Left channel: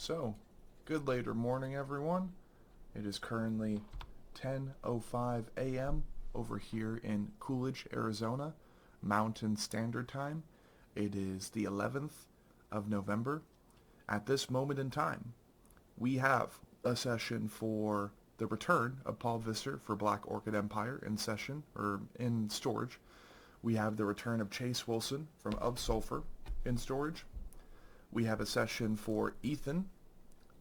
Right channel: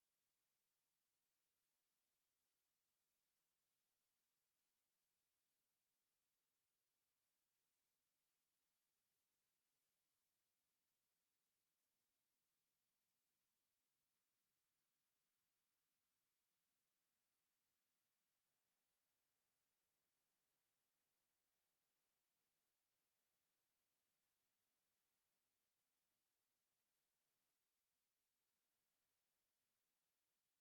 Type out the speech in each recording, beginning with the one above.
So, good later morning, everyone. It is currently 10:05 a.m. over here in Coolidge, Arizona, Mountain Standard Time. It is the 11th of November. At this moment in time, we have a session for the return of Paul Visser for Black Orchid Empire in session, or in storage. We have the return of Chase Wilson from Of Sulfur in storage. We have a session for Ethan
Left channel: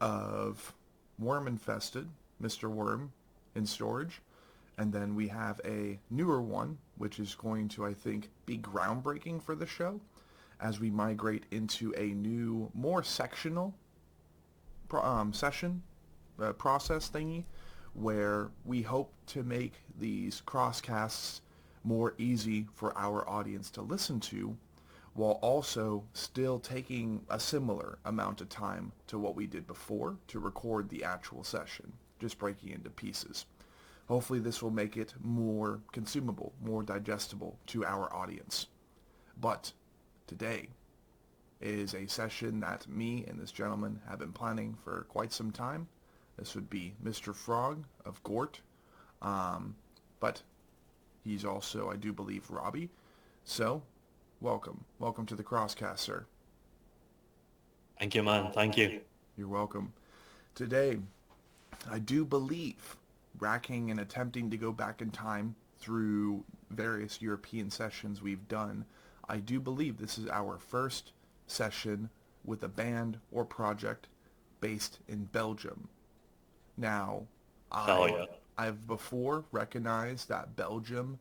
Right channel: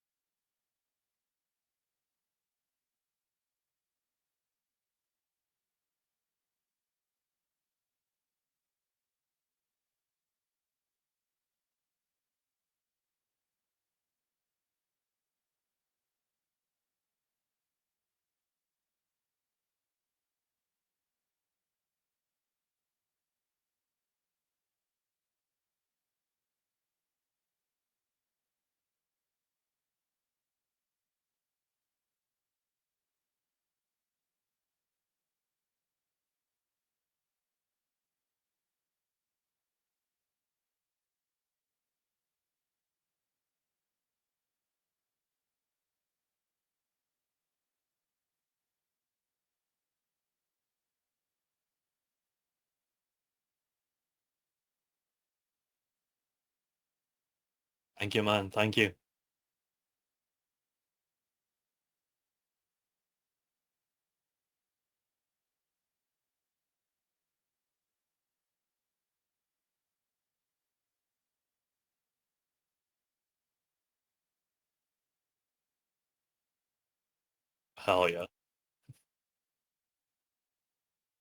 of Worm Infested, Mr. Worm, in storage. And then we have a newer one, which is going to, I think, be groundbreaking for the show as we migrate into a new, more sectional session process thingy where we hope to make these crosscasts more easy for our audience to listen to while also still taking a similar amount of time to what we did before to record the actual session, just breaking into pieces. Hopefully this will make it more consumable, more digestible to our audience. But today is a session that me and this gentleman have been planning for quite some time. This would be Mr. Frog of GORT, but he's also, I do believe, Robbie. So, welcome. Welcome to the Crosscast, sir. Thank you, man. Thank you. You're welcome. Today, I do believe, racking and attempting to go back in time through various European sessions we've done, I do believe this is our first session with a band or project based in Belgium. Now, Hell yeah. I've before recognized that Belgium,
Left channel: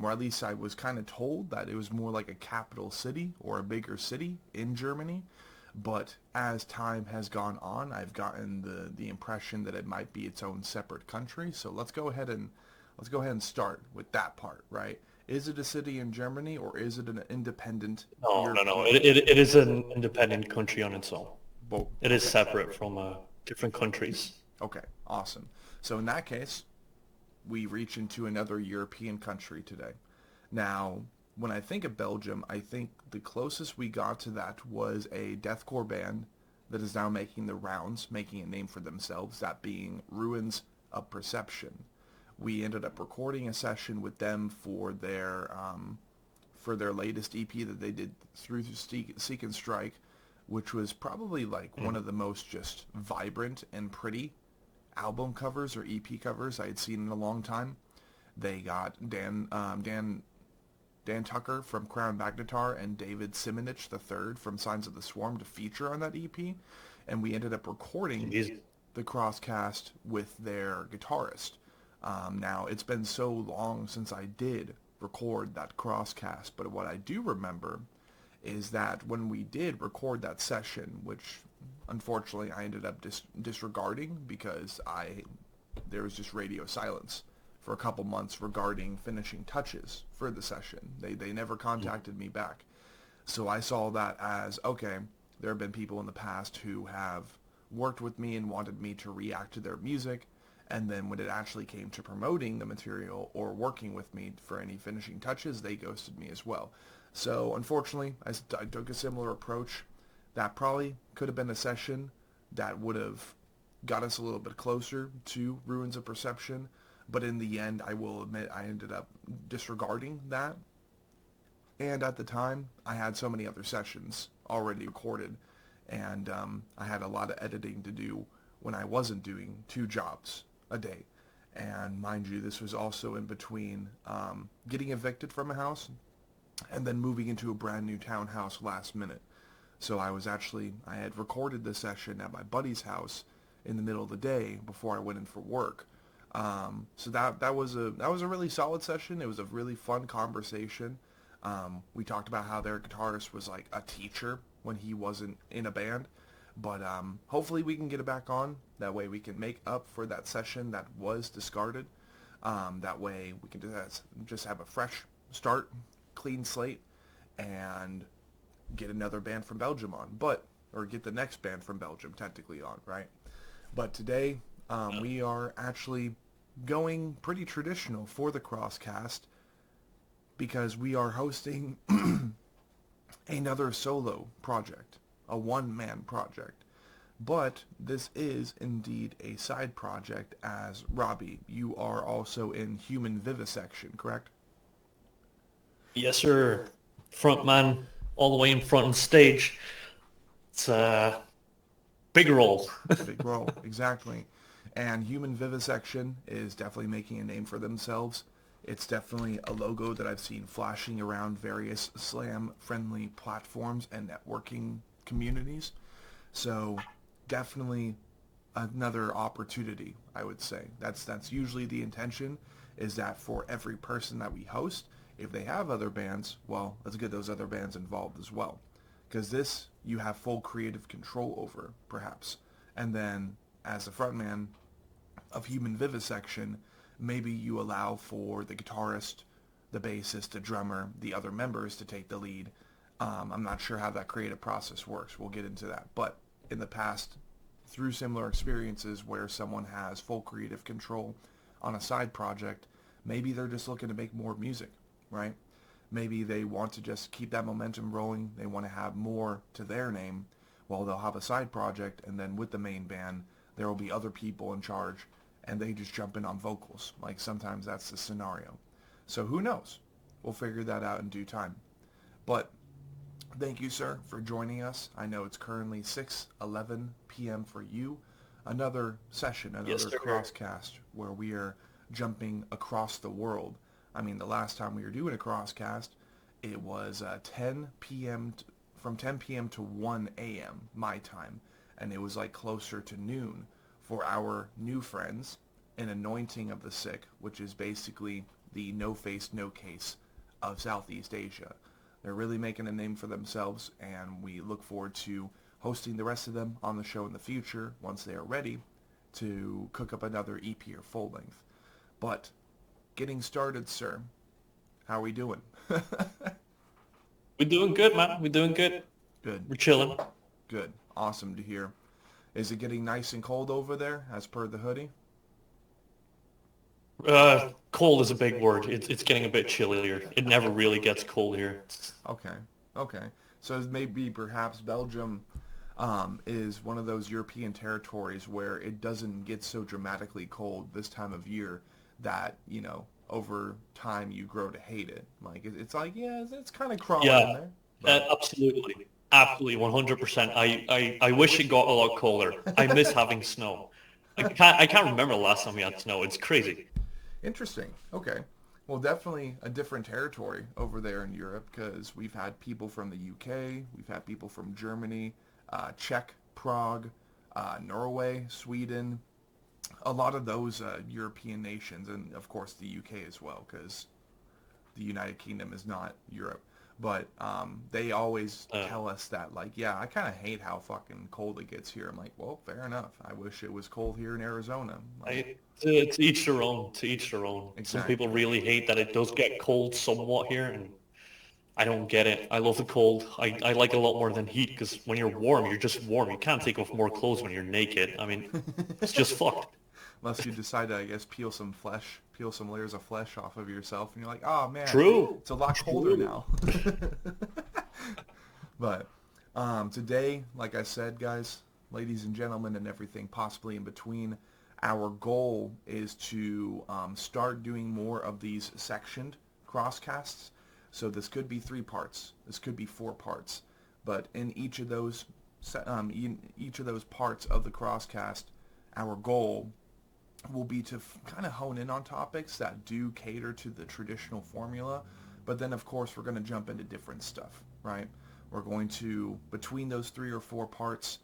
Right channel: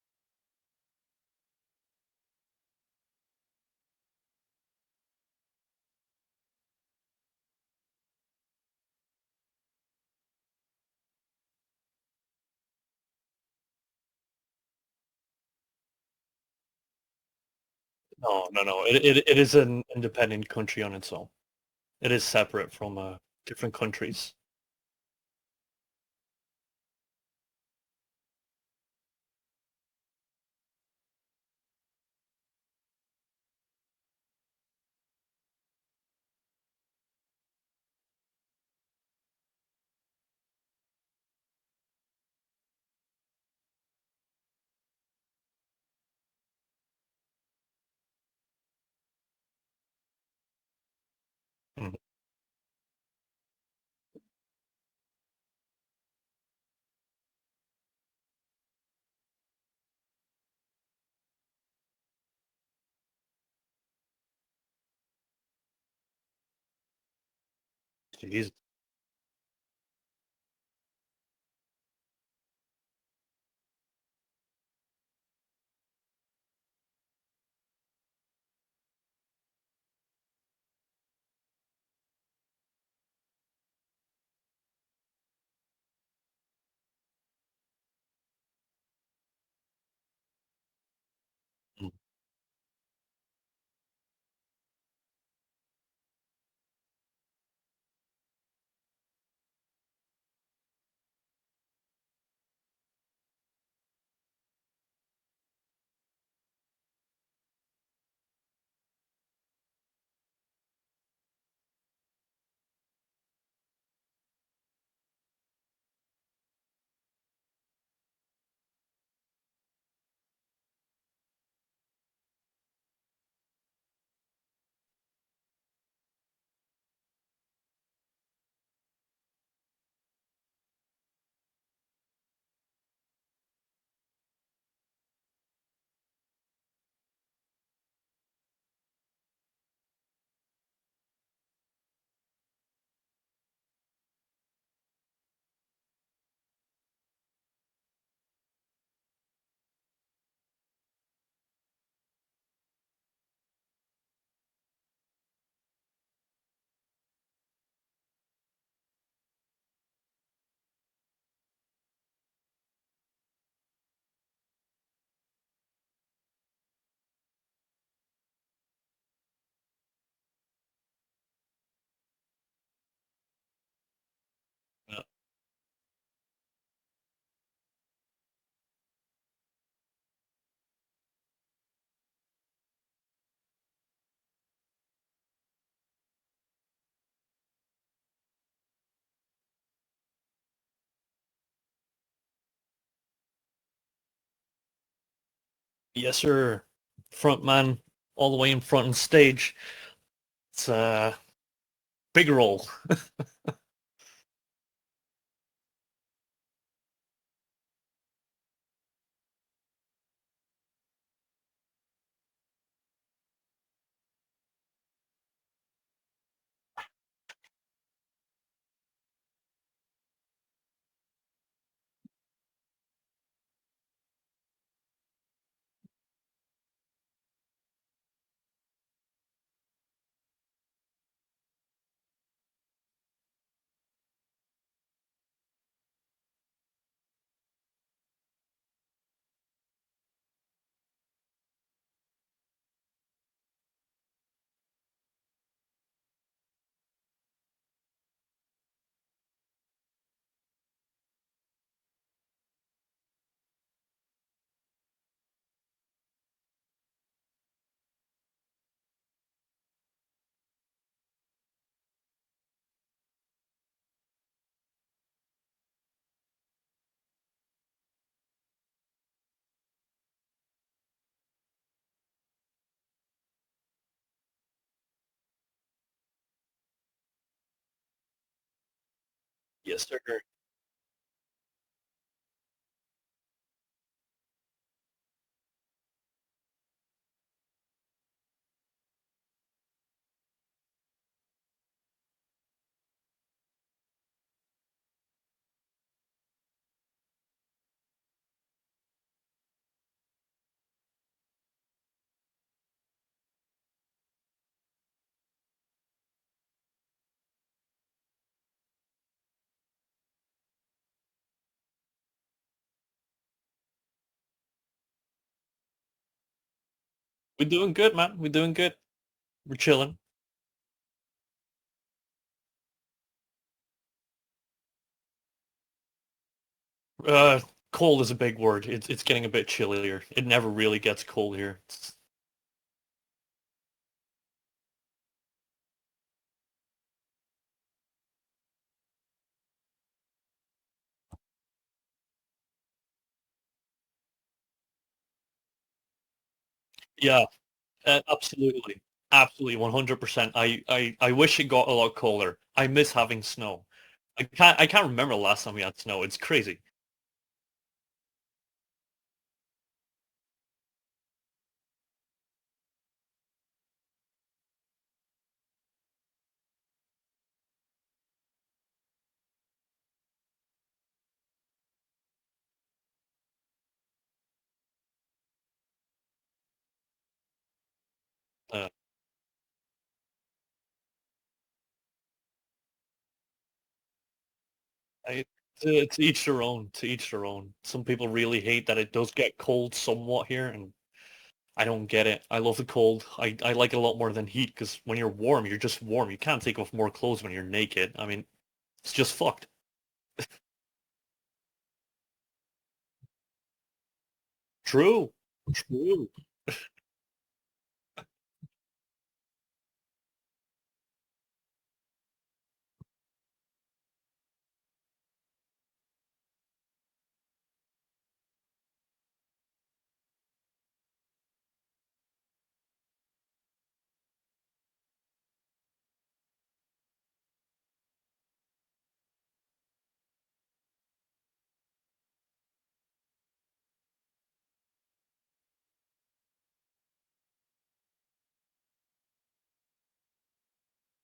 or at least I was kind of told that it was more like a capital city or a bigger city in Germany. But as time has gone on, I've gotten the impression that it might be its own separate country. So let's go ahead and start with that part, right? Is it a city in Germany or is it an independent No, no, no. European? It is an independent country on its own. Well, It is okay, separate from different countries. okay, awesome. So in that case, we reach into another European country today. Now, when I think of Belgium, I think the closest we got to that was a deathcore band that is now making the rounds, making a name for themselves, that being Ruins of Perception. We ended up recording a session with them for their latest EP that they did through Seek and Strike, which was probably like one Mm. of the most just vibrant and pretty album covers or EP covers I had seen in a long time. They got Dan Tucker from Crown Magnetar and David Simonich III from Signs of the Swarm to feature on that EP, and we ended up recording Jeez. the crosscast with their guitarist. Now, it's been so long since I did record that crosscast, but what I do remember is that when we did record that session, which unfortunately I ended up disregarding because there was just radio silence for a couple months regarding finishing touches for the session. They never Mm. contacted me back. So I saw that as, okay, there have been people in the past who have worked with me and wanted me to react to their music, and then when it actually came to promoting the material or working with me for any finishing touches, they ghosted me as well. So unfortunately, I took a similar approach. That probably could have been a session that would have got us a little bit closer to Ruins of Perception, but in the end, I will admit I ended up disregarding that. And at the time, I had so many other sessions already recorded, and I had a lot of editing to do when I wasn't doing 2 jobs a day. And mind you, this was also in between getting evicted from a house and then moving into a brand new townhouse last minute. So I had recorded this session at my buddy's house in the middle of the day before I went in for work. So that was a really solid session. It was a really fun conversation. We talked about how their guitarist was like a teacher when he wasn't in a band. But hopefully we can get it back on. That way we can make up for that session that was discarded. That way we can just have a fresh start, clean slate, and get another band from Belgium on. Or get the next band from Belgium technically on, right? But today Yeah. we are actually going pretty traditional for the Crosscast because we are hosting another solo project, a one-man project. But this is indeed a side project as Robbie. You are also in human vivisection, correct? Yes, sir. Frontman all the way in front on stage. It's a big role. Big role, exactly. And human vivisection is definitely making a name for themselves. It's definitely a logo that I've seen flashing around various slam-friendly platforms and networking communities. So definitely another opportunity, I would say. That's usually the intention, is that for every person that we host, if they have other bands, well, let's get those other bands involved as well. Because this, you have full creative control over, perhaps. And then, as a frontman of human vivisection, maybe you allow for the guitarist, the bassist, the drummer, the other members to take the lead. I'm not sure how that creative process works. We'll get into that. But in the past, through similar experiences where someone has full creative control on a side project, maybe they're just looking to make more music, right? Maybe they want to just keep that momentum rolling. They want to have more to their name. Well, they'll have a side project, and then with the main band, there will be other people in charge, and they just jump in on vocals. Like sometimes that's the scenario. So who knows? We'll figure that out in due time. But thank you, sir, for joining us. I know it's currently 6:11 p.m. for you. Another session, Yes, another sir. crosscast where we are jumping across the world. I mean, the last time we were doing a crosscast, it was 10 p.m. From 10 p.m. to 1 a.m. my time, and it was like closer to noon for our new friends in Anointing of the Sick, which is basically the no face, no case of Southeast Asia. They're really making a name for themselves, and we look forward to hosting the rest of them on the show in the future once they are ready to cook up another EP or full length. But getting started, sir, how are we doing? We're doing good, man. We're doing good. Good, We're chilling. good. Awesome to hear. Is it getting nice and cold over there as per the hoodie? Cold is a big word. It's getting a bit chillier. It never really gets cold here. Okay, okay. So maybe perhaps Belgium is one of those European territories where it doesn't get so dramatically cold this time of year that, over time you grow to hate it. Like, it's like, yeah, it's kind of crawling Yeah, in there. But absolutely. Absolutely, 100%. I wish it got a lot colder. I miss having snow. I can't remember the last time we had snow. It's crazy. interesting. Okay. Well, definitely a different territory over there in Europe because we've had people from the UK, we've had people from Germany, Czech, Prague, Norway, Sweden, a lot of those European nations, and of course the UK as well, because the United Kingdom is not Europe. But they always Uh, tell us that, like, yeah, I kind of hate how fucking cold it gets here. I'm like, well, fair enough. I wish it was cold here in Arizona. Like, to each their own. To each their own. Some people exactly. really hate that it does get cold somewhat here, and I don't get it. I love the cold. I like it a lot more than heat because when you're warm, you're just warm. You can't take off more clothes when you're naked. I mean, it's just fucked. Unless you decide to, I guess, peel some layers of flesh off of yourself, and you're like, oh man, True. it's a lot colder True. now. But today, like I said, guys, ladies and gentlemen, and everything possibly in between, our goal is to start doing more of these sectioned crosscasts. So this could be 3 parts. This could be 4 parts. But in each of those parts of the crosscast, our goal will be to kind of hone in on topics that do cater to the traditional formula. But then, of course, we're going to jump into different stuff, right? We're going to, between those 3 or 4 parts,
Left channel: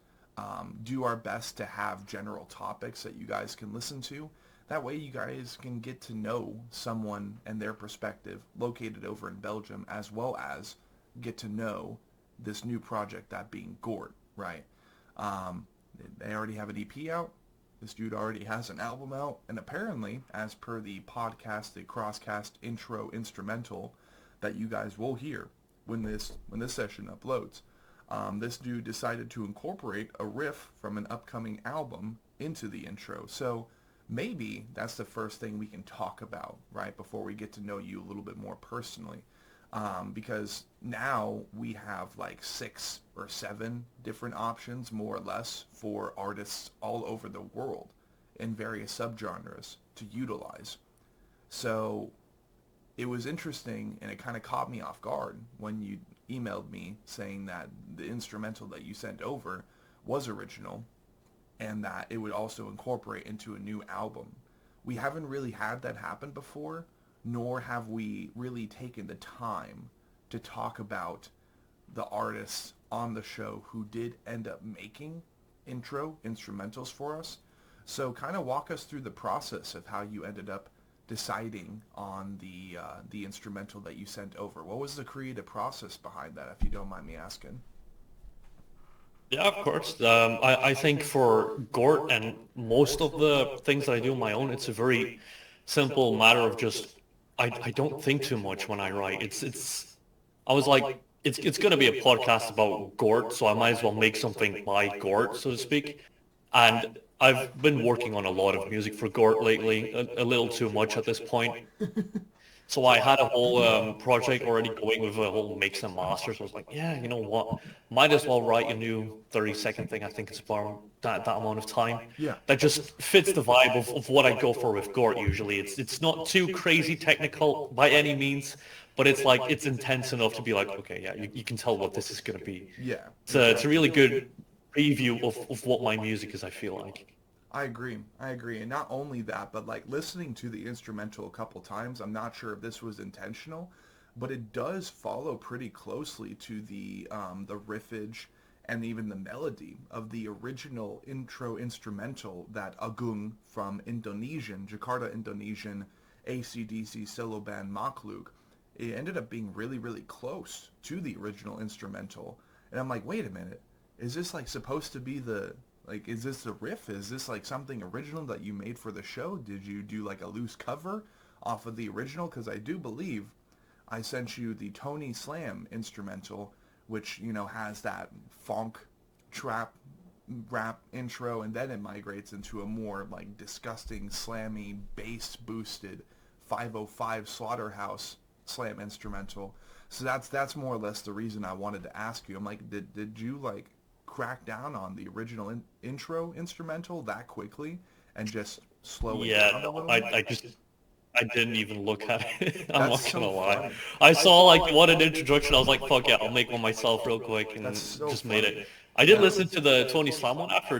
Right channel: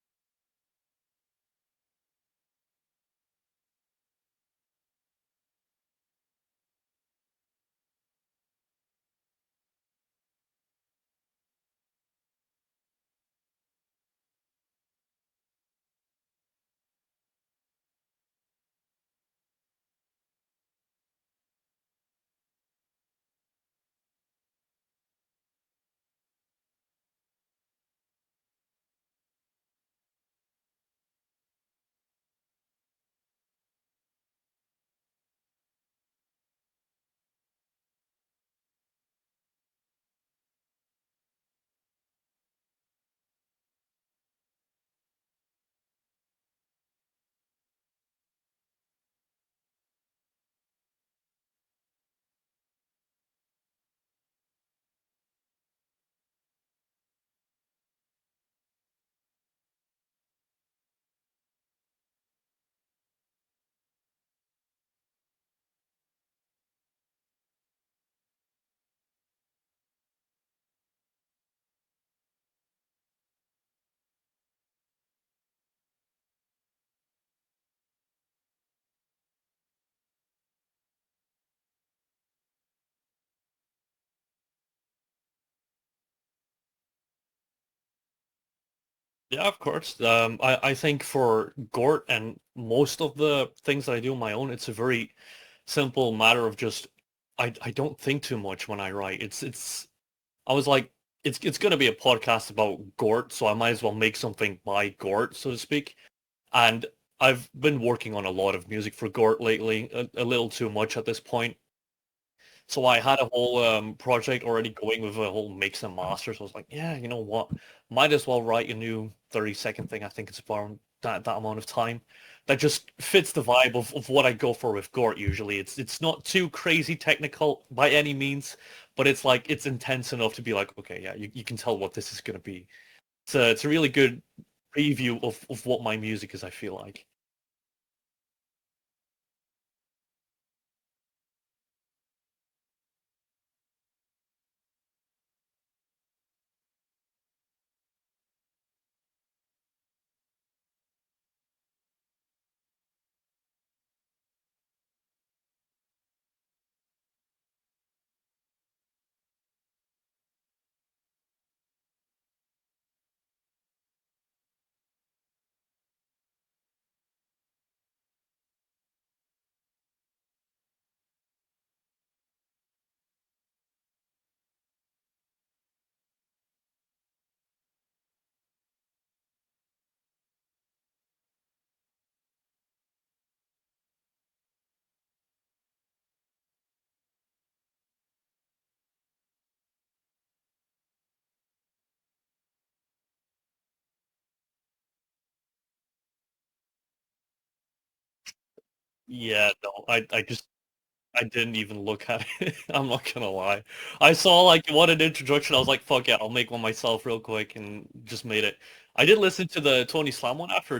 do our best to have general topics that you guys can listen to. That way you guys can get to know someone and their perspective located over in Belgium, as well as get to know this new project, that being GORT, right? Um, they already have an EP out. This dude already has an album out, and apparently, as per the podcast, the Crosscast intro instrumental that you guys will hear when this session uploads, this dude decided to incorporate a riff from an upcoming album into the intro. So maybe that's the first thing we can talk about, right, before we get to know you a little bit more personally. because now we have like 6 or 7 different options, more or less, for artists all over the world in various subgenres to utilize. So it was interesting, and it kind of caught me off guard when you emailed me saying that the instrumental that you sent over was original and that it would also incorporate into a new album. We haven't really had that happen before, nor have we really taken the time to talk about the artists on the show who did end up making intro instrumentals for us. So kind of walk us through the process of how you ended up deciding on the instrumental that you sent over. What was the creative process behind that, if you don't mind me asking? Yeah, of course. I think for GORT and most of the things that I do on my own, it's a very simple matter of just I don't think too much when I write. I was like it's gonna be a podcast about GORT, so I might as well make something by GORT, so to speak. And I've been working on a lot of music for GORT lately, a little too much at this point. So I had a whole project already going with a whole mix and master. So I was like, yeah, you know what? Might as well write a new 30-second thing. I think it's about that amount of time. Yeah. That just fits the vibe of what I go for with GORT usually. It's not too crazy technical by any means, but it's like it's intense enough to be like, okay, yeah, you can tell what this is gonna be. Yeah. It's a really good preview of what my music is, I feel like. I agree. I agree. And not only that, but like listening to the instrumental a couple times, I'm not sure if this was intentional, but it does follow pretty closely to the riffage and even the melody of the original intro instrumental that Agung from Jakarta, Indonesian AC/DC solo band Makhluk. It ended up being really, really close to the original instrumental. And I'm like, wait a minute, is this like supposed to be is this the riff? Is this like something original that you made for the show? Did you do like a loose cover off of the original? Because I do believe I sent you the Tony Slam instrumental, which, has that funk trap rap intro, and then it migrates into a more like disgusting, slammy, bass boosted 505 Slaughterhouse slam instrumental. So that's more or less the reason I wanted to ask you. I'm like, did you like crack down on the original intro instrumental that quickly and just slow it Yeah, down a no, little? I didn't even look at it. I'm That's not so gonna lie. funny. I saw like what an introduction. I was like, fuck yeah, I'll make one myself real quick, That's and so just made funny. it. I did Yeah. listen to the Tony Slam one after.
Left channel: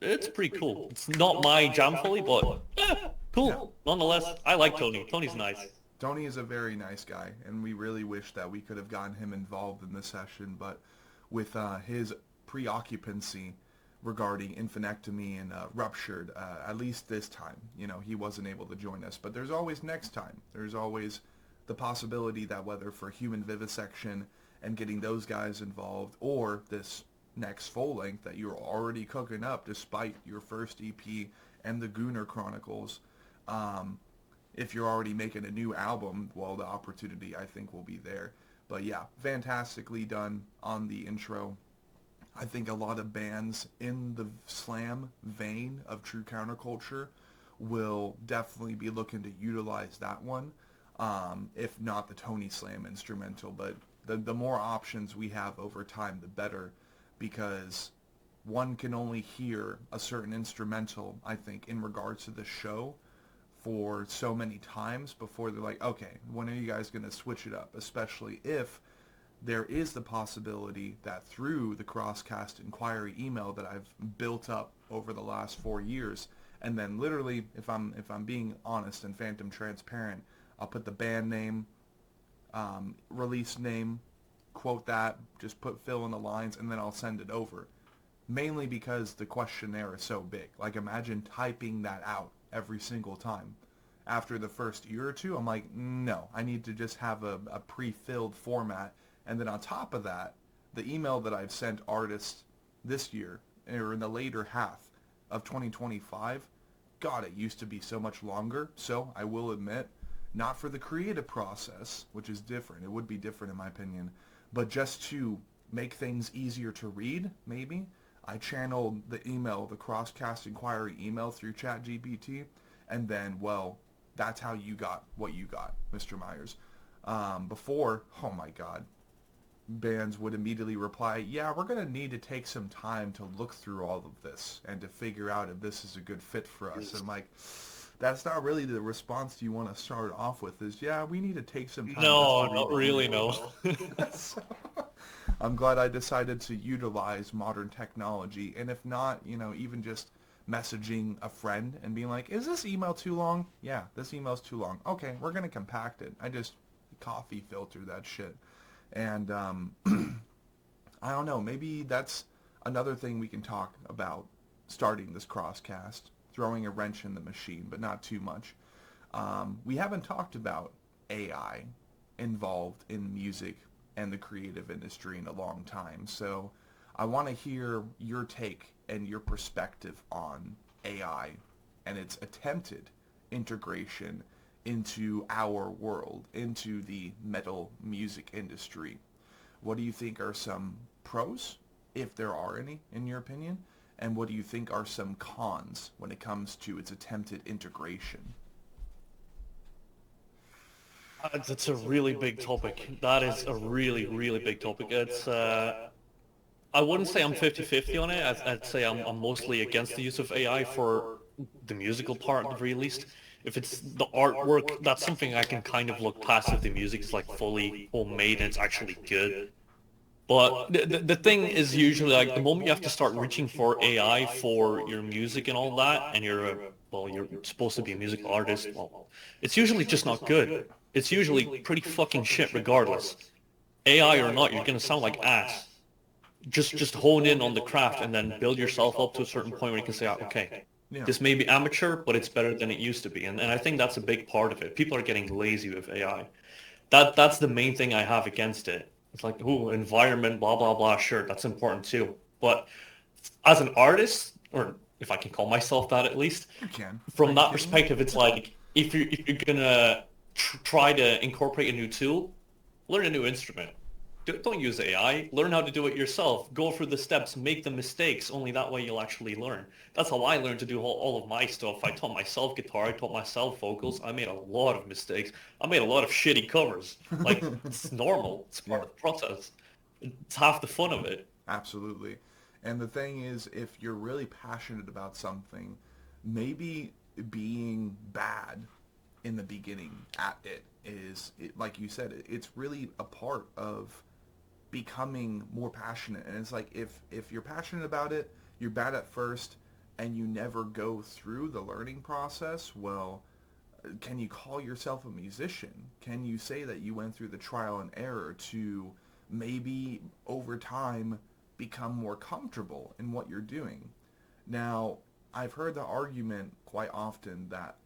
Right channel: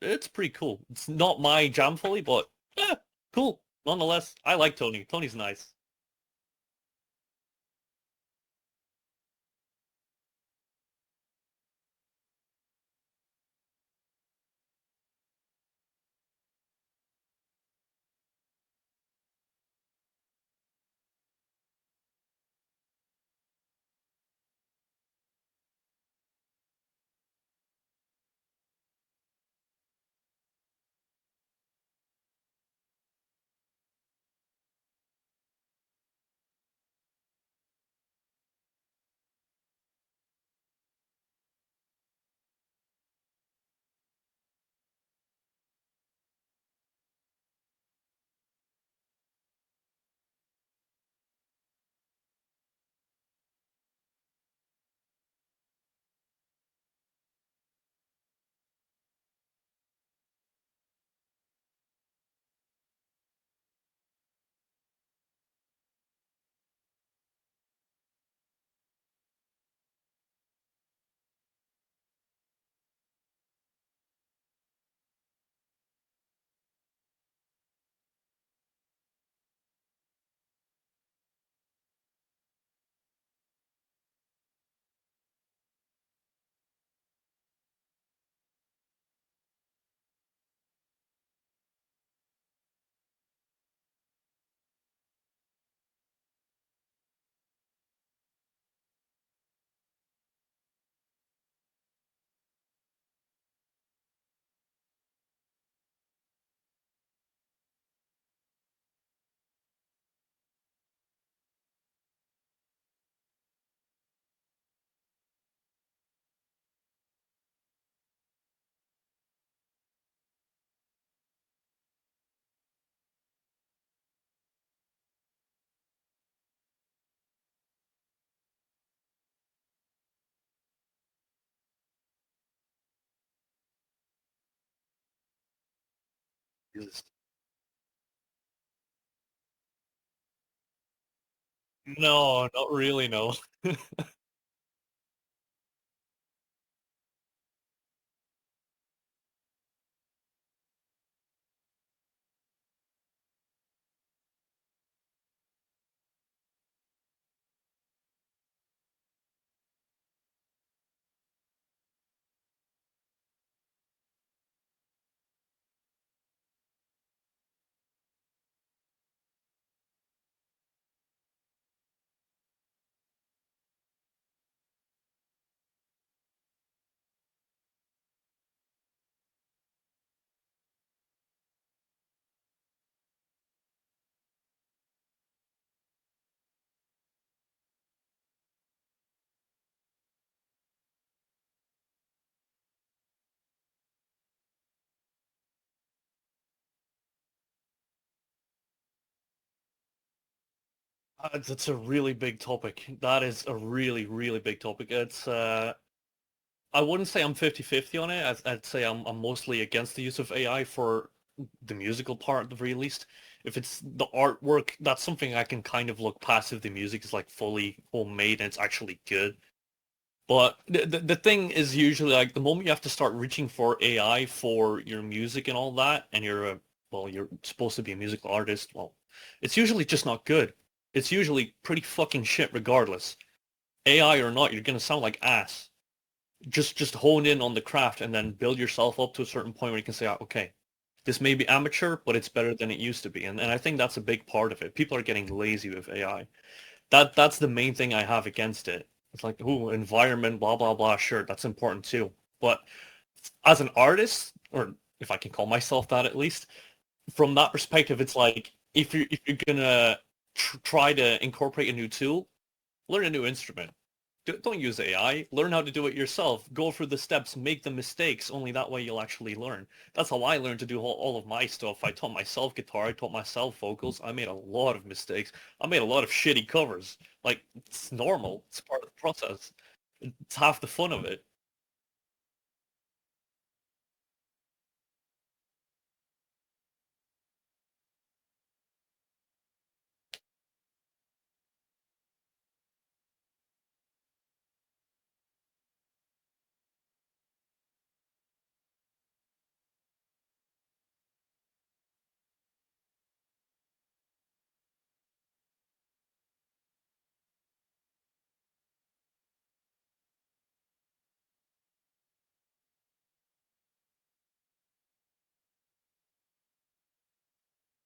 It's pretty cool. It's not my jam fully, but yeah, Yeah. cool. Nonetheless, I like Tony. Tony's nice. Tony is a very nice guy, and we really wish that we could have gotten him involved in this session, but with his preoccupancy regarding infinectomy and ruptured, at least this time, he wasn't able to join us. But there's always next time. There's always the possibility that whether for human vivisection and getting those guys involved, or this next full length that you're already cooking up despite your first EP and the Gooner Chronicles, um, if you're already making a new album, well, the opportunity I think will be there. But yeah, fantastically done on the intro. I think a lot of bands in the slam vein of true counterculture will definitely be looking to utilize that one, if not the Tony Slam instrumental. But the more options we have over time, the better, because one can only hear a certain instrumental, I think, in regards to the show for so many times before they're like, okay, when are you guys going to switch it up? Especially if there is the possibility that through the Crosscast inquiry email that I've built up over the last 4 years, and then literally, if I'm being honest and phantom transparent, I'll put the band name, release name, quote that, just put fill in the lines, and then I'll send it over. Mainly because the questionnaire is so big. Like, imagine typing that out every single time. After the first year or two, I'm like, no, I need to just have a pre-filled format. And then on top of that, the email that I've sent artists this year, or in the later half of 2025, God, it used to be so much longer. So I will admit, not for the creative process, which is different. It would be different in my opinion. But just to make things easier to read, maybe, I channeled the email, the Crosscast inquiry email through ChatGPT. And then, well, that's how you got what you got, Mr. Myers. Before, oh my God, bands would immediately reply, yeah, we're going to need to take some time to look through all of this and to figure out if this is a good fit for us. And like, that's not really the response you want to start off with is, yeah, we need to take some time just to No, not review really, it. no. So, I'm glad I decided to utilize modern technology. And if not, even just messaging a friend and being like, is this email too long? Yeah, this email's too long. Okay, we're going to compact it. I just coffee filter that shit. And I don't know, maybe that's another thing we can talk about starting this crosscast, throwing a wrench in the machine, but not too much. We haven't talked about AI involved in music and the creative industry in a long time. So I want to hear your take and your perspective on AI and its attempted integration into our world, into the metal music industry. What do you think are some pros, if there are any, in your opinion? And what do you think are some cons when it comes to its attempted integration? That's a really big topic. That is a really, really big topic. I wouldn't say I'm 50-50 on it. I'd say I'm mostly against the use of AI for the musical part, at the very least. If it's the artwork, that's something I can kind of look past if the music is like fully homemade and it's actually good. But the thing is usually like the moment you have to start reaching for AI for your music and all that, and you're supposed to be a musical artist, well, it's usually just not good. It's usually pretty fucking shit regardless. AI or not, you're gonna sound like ass. Just hone in on the craft and then build yourself up to a certain point where you can say, "Ah, okay, Yeah. this may be amateur, but it's better than it used to be." And I think that's a big part of it. People are getting lazy with AI. That's the main thing I have against it. It's like, ooh, environment, blah blah blah. Sure, that's important too. But as an artist, or if I can call myself that at least, You can. Are from you that kidding me? perspective, it's like if you're gonna try to incorporate a new tool, learn a new instrument. Don't use AI. Learn how to do it yourself. Go through the steps, make the mistakes. Only that way you'll actually learn. That's how I learned to do all of my stuff. I taught myself guitar. I taught myself vocals. I made a lot of mistakes. I made a lot of shitty covers. Like, it's normal. It's Yeah. part of the process. It's half the fun of it. Absolutely. And the thing is, if you're really passionate about something, maybe being bad in the beginning at it is, like you said, it's really a part of becoming more passionate. And it's like if you're passionate about it, you're bad at first, and you never go through the learning process, well, can you call yourself a musician? Can you say that you went through the trial and error to maybe over time become more comfortable in what you're doing? Now, I've heard the argument quite often that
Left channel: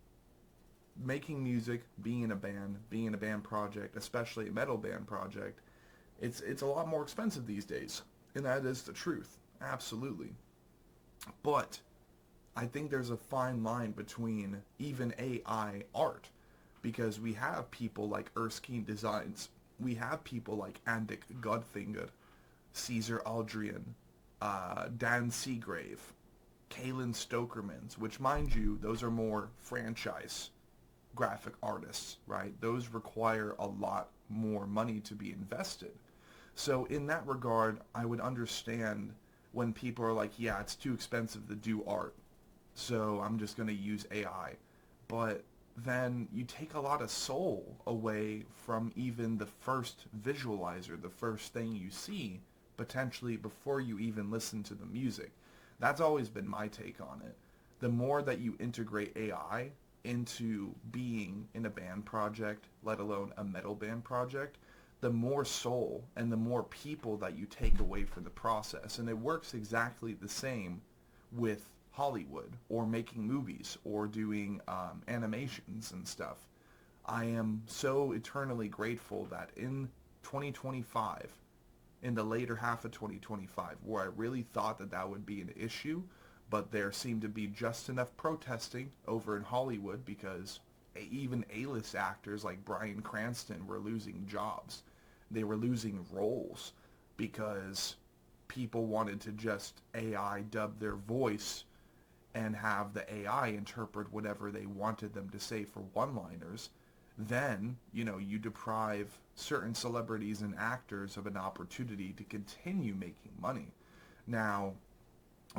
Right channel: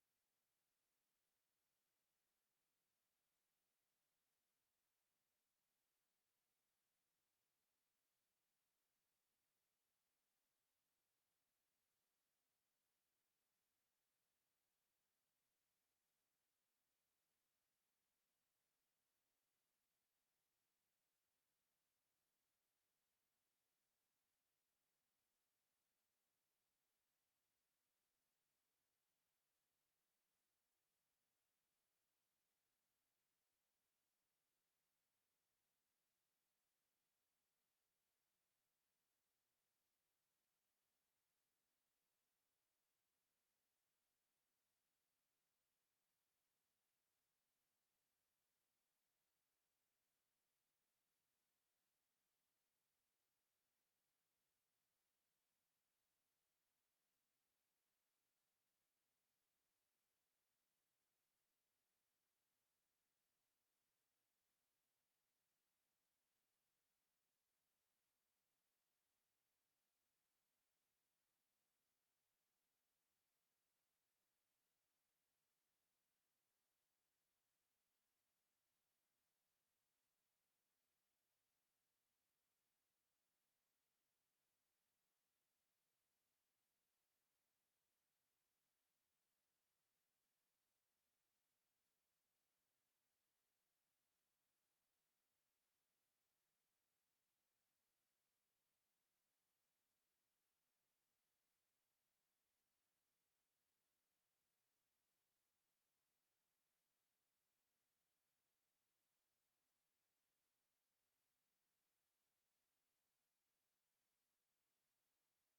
making music, being in a band project, especially a metal band project, it's a lot more expensive these days. And that is the truth. Absolutely. But I think there's a fine line between even AI art because we have people like Erskine Designs. We have people like Andik Godfinger, Caesar Aldrian, Dan Seagrave, Kalen Stokermans, which mind you, those are more franchise graphic artists, right? Those require a lot more money to be invested. So in that regard, I would understand when people are like, yeah, it's too expensive to do art, so I'm just going to use AI. But then you take a lot of soul away from even the first visualizer, the first thing you see, potentially before you even listen to the music. That's always been my take on it. The more that you integrate AI into being in a band project, let alone a metal band project, the more soul and the more people that you take away from the process. And it works exactly the same with Hollywood or making movies or doing animations and stuff. I am so eternally grateful that in 2025, in the later half of 2025, where I really thought that that would be an issue, but there seemed to be just enough protesting over in Hollywood because even A-list actors like Bryan Cranston were losing jobs. They were losing roles because people wanted to just AI dub their voice and have the AI interpret whatever they wanted them to say for one-liners. then, you deprive certain celebrities and actors of an opportunity to continue making money. Now,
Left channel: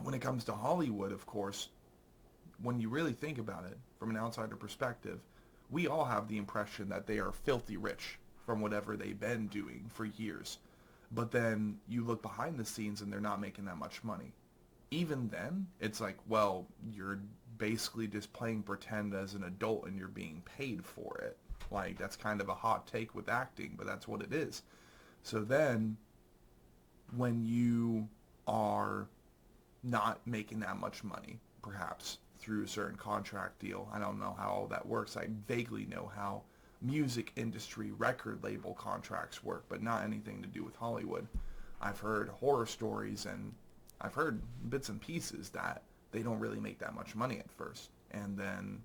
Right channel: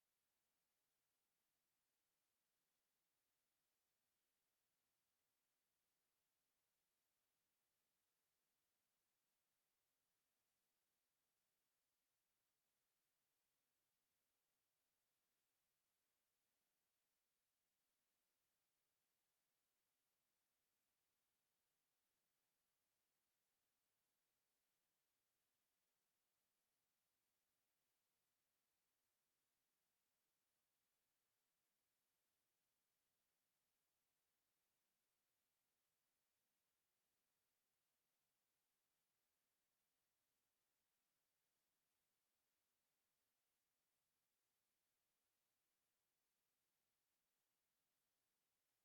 when it comes to Hollywood, of course, when you really think about it from an outsider perspective, we all have the impression that they are filthy rich from whatever they've been doing for years. But then you look behind the scenes and they're not making that much money. Even then, it's like, well, you're basically just playing pretend as an adult and you're being paid for it. Like, that's kind of a hot take with acting, but that's what it is. So then, when you are not making that much money, perhaps through a certain contract deal, I don't know how all that works. I vaguely know how music industry record label contracts work, but not anything to do with Hollywood. I've heard horror stories and I've heard bits and pieces that they don't really make that much money at first. And then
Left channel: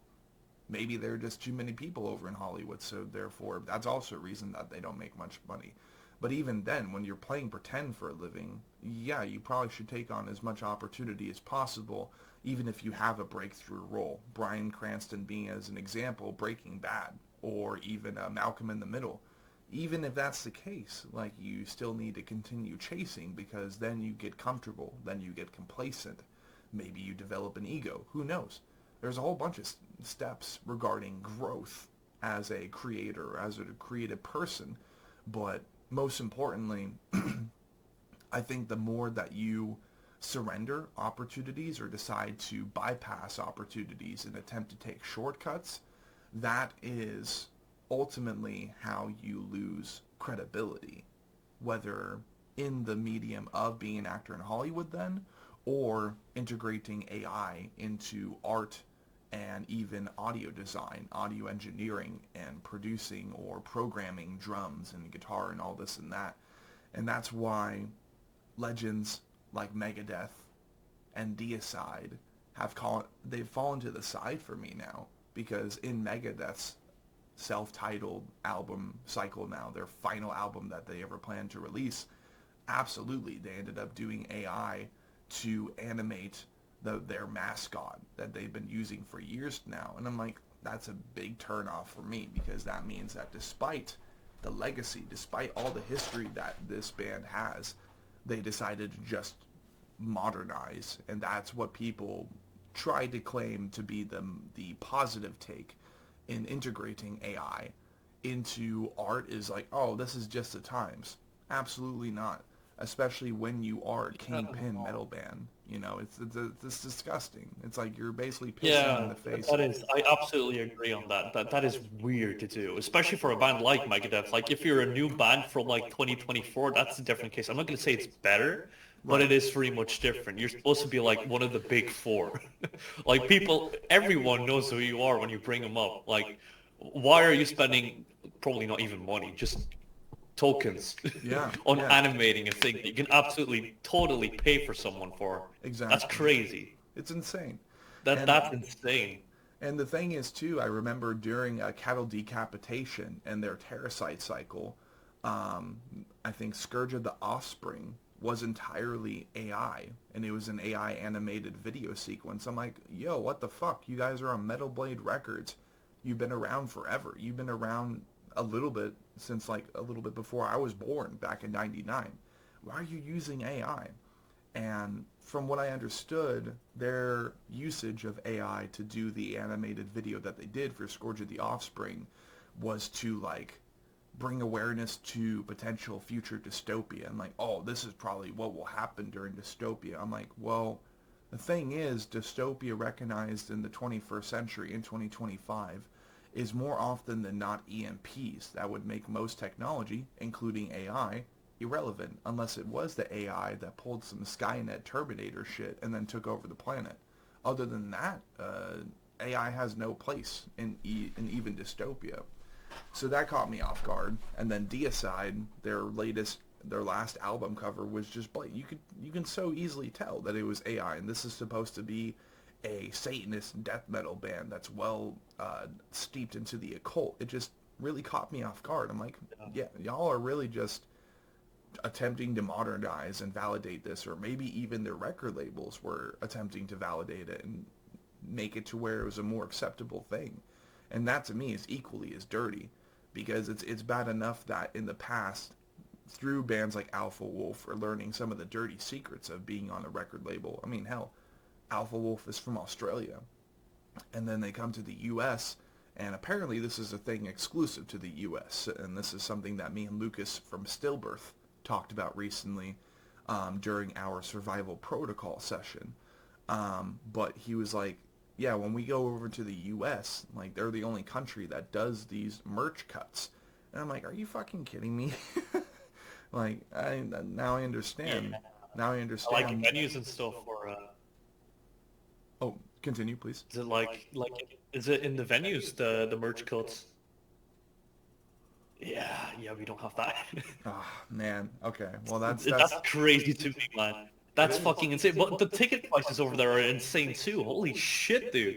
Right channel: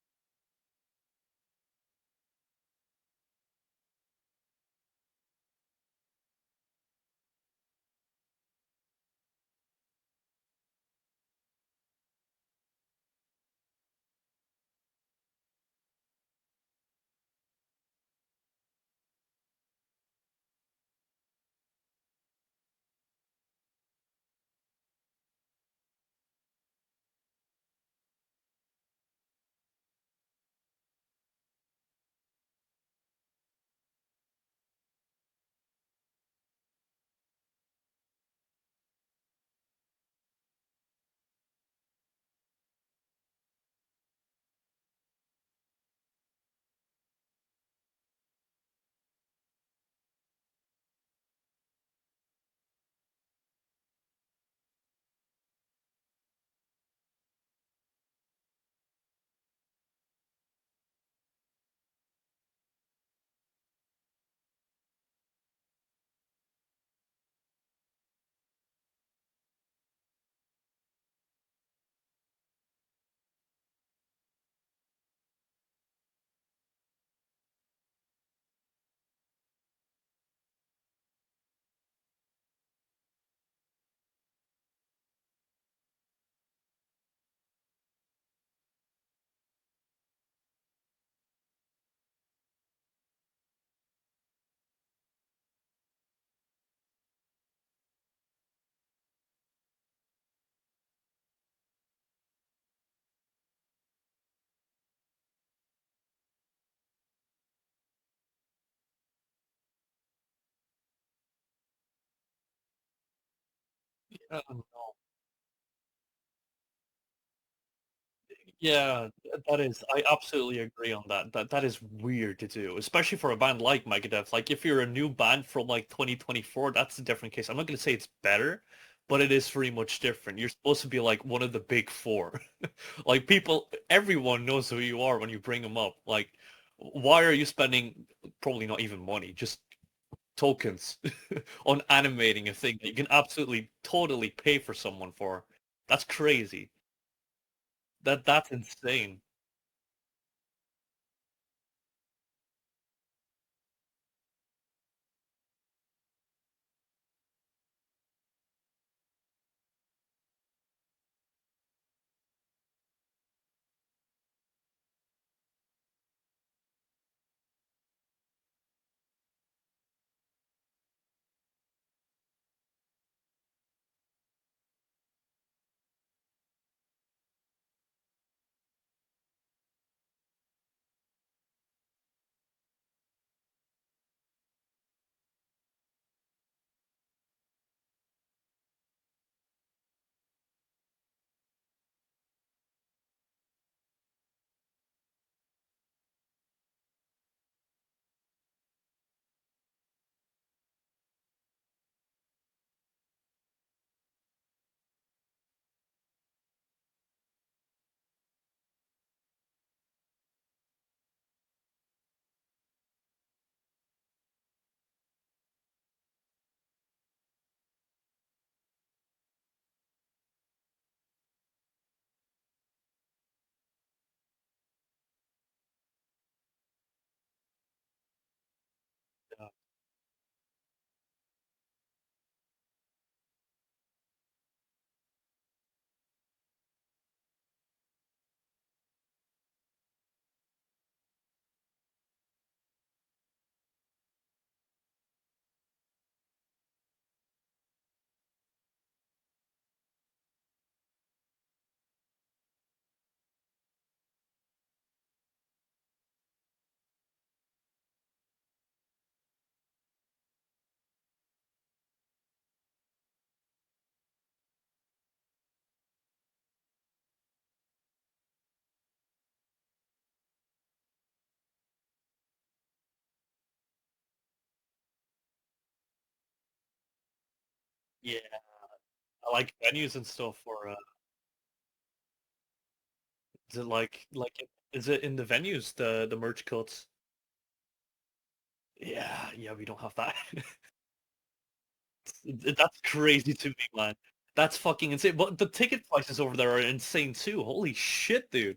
maybe there are just too many people over in Hollywood, so therefore that's also a reason that they don't make much money. But even then, when you're playing pretend for a living, yeah, you probably should take on as much opportunity as possible, even if you have a breakthrough role. Bryan Cranston being, as an example, Breaking Bad, or even Malcolm in the Middle. Even if that's the case, like, you still need to continue chasing, because then you get comfortable, then you get complacent. Maybe you develop an ego. Who knows? There's a whole bunch of steps regarding growth as a creator, as a creative person. But most importantly, I think the more that you surrender opportunities or decide to bypass opportunities and attempt to take shortcuts, that is ultimately how you lose credibility, whether in the medium of being an actor in Hollywood then, or integrating AI into art and even audio design, audio engineering, and producing or programming drums and guitar and all this and that. And that's why legends like Megadeth and Deicide they've fallen to the side for me now, because in Megadeth's self-titled album cycle now, their final album that they ever planned to release, absolutely they ended up doing AI to animate their mascot that they've been using for years now. And I'm like, that's a big turnoff for me, because that means that despite the legacy, despite all the history that this band has, they decided to just modernize. And that's what people tried to claim to be the positive take in integrating AI into art, is like, oh, this is just the times. Absolutely not. Especially when you are a kingpin metal band. It's disgusting. It's like you're basically pissing in Yeah, the face. that is. I absolutely agree on that. That is weird to do, especially for a band like Megadeth. Like, if you're a new band from like 2024, that's a different case. I'm not going to say it's better, but Right. it is very much different. You're supposed to be like one of the big four. Like, everyone knows who you are when you bring them up. Like, why are you spending probably not even money, just tokens Yeah, on yeah, animating a thing that you can absolutely totally pay for someone for? That's exactly. crazy. It's insane. That And that's insane. And the thing is, too, I remember during a cattle decapitation and their Terracite cycle, um, I think Scourge of the Offspring was entirely AI, and it was an AI animated video sequence. I'm like, yo, what the fuck? You guys are on Metal Blade Records. You've been around forever. You've been around a little bit since, like, a little bit before I was born back in 99. Why are you using AI? And from what I understood, their usage of AI to do the animated video that they did for Scourge of the Offspring was to, like, bring awareness to potential future dystopia. And like, oh, this is probably what will happen during dystopia. I'm like, well, the thing is, dystopia recognized in the 21st century in 2025 is more often than not EMPs that would make most technology, including AI, irrelevant, unless it was the AI that pulled some Skynet Terminator shit and then took over the planet. Other than that, AI has no place in even dystopia. So that caught me off guard. And then Deicide, their last album cover was just blatant. You can so easily tell that it was AI, and this is supposed to be a Satanist death metal band that's well steeped into the occult. It just really caught me off guard. I'm like, yeah, y'all are really just attempting to modernize and validate this, or maybe even their record labels were attempting to validate it and make it to where it was a more acceptable thing. And that to me is equally as dirty, because it's bad enough that in the past, through bands like Alpha Wolf, are learning some of the dirty secrets of being on a record label. I mean, hell, Alpha Wolf is from Australia, and then they come to the U.S., and apparently this is a thing exclusive to the U.S., and this is something that me and Lucas from Stillbirth talked about recently during our survival protocol session. But he was like, yeah, when we go over to the U.S., like, they're the only country that does these merch cuts. And I'm like, are you fucking kidding me? Like, now I Yeah. understand. Now I I like understand. venues and stuff, or Oh, continue, please. is it is it in the venues, the merch cuts? Yeah, we don't have that. Ah, man. Okay. Well, That's crazy to me, man. it That's is. fucking insane. But the ticket prices over there are insane too. Holy shit, dude.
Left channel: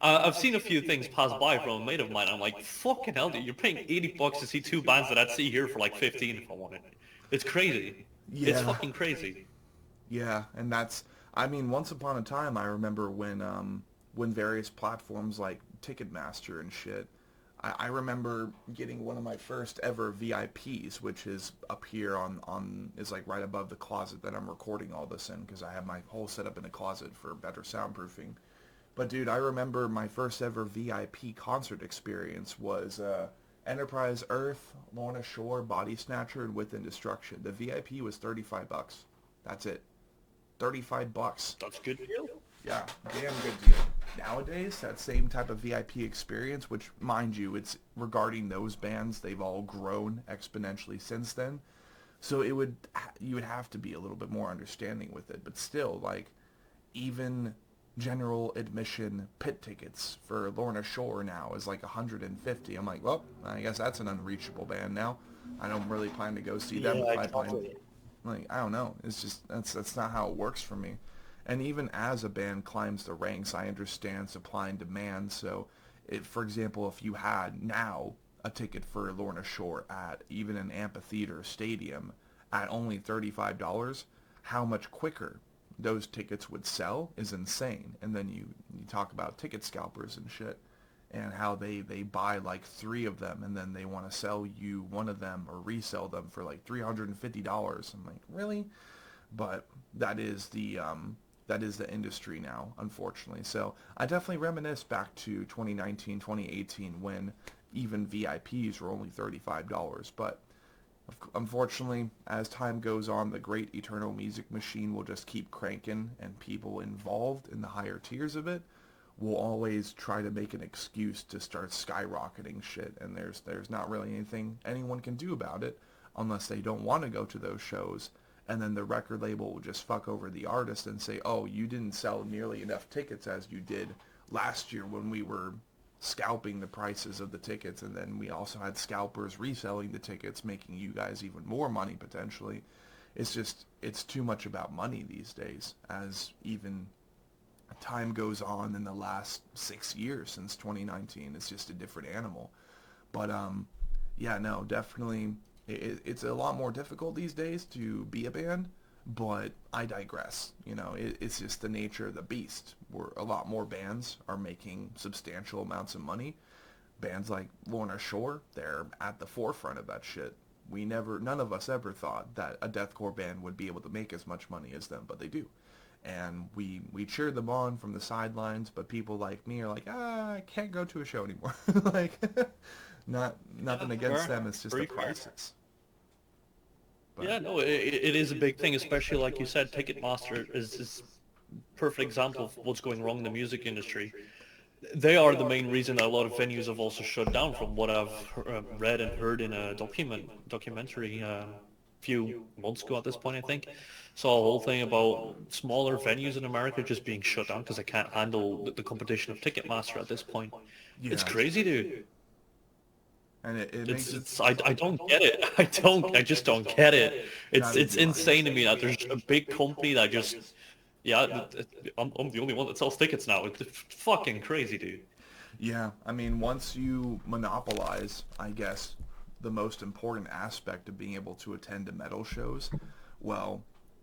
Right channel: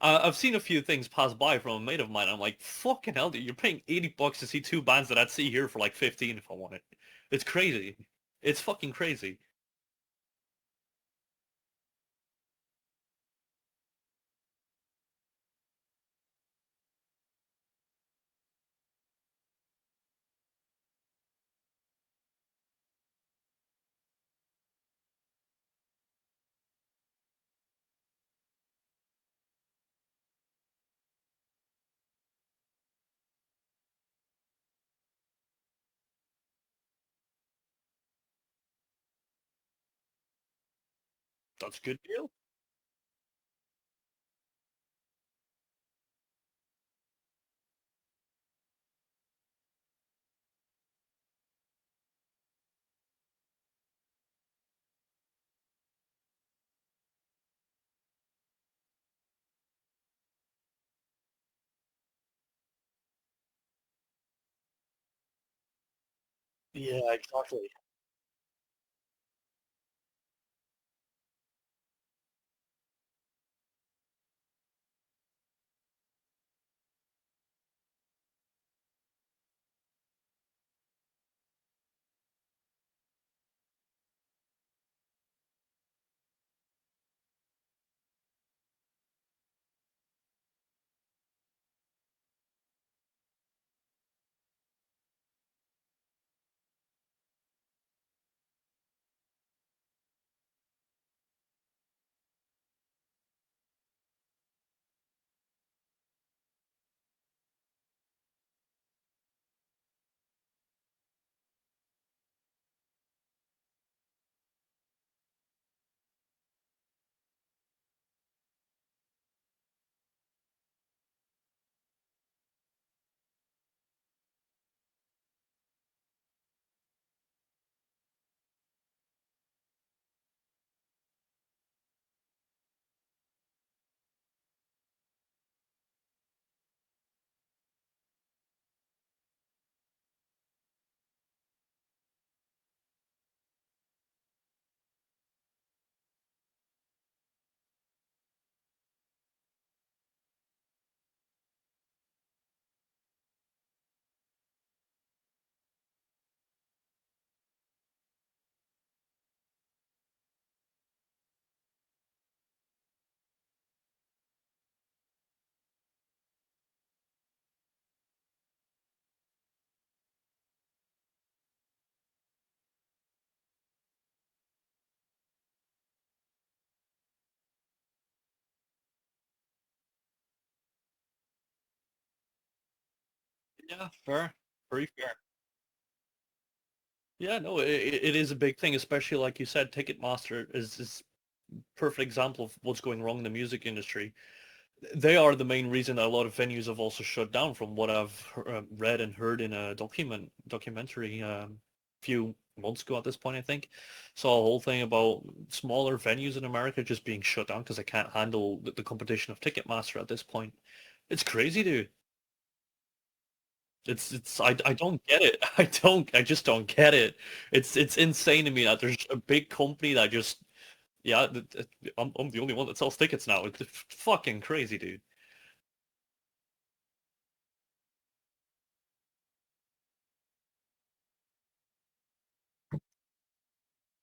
I've seen a few things pass by from a mate of mine. I'm like, fucking hell, dude. You're paying 80 bucks to see two bands that I'd see here for like 15 if I wanted. It's crazy. It's Yeah. fucking crazy. Yeah, and that's, I mean, once upon a time, I remember when various platforms like Ticketmaster and shit, I remember getting one of my first ever VIPs, which is up here is like right above the closet that I'm recording all this in, because I have my whole setup in a closet for better soundproofing. But dude, I remember my first ever VIP concert experience was Enterprise Earth, Lorna Shore, Body Snatcher, and Within Destruction. The VIP was 35 bucks. That's it. 35 bucks. That's a good deal. Yeah, damn good deal. Nowadays, that same type of VIP experience, which, mind you, it's regarding those bands, they've all grown exponentially since then. So you would have to be a little bit more understanding with it. But still, like, even general admission pit tickets for Lorna Shore now is like 150. I'm like, well, I guess that's an unreachable band now. I don't really plan to go see them Yeah, if I plan. exactly. Like, I don't know. It's just that's not how it works for me. And even as a band climbs the ranks, I understand supply and demand. So, for example, if you had now a ticket for Lorna Shore at even an amphitheater stadium at only $35, how much quicker those tickets would sell is insane. And then you talk about ticket scalpers and shit, and how they buy like three of them, and then they want to sell you one of them or resell them for like $350. I'm like, really? But that is the industry now, unfortunately. So I definitely reminisce back to 2019, 2018, when even VIPs were only $35. But unfortunately, as time goes on, the great eternal music machine will just keep cranking, and people involved in the higher tiers of it will always try to make an excuse to start skyrocketing shit, and there's not really anything anyone can do about it unless they don't want to go to those shows. And then the record label will just fuck over the artist and say, oh, you didn't sell nearly enough tickets as you did last year when we were scalping the prices of the tickets, and then we also had scalpers reselling the tickets, making you guys even more money potentially. It's too much about money these days, as even time goes on in the last 6 years since 2019. It's just a different animal. But yeah, no, definitely, it's a lot more difficult these days to be a band. But I digress. It's just the nature of the beast. Where a lot more bands are making substantial amounts of money. Bands like Lorna Shore, they're at the forefront of that shit. None of us ever thought that a deathcore band would be able to make as much money as them, but they do. And we cheer them on from the sidelines, but people like me are like, I can't go to a show anymore. Like, Yeah, nothing against fair. them, it's just the Very fair. prices. But Yeah, no, it is a big thing, especially like you said, Ticketmaster is perfect example of what's going wrong in the music industry. They are the main reason that a lot of venues have also shut down, from what I've read and heard in a documentary few months ago at this point, I think. Saw a whole thing about smaller venues in America just being shut down because they can't handle the competition of Ticketmaster at this point. It's yeah, crazy, dude. and it makes it I don't get it. I just don't get it. neither It's do I. insane to me that there's a big company that just, yeah, I'm the only one that sells tickets now. It's fucking crazy, dude. Yeah, I mean, once you monopolize, I guess, the most important aspect of being able to attend to metal shows, well,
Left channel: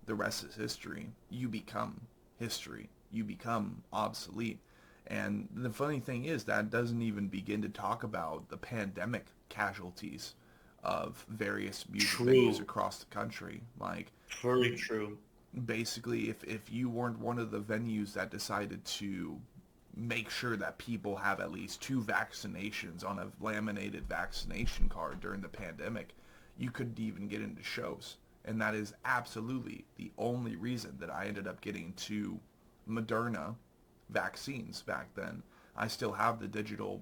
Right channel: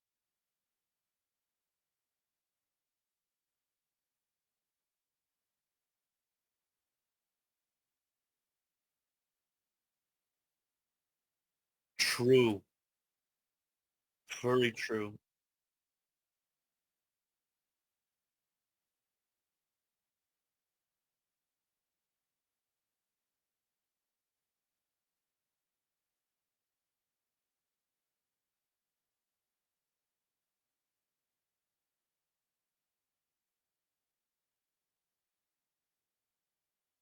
the rest is history. You become history. You become obsolete. And the funny thing is that doesn't even begin to talk about the pandemic casualties of various music venues True. across the country. Like, Very true. basically, if you weren't one of the venues that decided to make sure that people have at least 2 vaccinations on a laminated vaccination card during the pandemic, you couldn't even get into shows. And that is absolutely the only reason that I ended up getting 2 Moderna vaccines back then. I still have the digital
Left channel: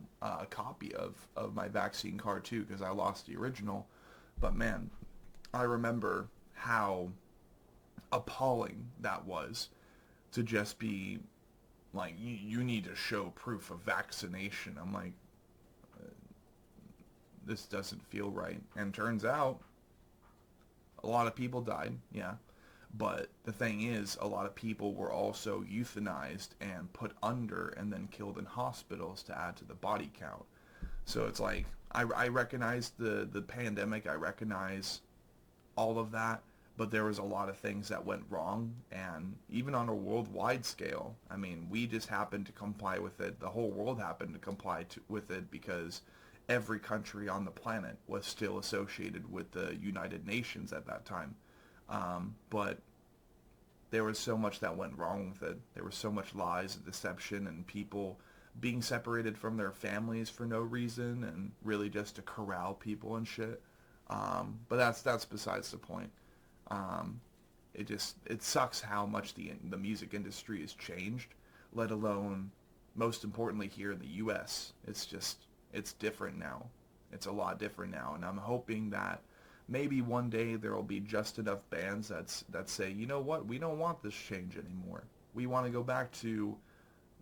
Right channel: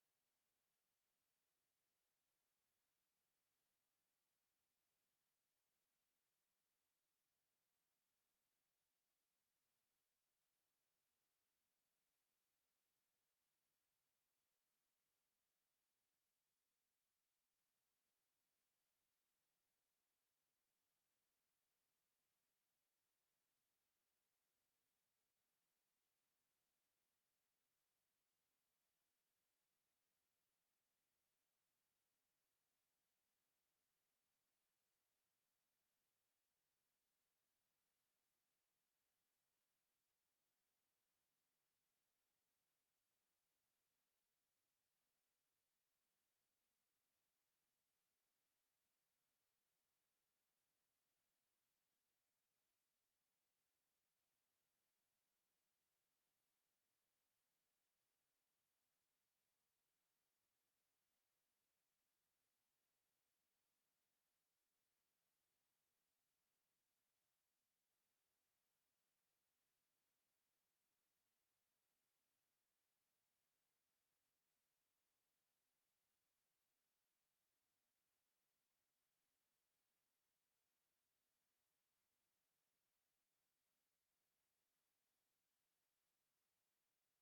copy of my vaccine card too because I lost the original. But man, I remember how appalling that was to just be like, you need to show proof of vaccination. I'm like, this doesn't feel right. And turns out a lot of people died, yeah. But the thing is, a lot of people were also euthanized and put under and then killed in hospitals to add to the body count. So it's like, I recognize the pandemic. I recognize all of that, but there was a lot of things that went wrong, and even on a worldwide scale, I mean, we just happened to comply with it. The whole world happened to comply with it because every country on the planet was still associated with the United Nations at that time. But there was so much that went wrong with it. There was so much lies and deception and people being separated from their families for no reason and really just to corral people and shit. But that's besides the point. Um, it sucks how much the music industry has changed, let alone most importantly here in the U.S. It's different now. It's a lot different now, and I'm hoping that maybe one day there will be just enough bands that say, you know what, we don't want this change anymore. We want to go back to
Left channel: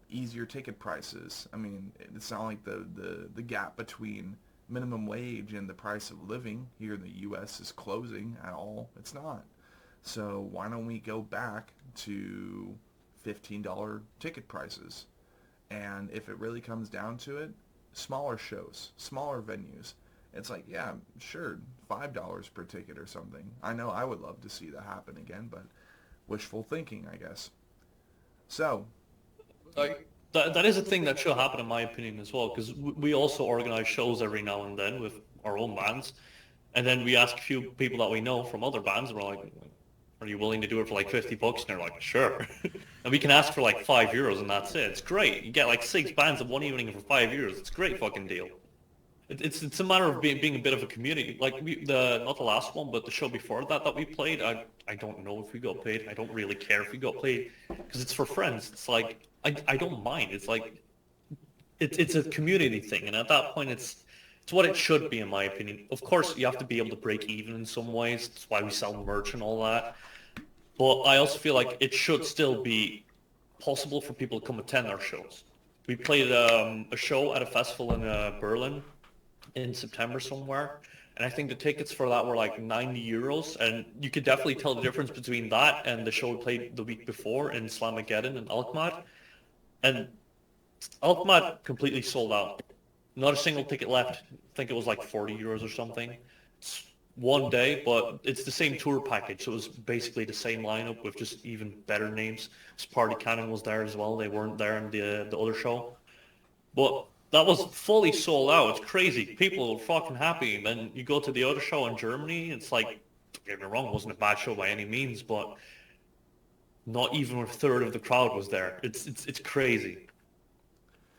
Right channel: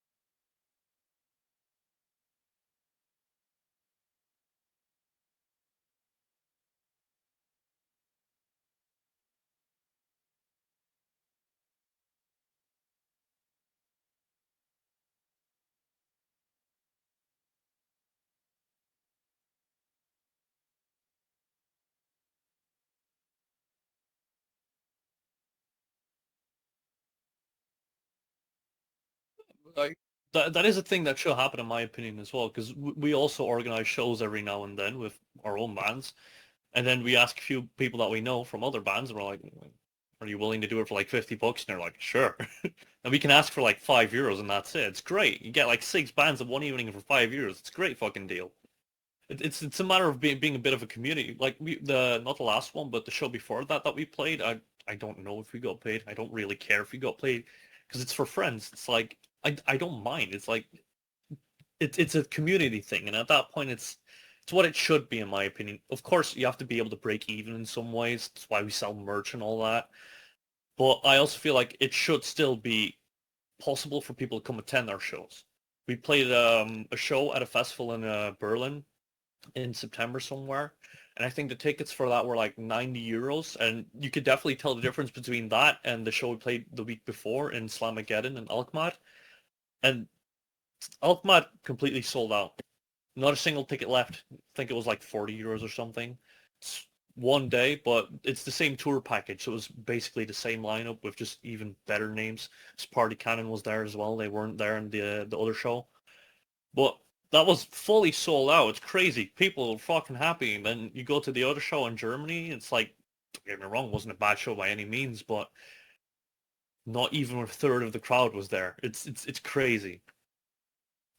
easier ticket prices. I mean, it's not like the gap between minimum wage and the price of living here in the U.S. is closing at all. It's not. So why don't we go back to $15 ticket prices? And if it really comes down to it, smaller shows, smaller venues. It's like, yeah, sure, $5 per ticket or something. I know I would love to see that happen again, but wishful thinking, I guess. So, Like that is a thing that should happen in my opinion as well, because we also organize shows every now and then with our own bands, and then we ask a few people that we know from other bands, and we're like, "Are you willing to do it for like $50?" And they're like, "Sure." And we can ask for like €5, and that's it. It's great. You get like 6 bands in one evening for €5. It's a great fucking deal. It's a matter of being a bit of a community. Like the not the last one, but the show before that we played. I don't know if we got paid. I don't really care if we got paid because it's for friends. It's like I don't mind. It's like it's a community thing, and at that point, it's what it should be in my opinion. Of course, you have to be able to break even in some ways. That's why we sell merch and all that. But I also feel like it should still be possible for people to come attend our shows. We played a show at a festival in Berlin in September somewhere. And I think the tickets for that were like €90. And you could definitely tell the difference between that and the show we played the week before in Slamageddon in Alkmaar. And Alkmaar completely sold out. Not a single ticket left. I think it was like €40 or something. It's one day, but it's the same tour package. So it was basically the same lineup with just even better names. Party Cannon was there as well. They weren't there in the other show. But that was fully sold out. It's crazy. People are fucking happy. And then you go to the other show in Germany. It's like, don't get me wrong, it wasn't a bad show by any means, but not even a third of the crowd was there. It's crazy.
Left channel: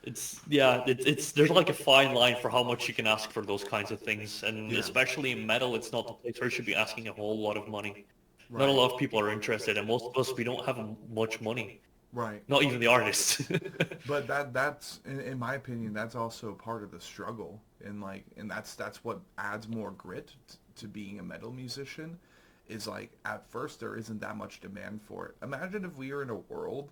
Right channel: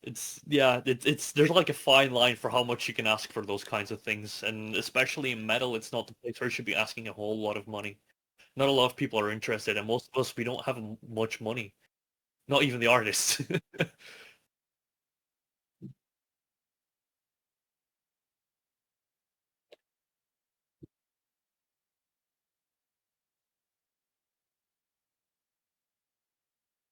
It's yeah. It's there's like a fine line for how much you can ask for those kinds of things, and yeah, especially in metal, it's not the place where you should be asking a whole lot of money. Not a right, lot of people are interested, and most of us we don't have much money. right. Not even the artists. But that's in my opinion, that's also part of the struggle, and like, and that's what adds more grit to being a metal musician. Is like at first there isn't that much demand for it. Imagine if we were in a world,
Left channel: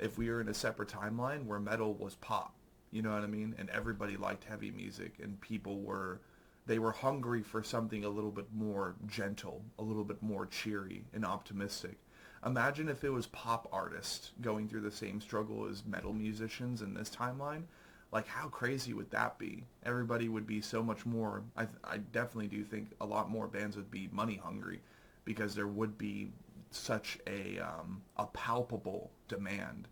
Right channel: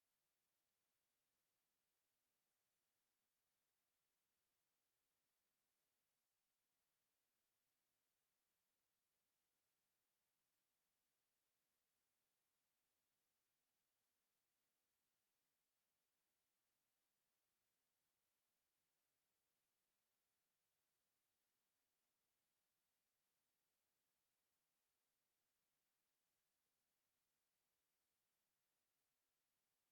if we were in a separate timeline where metal was pop, you know what I mean, and everybody liked heavy music, and people were they were hungry for something a little bit more gentle, a little bit more cheery and optimistic. Imagine if it was pop artists going through the same struggle as metal musicians in this timeline. Like, how crazy would that be? Everybody would be so much more. I definitely do think a lot more bands would be money hungry because there would be such a palpable demand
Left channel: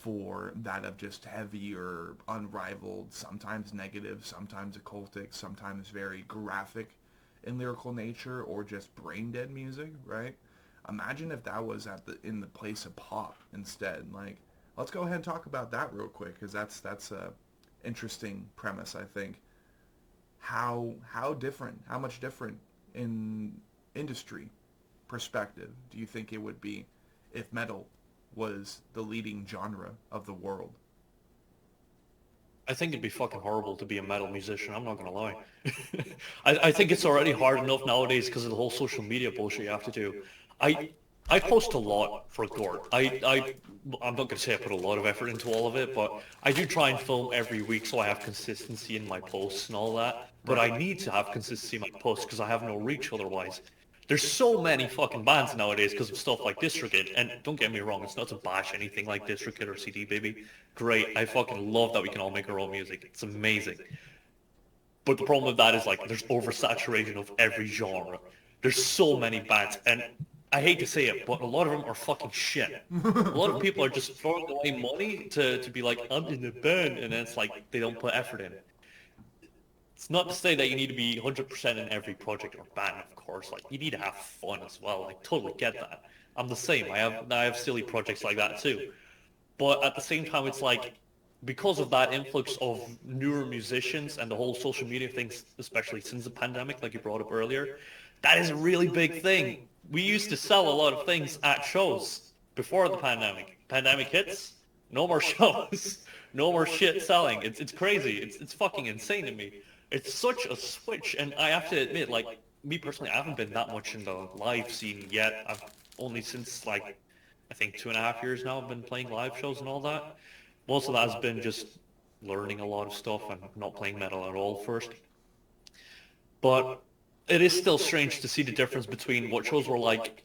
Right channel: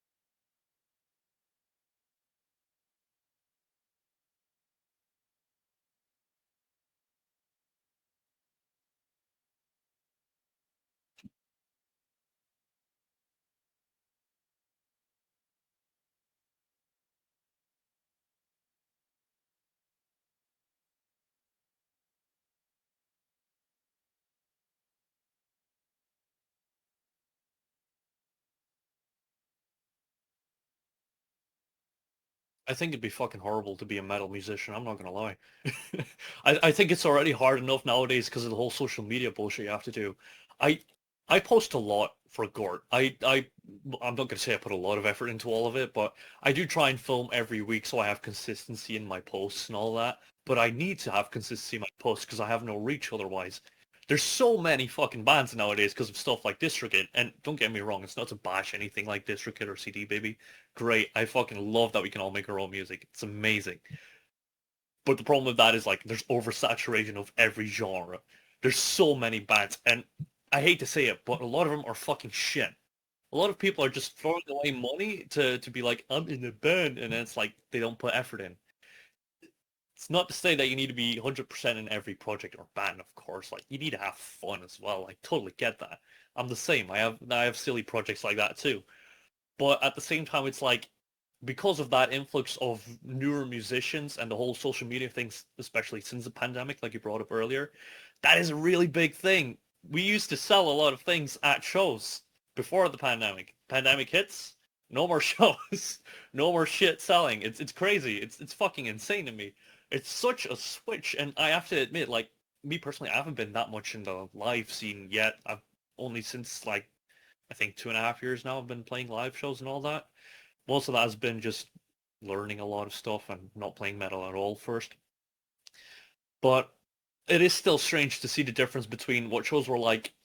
for that of just heavier, unrivaled, sometimes negative, sometimes occultic, sometimes very graphic in lyrical nature, or just brain dead music, right? Imagine if that was in the place of pop instead. Like, let's go ahead and talk about that real quick, because that's a interesting premise, I think. How much different in industry perspective do you think it would be if metal was the leading genre of the world? I think it'd be fucking horrible to be a metal musician. I'm not gonna lie. I think it's already hard enough nowadays because of the whole social media bullshit you have to do. I I post a lot for GORT. I'm not gonna say I put a lot of effort into all of it, but I do try and film every week so I have consistency in my posts and all that. But I Right. need to have consistency in my posts because I have no reach otherwise. There's so many fucking bands nowadays because of stuff like DistroKid. And don't get me wrong, it's not to bash anything like DistroKid or CD Baby. Great. I fucking love that we can all make our own music. It's amazing. But the problem with that is like there's oversaturation of every genre. There's so many bands, and I hate to say it, but a lot of them are fucking shit. A lot of people are just throwing away money to be like, I'm in a band, and then it's like they don't put effort in. It's not to say that you need to be 100% in every project or band, of course. Like you need to have fun as well. Like totally get that. I'm the same. I have silly projects like that too. But at the same time, it's like because of that influx of newer musicians and the whole social media things, especially since the pandemic, like you brought up earlier, that is a really big thing. We used to sell a lot of things at shows before the pandemic. Pandemic hits, no more shows, no more shit selling. It's crazy. It's fucking insane to me. It's such a switch, and I have to admit, like me personally, I haven't been that much in the live scene yet. I've only since like I think 2.5 years now I've been playing live shows and all that. Most of that has been just learning a lot of stuff and not playing metal at all first. But it is still strange to see the difference between what shows were like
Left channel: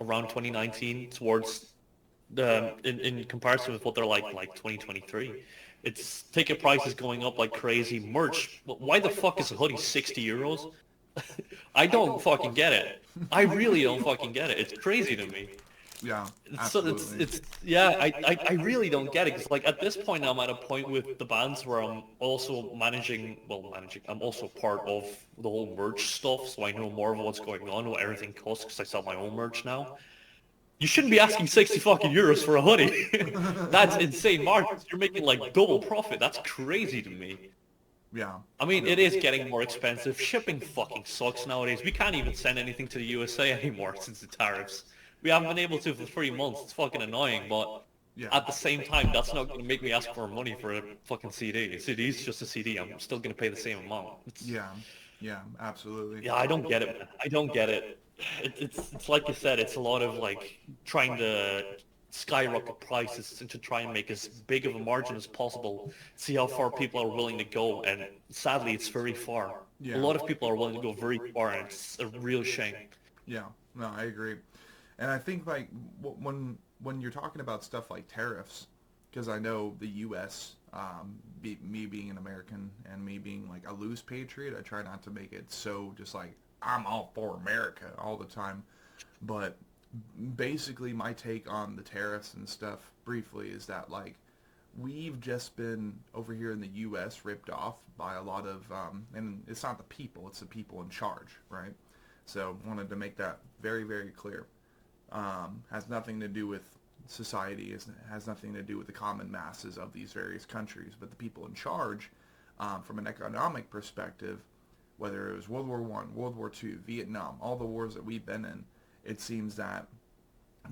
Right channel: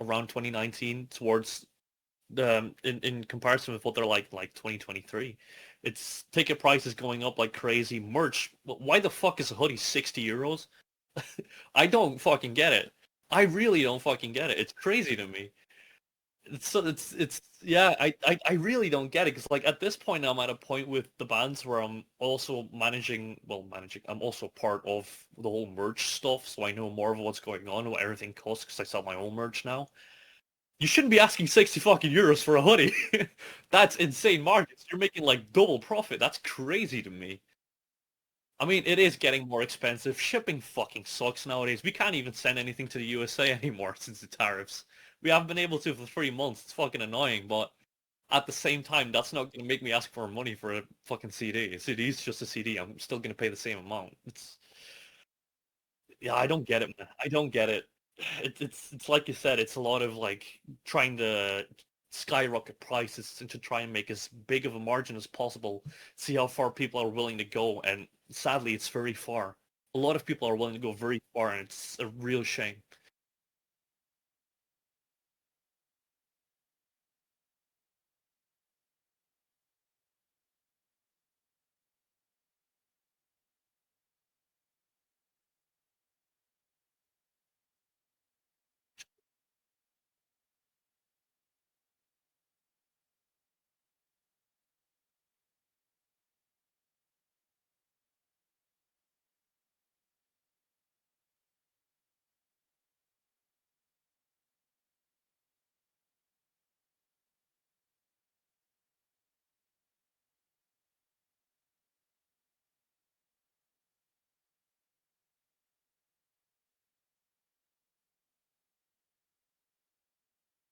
around 2019 towards in comparison with what they're like 2023. It's ticket prices going up like crazy. Merch. Why the fuck is a hoodie 60 euros? I don't fucking get it. I really don't fucking get it. It's crazy to me. Yeah, So absolutely. it's yeah, I really don't get it because like at this point I'm at a point with the bands where I'm also managing I'm also part of the whole merch stuff, so I know more of what's going on, what everything costs because I sell my own merch now. You shouldn't be asking 60 fucking euros for a hoodie. That's insane margins. You're making like double profit. That's crazy to me. Yeah, I mean, yeah, it is getting more expensive. Shipping fucking sucks nowadays. We can't even send anything to the USA anymore since the tariffs. We haven't been able to for 3 months. It's fucking annoying, but yeah, at the same time, that's not going to make me ask for money for a fucking CD. A CD is just a CD. I'm still going to pay the same amount. yeah, yeah, absolutely. Yeah, I don't get it, man. I don't get it. It's like you said. It's a lot of like trying to skyrocket prices and to try and make as big of a margin as possible. See how far people are willing to go, and sadly, it's very far. A Yeah, lot of people are willing to go very far, and it's a real shame. yeah. No, I agree. And I think like when you're talking about stuff like tariffs, because I know the U.S. Me being an American and me being like a loose patriot, I try not to make it so just like I'm all for America all the time. But basically, my take on the tariffs and stuff briefly is that like we've just been over here in the U.S. ripped off by a lot of, and it's not the people, it's the people in charge, right? So wanted to make that very, very clear. Has nothing to do with society, has nothing to do with the common masses of these various countries, but the people in charge, from an economic perspective, whether it was World War One, World War Two, Vietnam, all the wars that we've been in, it seems that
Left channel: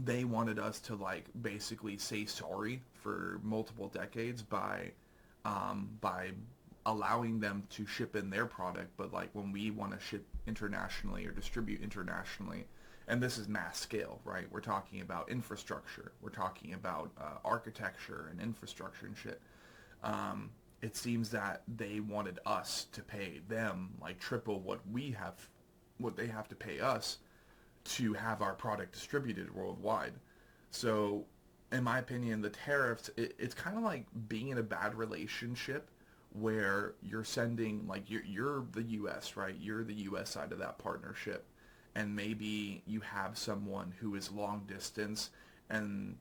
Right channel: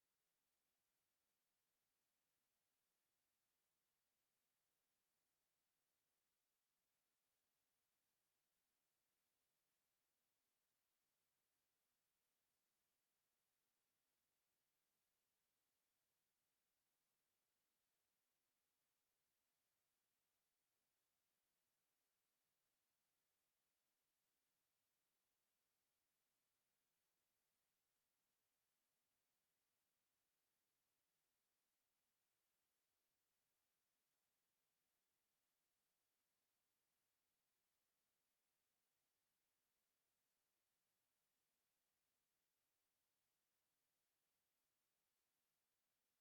they wanted us to like basically say sorry for multiple decades by allowing them to ship in their product, but like when we want to ship internationally or distribute internationally, and this is mass scale, right? We're talking about infrastructure, we're talking about architecture and infrastructure and shit. Um, it seems that they wanted us to pay them like triple what they have to pay us to have our product distributed worldwide. So, in my opinion, the tariffs, it's kind of like being in a bad relationship where you're sending, like, you're the U.S., right? You're the U.S. side of that partnership. And maybe you have someone who is long distance and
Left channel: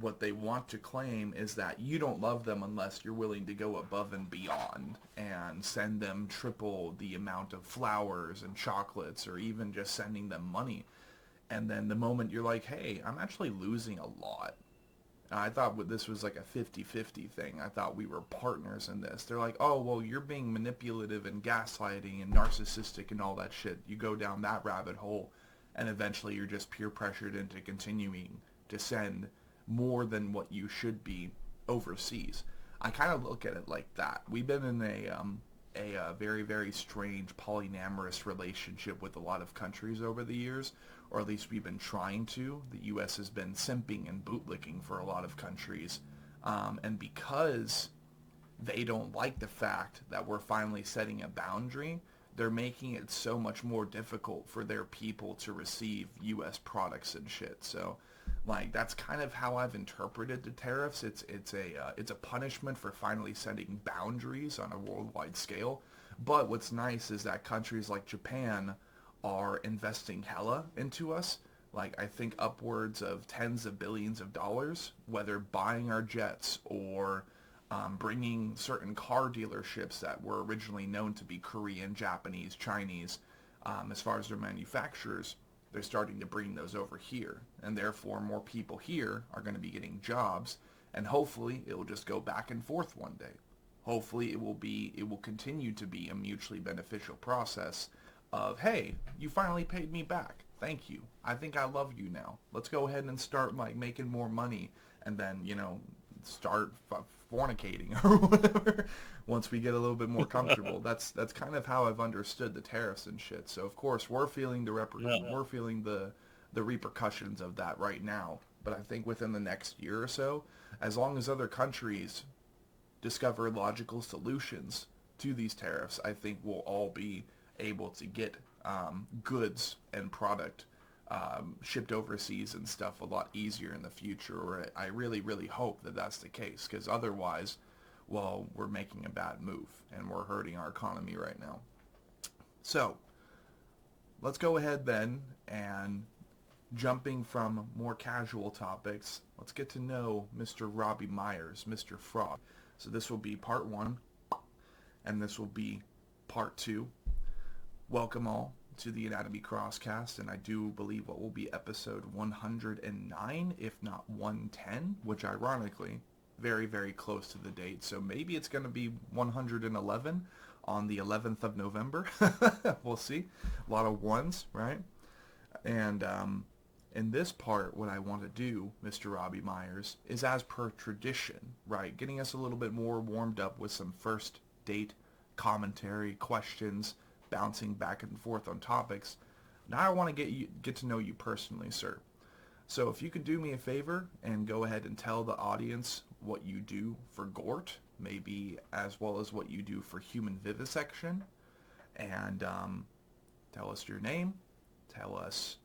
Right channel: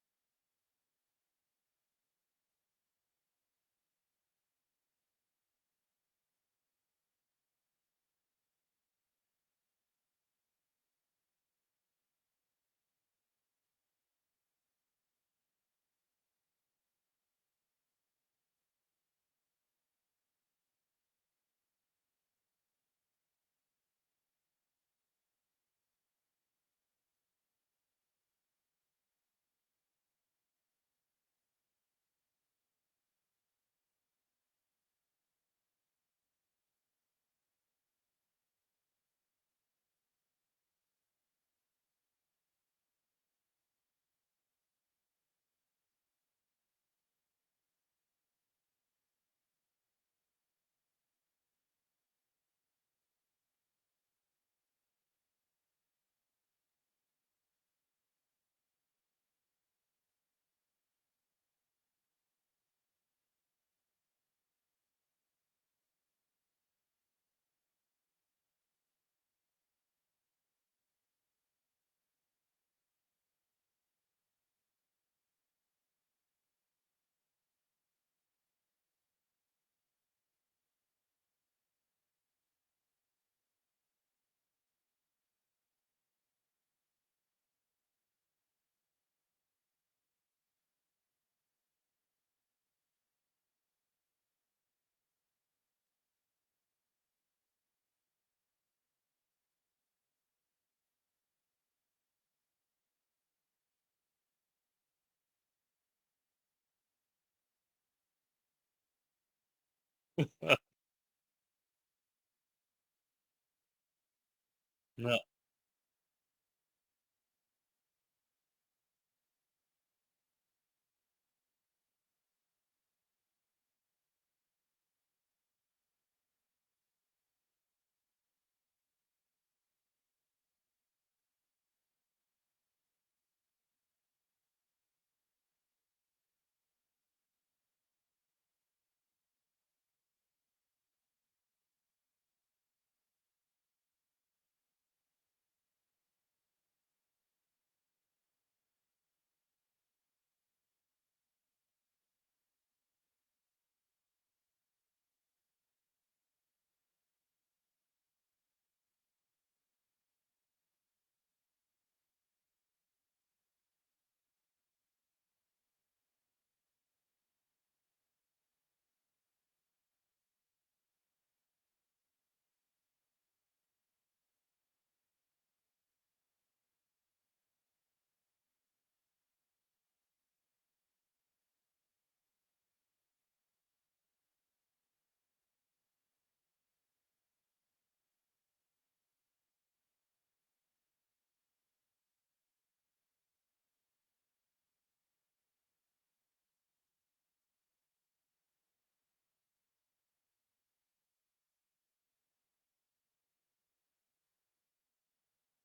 what they want to claim is that you don't love them unless you're willing to go above and beyond and send them triple the amount of flowers and chocolates, or even just sending them money. And then the moment you're like, hey, I'm actually losing a lot. I thought this was like a 50-50 thing. I thought we were partners in this. They're like, oh, well, you're being manipulative and gaslighting and narcissistic and all that shit. You go down that rabbit hole, and eventually you're just peer pressured into continuing to send more than what you should be overseas. I kind of look at it like that. We've been in a very, very strange polyamorous relationship with a lot of countries over the years, or at least we've been trying to. The U.S. has been simping and bootlicking for a lot of countries, and because they don't like the fact that we're finally setting a boundary, they're making it so much more difficult for their people to receive U.S. products and shit. So, like, that's kind of how I've interpreted the tariffs. It's a punishment for finally setting boundaries on a worldwide scale. But what's nice is that countries like Japan are investing hella into us. Like, I think upwards of tens of billions of dollars, whether buying our jets or bringing certain car dealerships that were originally known to be Korean, Japanese, Chinese, as far as their manufacturers. They're starting to bring those over here, and therefore more people here are going to be getting jobs, and hopefully it will just go back and forth one day. Hopefully it will continue to be a mutually beneficial process of, hey, you finally paid me back. Thank you. I think I love you now. Let's go ahead and start like making more money, and then, start fornicating or whatever once we get a little bit more comfortable. That's kind of how I've understood the tariffs and shit. So of course we're feeling Yeah. we're feeling the repercussions of that right now. But I think within the next year or so, as long as other countries discover logical solutions to these tariffs, I think we'll all be able to get goods and product shipped overseas and stuff a lot easier in the future. Or I really, really hope that that's the case, because otherwise, well, we're making a bad move and we're hurting our economy right now. So let's go ahead then, and jumping from more casual topics, let's get to know Mr. Robbie Meyers, Mr. Frog. So this will be part one, and this will be part two. Welcome all to the Anatomy Crosscast, and I do believe what will be episode 109, if not 110, which ironically, very, very close to the date. So maybe it's going to be 111 on the 11th of November. We'll see. A lot of ones, right? And in this part, what I want to do, Mr. Robbie Meyers, is as per tradition, right? Getting us a little bit more warmed up with some first date commentary, questions, bouncing back and forth on topics. Now I want to get to know you personally, sir. So if you could do me a favor and go ahead and tell the audience what you do for GORT, maybe as well as what you do for human vivisection, and tell us your name, tell us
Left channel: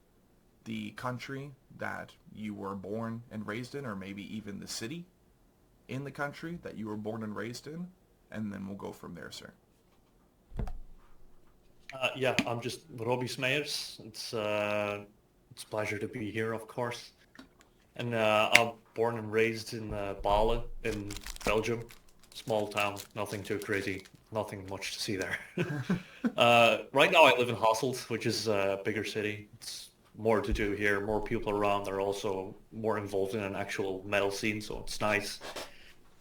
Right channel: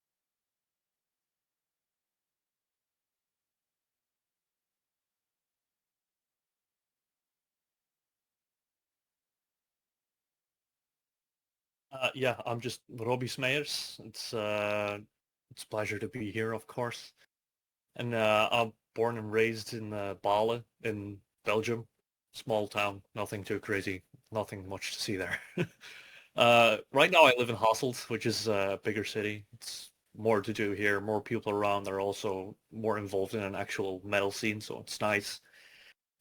the country that you were born and raised in, or maybe even the city in the country that you were born and raised in, and then we'll go from there, sir. Yeah, I'm just Robbies Meyers. It's a pleasure to be here, of course. And I'm born and raised in Bale in Belgium. Small town, nothing too crazy, nothing much to see there. Right now I live in Hasselt, which is a bigger city. It's more to do here, more people around. They're also more involved in an actual metal scene, so it's nice.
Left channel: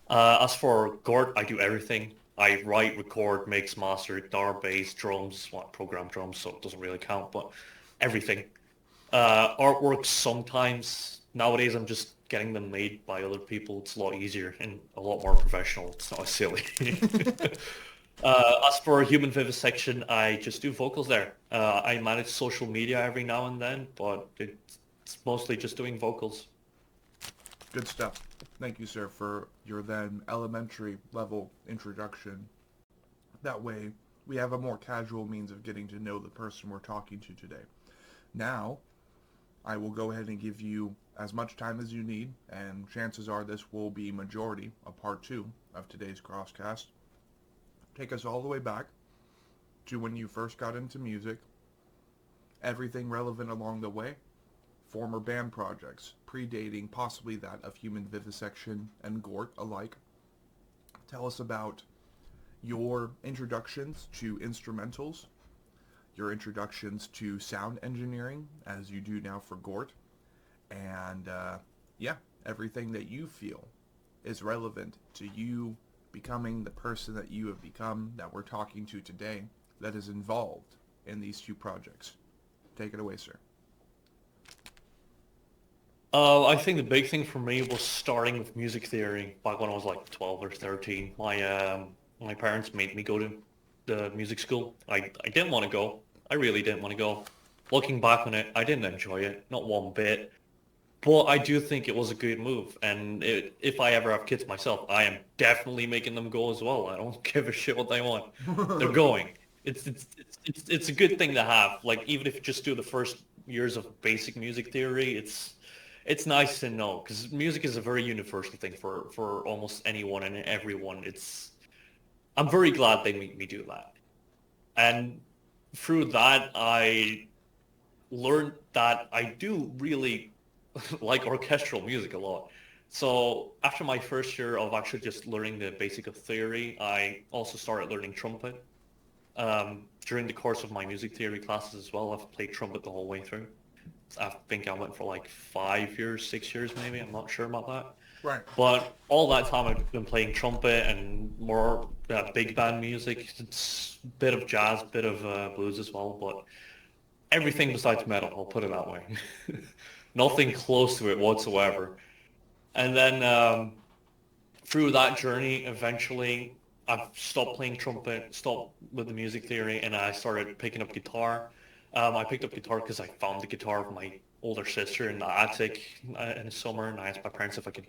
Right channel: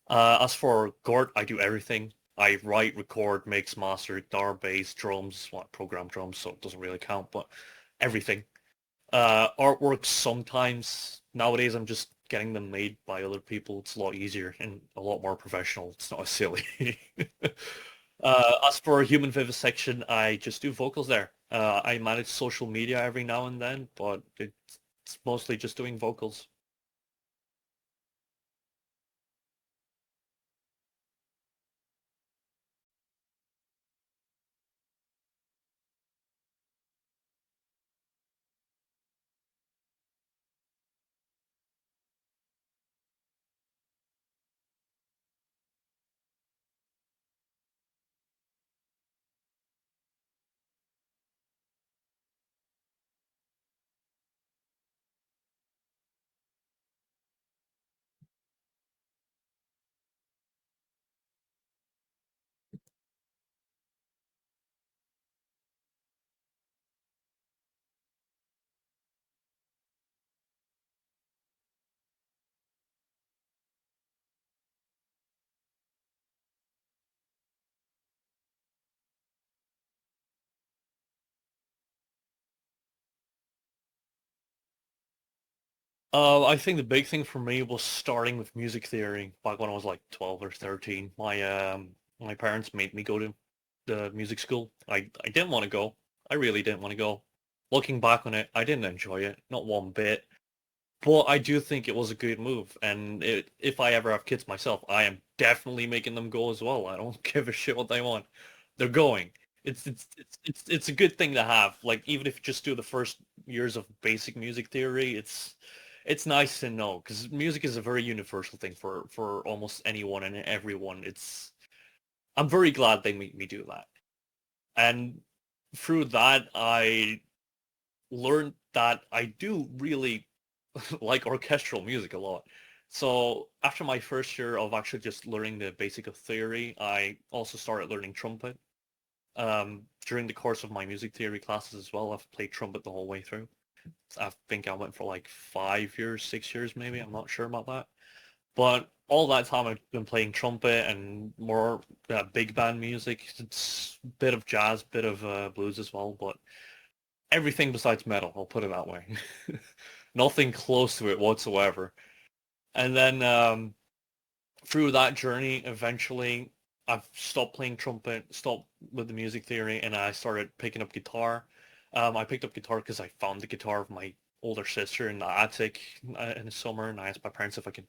As for GORT, I do everything. I write, record, mix, master, guitar, bass, drums, well, program drums, so it doesn't really count, but everything. Artwork sometimes. Nowadays I'm just getting them made by other people. It's a lot easier and a lot more professional. It's not as silly. As for human vivisection, I just do vocals there. I manage social media every now and then, but it's mostly just doing vocals. Good stuff. Thank you, sir, for your then elementary level introduction. That way, we have a more casual means of getting to know the person we're talking to today. Now, I will go ahead and give you as much time as you need, and chances are this will be majority of part two of today's crosscast. Take us all the way back to when you first got into music, everything relevant along the way, former band projects, predating possibly that of Human Vivisection and GORT alike. Tell us about your introductions to instrumentals, your introductions to sound engineering, as you do now for GORT, and yeah, everything that you feel is relevant to you becoming the person that you have become, that we're talking to today, that is involved in these two projects. Take it away, sir. I think the big thing for me was starting with music theory back when I was like 12 or 13. My parents made me go to the music school. I didn't want to go. I really didn't want to go. Looking back on it, I didn't enjoy it, not one bit. But I do think it was a good move, and if I ever have kids myself, I am definitely making them go as well. I don't give a shit what they want. They're going. It's a good thing to have. Like even if you just do the first years of basic music theory, it's nice to know because music is a very universal thing for almost anyone and everyone. I'm very glad they made me do that, and through that I learned that I do really like orchestral music a lot. So after my first year of actually just learning the basic of theory, I also started learning trumpet. During the course of my music theory classes as well, I've played trumpet the whole way through. I think I went for like 5 years, 6 years maybe. I'm not sure about that. Right. But all that time I've been playing trumpet and more big band music. It's a bit of jazz, bit of blues as well, but everything besides metal, I'll put it that way. Nothing close to it whatsoever. And then through that journey, eventually I've stopped playing trumpet, stopped with the music theory, and I started picking up guitar. I picked up guitar because I found the guitar of my older sister in the attic in the summer, and I asked my parents if I could,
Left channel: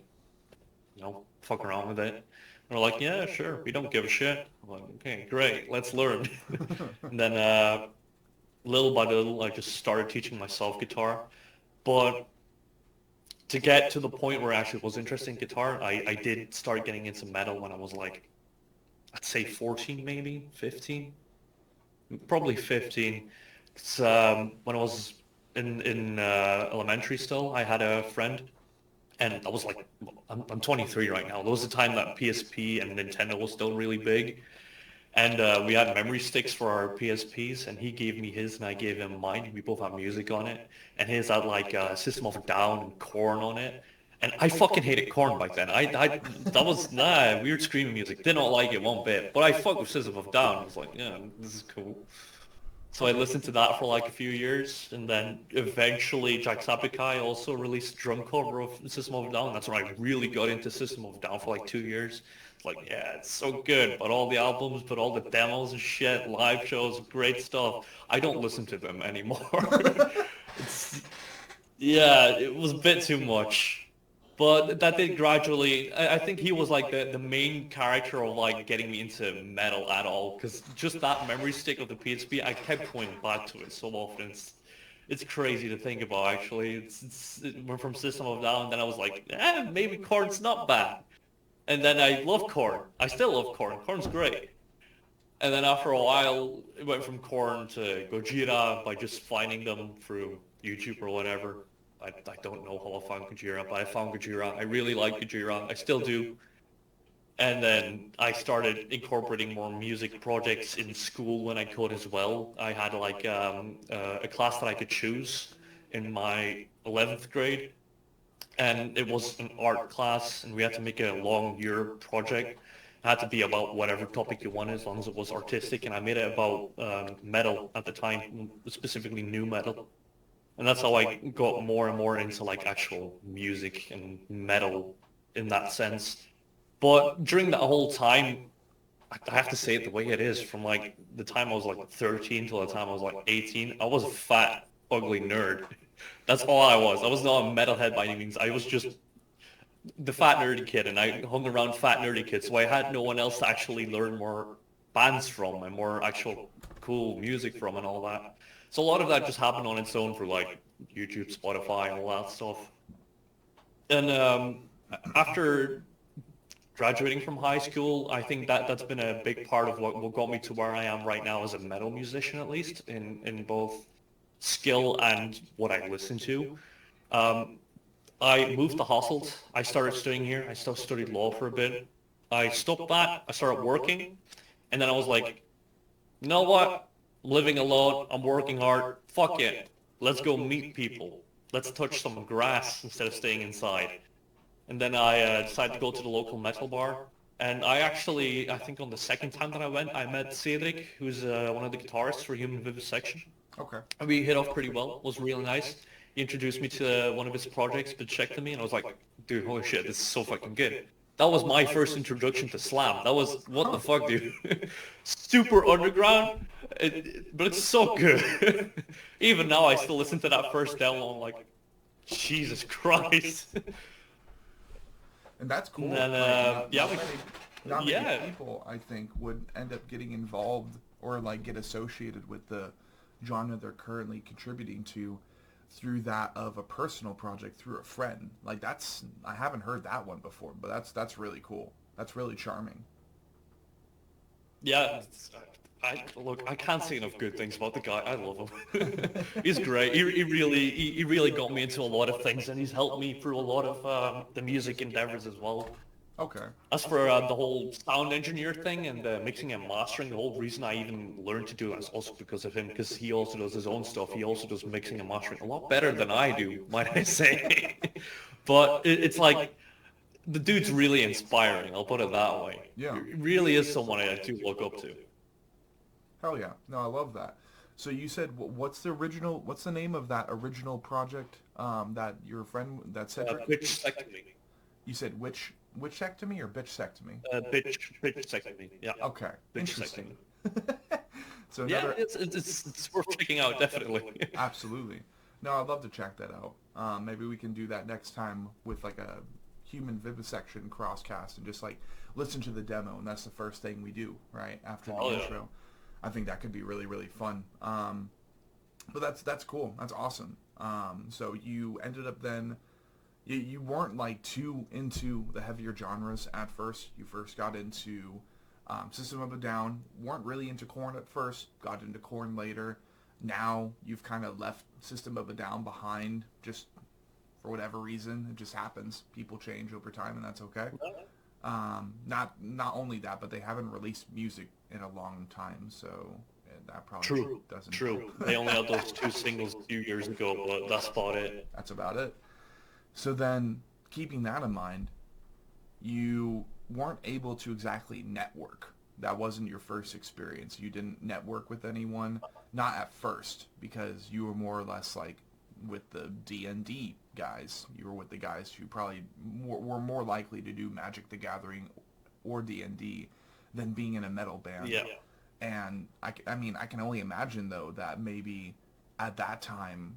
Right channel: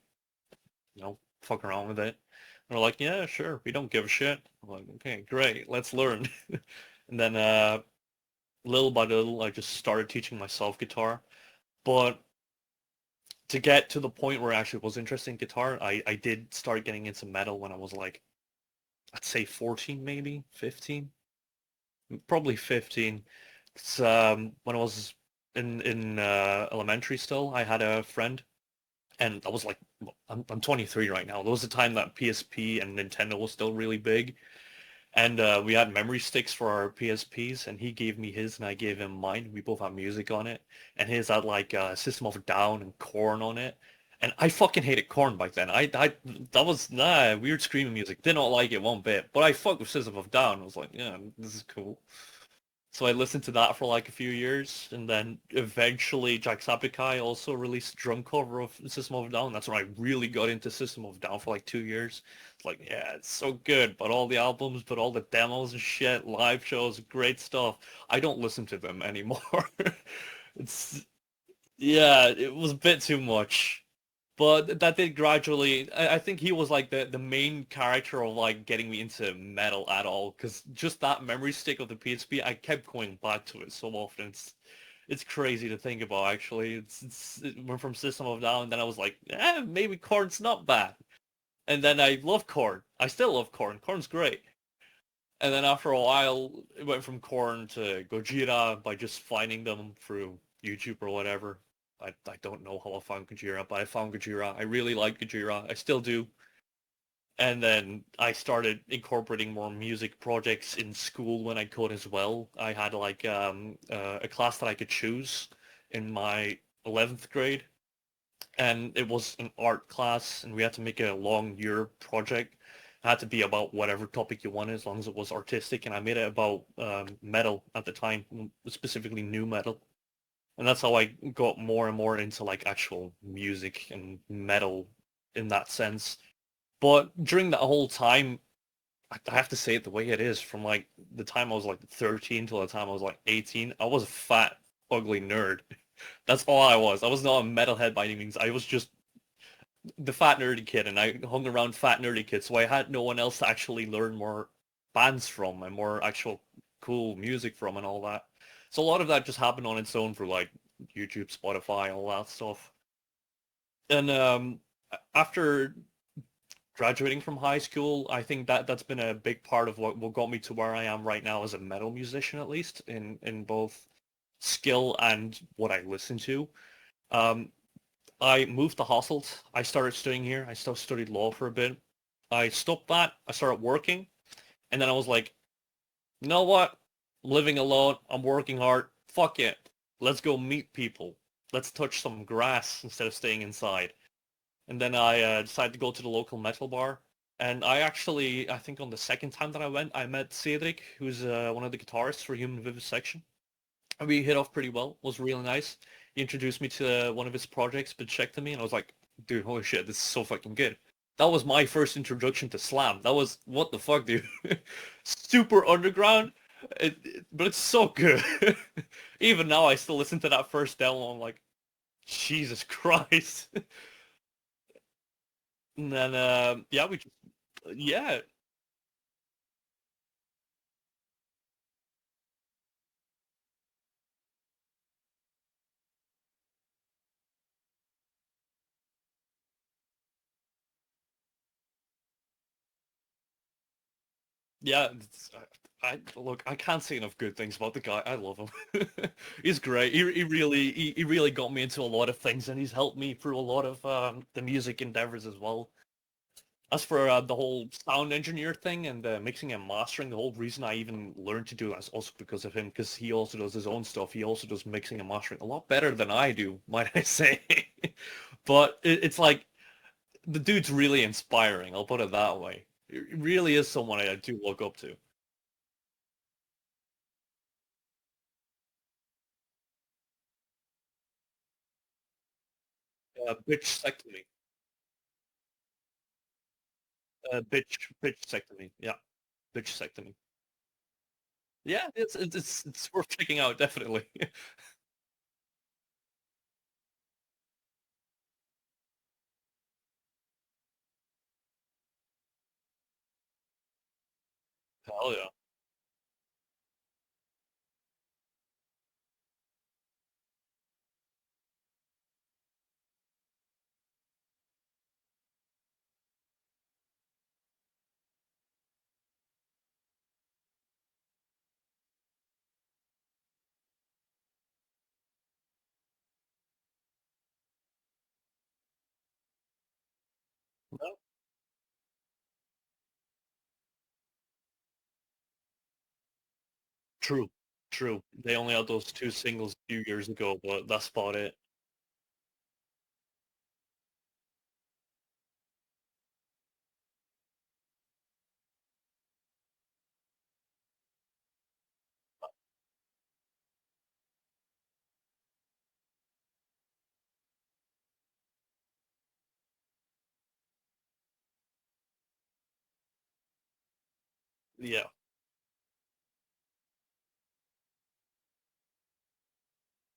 fuck around with it. And they're like, yeah, sure, we don't give a shit. I'm like, okay, great, let's learn. And then little by little, I just started teaching myself guitar. But to get to the point where I actually was interested in guitar, I did start getting into metal when I was like, I'd say 14 maybe, 15, probably 15. 'Cause, when I was in elementary still, I had a friend, and I was like, I'm 23 right now. There was a time that PSP and Nintendo was still really big, and we had memory sticks for our PSPs, and he gave me his, and I gave him mine. We both had music on it, and his had like System of a Down and Korn on it. And I fucking hated Korn back then. That was weird screaming music. Did not like it one bit. But I fucked with System of a Down. I was like, yeah, this is cool. So I listened to that for like a few years, and then eventually Jacksepticeye also released a drum cover of System of a Down. That's when I really got into System of a Down for like 2 years. It's like, yeah, it's so good, but all the albums, but all the demos and shit, live shows, great stuff. I don't listen to them anymore. It's yeah, it was a bit too much. But that did gradually. I think he was like the main character of like getting me into metal at all, because just that memory stick of the PSP, I kept going back to it so often. It's crazy to think about actually. It went from System of a Down, and then I was like, maybe Korn's not bad. And then I love Korn. I still love Korn. Korn's great. And then after a while, it went from Korn to Gojira by just finding them through YouTube or whatever. I don't know how I found Gojira, but I found Gojira. I really like Gojira. I still do. And then I started incorporating more music projects in school when I could as well. I had like a class that I could choose in my 11th grade, and it was an art class, and we had to make a long year project. It had to be about whatever topic you wanted, as long as it was artistic, and I made it about metal at the time, specifically new metal. And that's how I got more and more into like actual music and metal in that sense. But during that whole time, I have to say it the way it is, from like the time I was like 13 till the time I was like 18, I was a fat, ugly nerd. That's all I was. I was not a metalhead by any means. I was just the fat nerdy kid, and I hung around fat nerdy kids, so I had no one else to actually learn more bands from and more actual cool music from and all that. So a lot of that just happened on its own for like YouTube, Spotify, all that stuff. And after graduating from high school, I think that's been a big part of what got me to where I am right now as a metal musician, at least in both skill and what I listen to. Um, I moved to Hasselt. I started studying here. I still studied law for a bit. I stopped that. I started working. And then I was like, you know what? I'm living alone. I'm working hard. Fuck it. Let's go meet people. Let's touch some grass instead of staying inside. And then I decided to go to the local metal bar. And I think on the second time that I went, I met Cedric, who's one of the guitarists for Human Vivisection. Okay. And we hit off pretty well. It was really nice. He introduced me to one of his projects, Bichectomy, and I was like, dude, holy shit, this is so fucking good. That was my first introduction to slam. That was, what the fuck, dude? Super underground, but it's so good. Even now, I still listen to that first demo. I'm like, Jesus Christ. And that's cool. And then, Like, yeah, not many yeah, people, I think, would end up getting involved or like get associated with the genre they're currently contributing to through that of a personal project through a friend. Like that's I haven't heard that one before, but that's really cool. That's really charming. yeah. Look, I can't say enough good things about the guy. I love him. He's great. He really got me into a lot of things, and he's helped me through a lot of the music endeavors as well. Okay. As for the whole sound engineer thing and mixing and mastering, the whole reason I even learned to do that is also because of him, because he also does his own stuff. He also does mixing and mastering a lot better than I do, might I say. But it's like the dude's really inspiring. I'll put it that way. Yeah. He really is someone I do look up to. Hell yeah. No, I love that. So you said what's the name of that original project that your friend that said Bitchectomy. you said witchectomy or bitchectomy? Bitchectomy. Yeah, Okay. Interesting. bitchectomy. So Yeah, never it's worth checking out, definitely. absolutely. No, I'd love to check that out. Maybe we can do that next time with like a human vivisection crosscast and just like listen to the demo, and that's the first thing we do right after Oh the yeah. intro. I think that could be really really fun. But that's cool. That's awesome. So you ended up then. You weren't like too into the heavier genres at first. You first got into System of a Down. Weren't really into Korn at first. Got into Korn later. Now you've kind of left System of a Down behind just for whatever reason. It just happens. People change over time, and that's okay. Not only that, but they haven't released music in a long time, so that probably True, doesn't. true. They only had those two singles a few years ago, but that's about it. That's about it. So then, keeping that in mind, you weren't able to exactly network. That wasn't your first experience. You didn't network with anyone, not at first, because you were more or less like with the D&D guys. You were with the guys who probably were more likely to do Magic the Gathering or D&D than being in a metal band. Yeah. And I mean, I can only imagine, though, that maybe at that time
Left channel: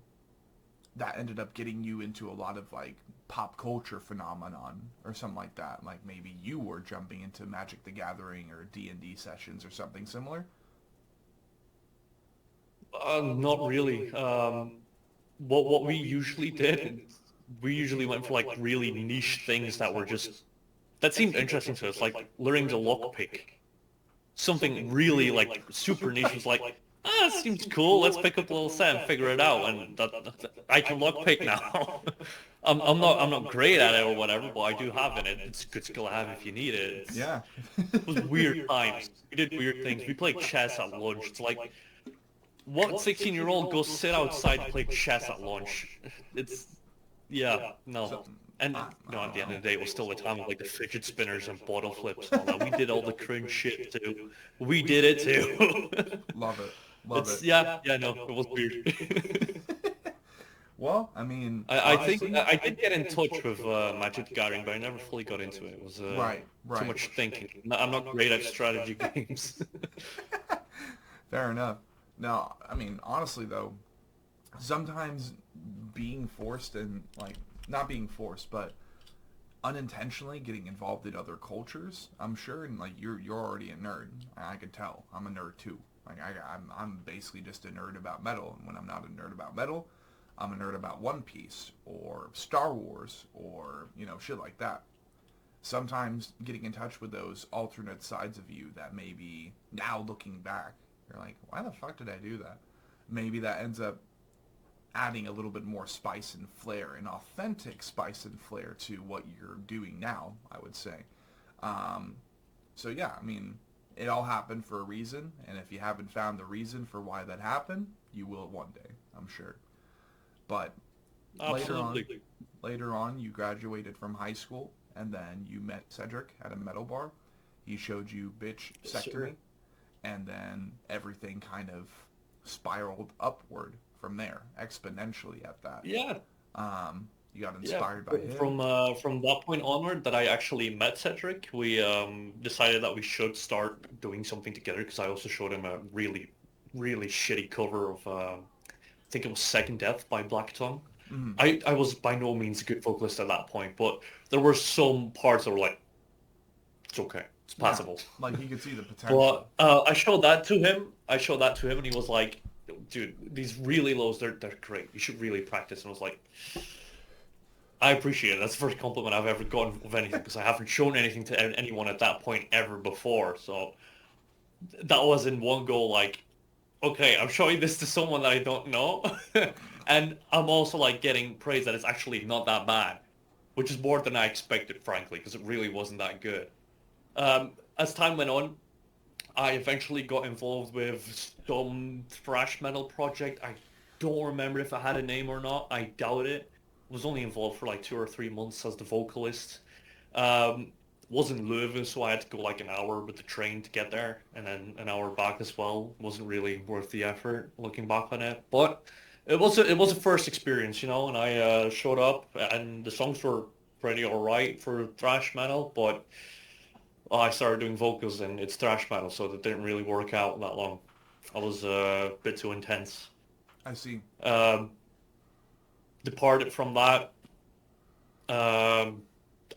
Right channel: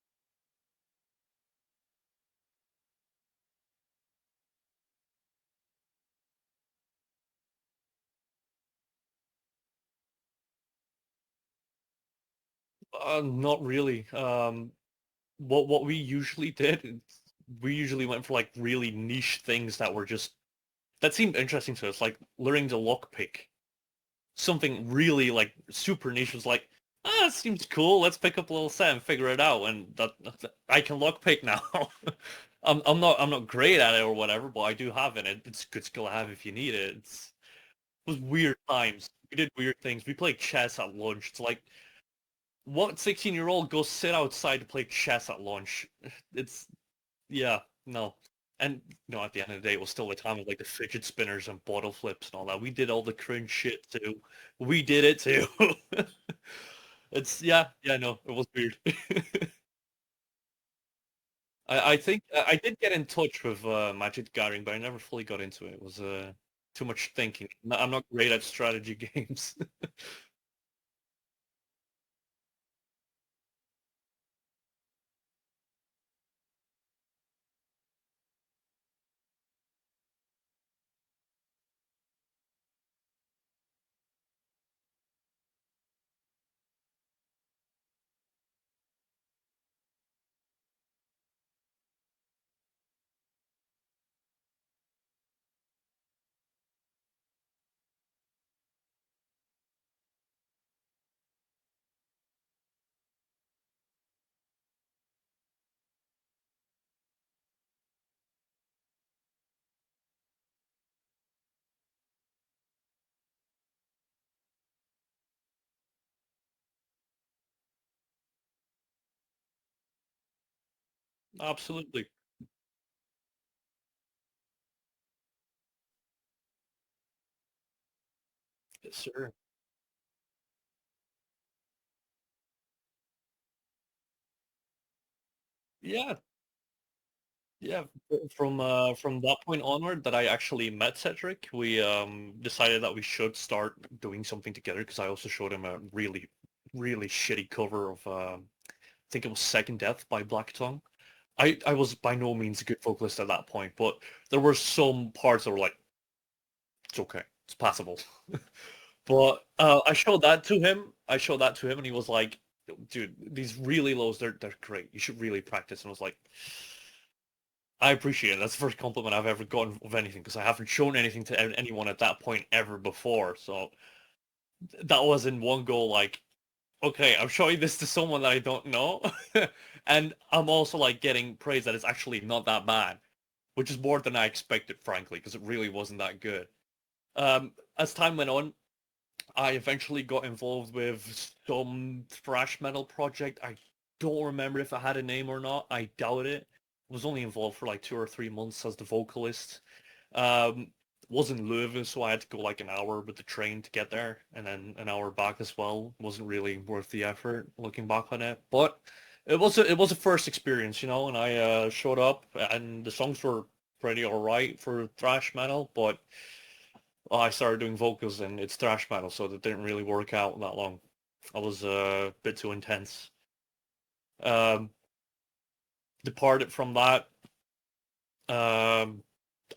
that ended up getting you into a lot of like pop culture phenomenon or something like that. Like maybe you were jumping into Magic the Gathering or D&D sessions or something similar. Not really. What we usually did, we usually went for like really niche things that were just that seemed interesting to us, like learning to lockpick. Something really like super niche was like, ah, it seems cool. Let's pick up a little set and figure it out. And I can lockpick now. I'm not great at it or whatever, but I do have it. It's a good skill to have if you need it. Yeah. It was weird times. We did weird things. We played chess at lunch. It's like, what 16-year-old goes sit outside to play chess at lunch? It's, yeah, no. So And, I at don't the end know. of the day, it was still the time of like the fidget spinners and bottle flips and all that. We did all the cringe shit too. We did it too. Love it. Love It's, it. yeah, no, it was weird. Well, I mean, I think honestly, I did get in touch with Magic the Gathering, but I never fully got into it. It was right, too right. much thinking. I'm not great at strategy games. Fair enough. Now, I mean, honestly though, sometimes being forced and like not being forced, but unintentionally getting involved in other cultures, I'm sure, and like you're already a nerd. I could tell. I'm a nerd too. Like I'm basically just a nerd about metal, and when I'm not a nerd about metal, I'm a nerd about One Piece or Star Wars or shit like that. Sometimes getting in touch with those alternate sides of you that maybe now looking back, you're like, why the fuck did I do that? Maybe that ends up adding a little bit more spice and flair, an authentic spice and flair to what you're doing now, I would say. Um, so yeah, I mean, it all happened for a reason, and if you haven't found the reason for why that happened, you will one day, I'm sure. But later on, Absolutely. later on, you graduated from high school, and then you met Cedric at a metal bar. He showed you Bitch Yes, sir. Sectory, and then everything kind of spiraled upward from there, exponentially at that. Yeah, You got yeah. inspired by him. From that point onward, that I actually met Cedric, we decided that we should start doing something together because I also showed him a really shitty cover of I think it was Second Death by Black Tongue. Mm, I was by no means a good vocalist at that point, but there were some parts that were like, it's okay, it's yeah, passable. like he could see the potential. But I showed that to him. I showed that to him, and he was like, "Dude, these really lows, they're great. You should really practice." And I was like, "I appreciate it. That's the first compliment I've ever gotten of anything because I haven't shown anything to anyone at that point ever before." So that was in one go like, okay, I'm showing this to someone that I don't know, and I'm also like getting praise that it's actually not that bad, which is more than I expected, frankly, because it really wasn't that good. As time went on, I eventually got involved with some thrash metal project. I don't remember if I had a name or not. I doubt it. Was only involved for like 2 or 3 months as the vocalist. Um, was in Leuven, so I had to go like an hour with the train to get there, and then an hour back as well. Wasn't really worth the effort looking back on it, but it was a first experience, you know. And I showed up, and the songs were pretty alright for thrash metal, but I started doing vocals and it's thrash metal, so that didn't really work out that long. I was a bit too intense. I see. Um, Departed from that. Um,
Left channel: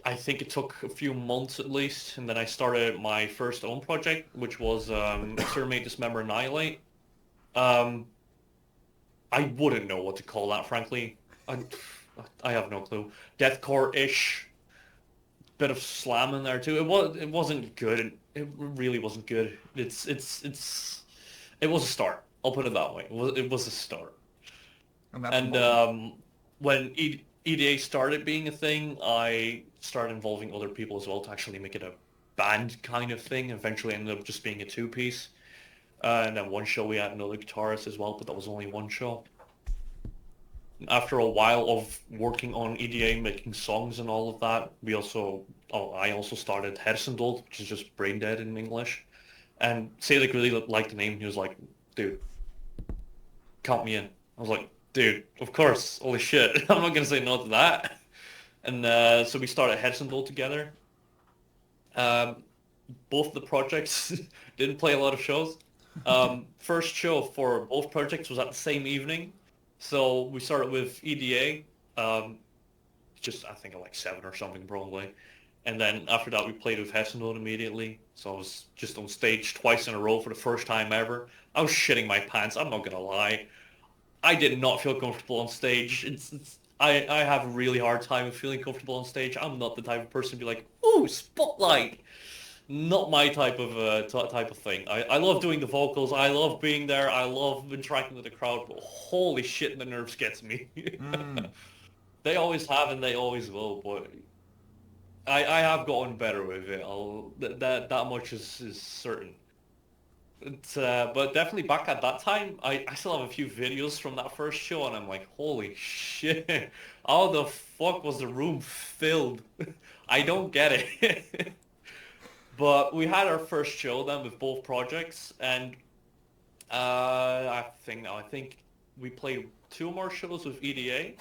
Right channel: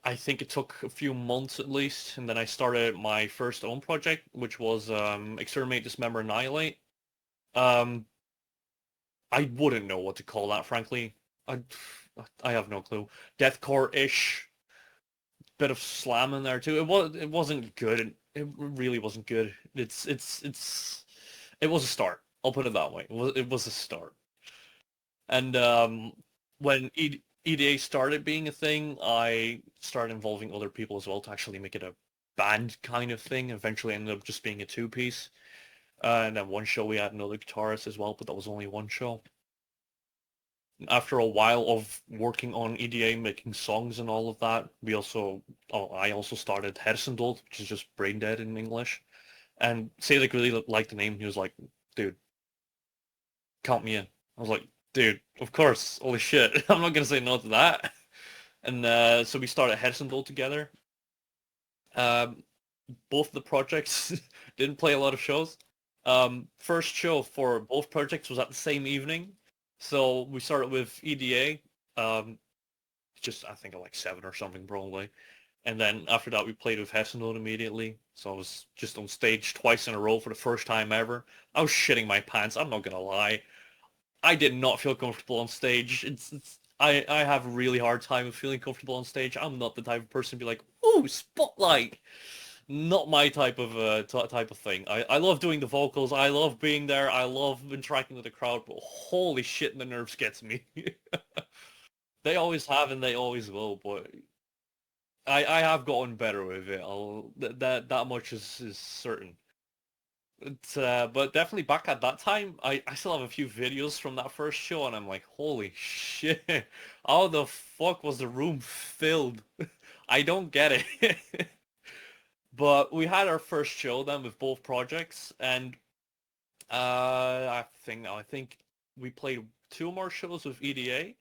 I think it took a few months at least, and then I started my first own project, which was Exterminate, Dismember, Annihilate. Um, I wouldn't know what to call that, frankly. I, I have no clue. Deathcore-ish, bit of slam in there too. It wasn't good. It really wasn't good. It was a start. I'll put it that way. It was a start. And that's a And moment. when EDA started being a thing, I started involving other people as well to actually make it a band kind of thing. Eventually ended up just being a two-piece. And then one show we had another guitarist as well, but that was only one show. After a while of working on EDA, making songs and all of that, I also started Hersendod, which is just brain dead in English. And Sadek really liked the name. He was like, dude, count me in. I was like, dude, of course, holy shit. I'm not gonna say no to that. And so we started Hersendod together. Um, both the projects didn't play a lot of shows. First show for both projects was at the same evening. So we started with EDA, just I think like seven or something probably. And then after that we played with Hessenode immediately. So I was just on stage twice in a row for the first time ever. I was shitting my pants, I'm not gonna lie. I did not feel comfortable on stage. I have a really hard time with feeling comfortable on stage. I'm not the type of person to be like, ooh, spotlight. Not my type of type of thing. I love doing the vocals. I love being there. I love interacting with the crowd. But holy shit, the nerves gets me. Mm, They always have and they always will. But I have gotten better with it. That much is certain. But definitely back at that time, I still have a few videos from that first show, and I'm like, holy shit, how the fuck was the room filled? I don't get it. But we had our first show then with both projects, and I think we played two more shows with EDA,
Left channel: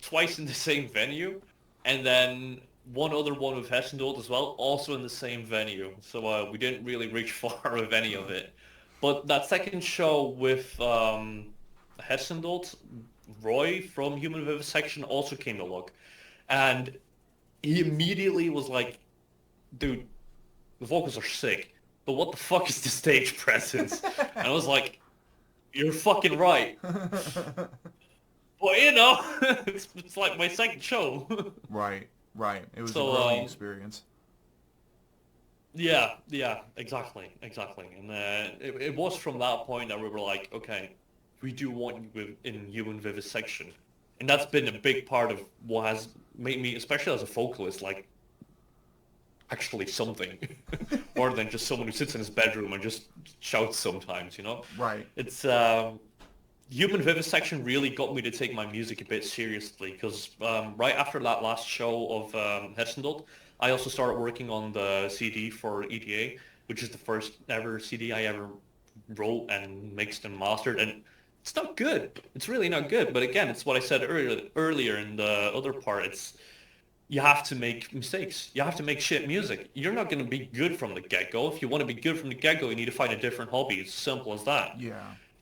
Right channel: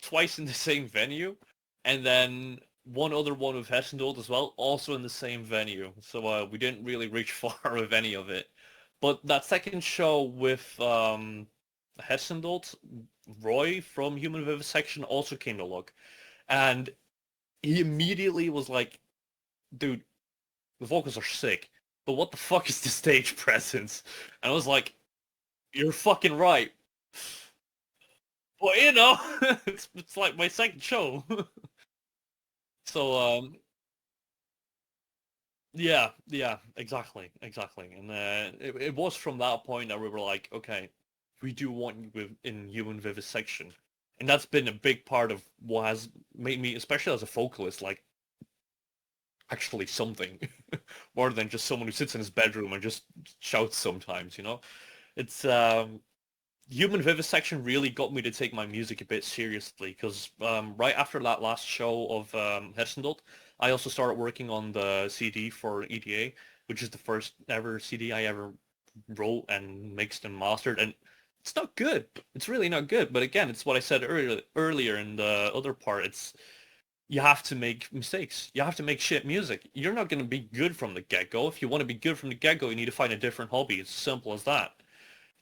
twice in the same venue, and then one other one with Hessendold as well, also in the same venue. So we didn't really reach far with any of it. But that second show with Hessendold, Roy from Human Vivisection also came to look, and he immediately was like, dude, the vocals are sick, but what the fuck is the stage presence? And I was like, you're fucking right. Well, you know, it's like my second show. right, right. It was a So, growing experience. yeah, exactly. And it was from that point that we were like, okay, we do want you in human vivisection. And that's been a big part of what has made me, especially as a vocalist, like actually something more than just someone who sits in his bedroom and just shouts sometimes, you know? Right. It's human vivisection really got me to take my music a bit seriously because right after that last show of Hersendot, I also started working on the CD for EDA, which is the first ever CD I ever wrote and mixed and mastered, and it's not good. It's really not good. But again, it's what I said earlier in the other part. It's you have to make mistakes. You have to make shit music. You're not going to be good from the get-go. If you want to be good from the get-go, you need to find a different hobby. It's simple as that. Yeah.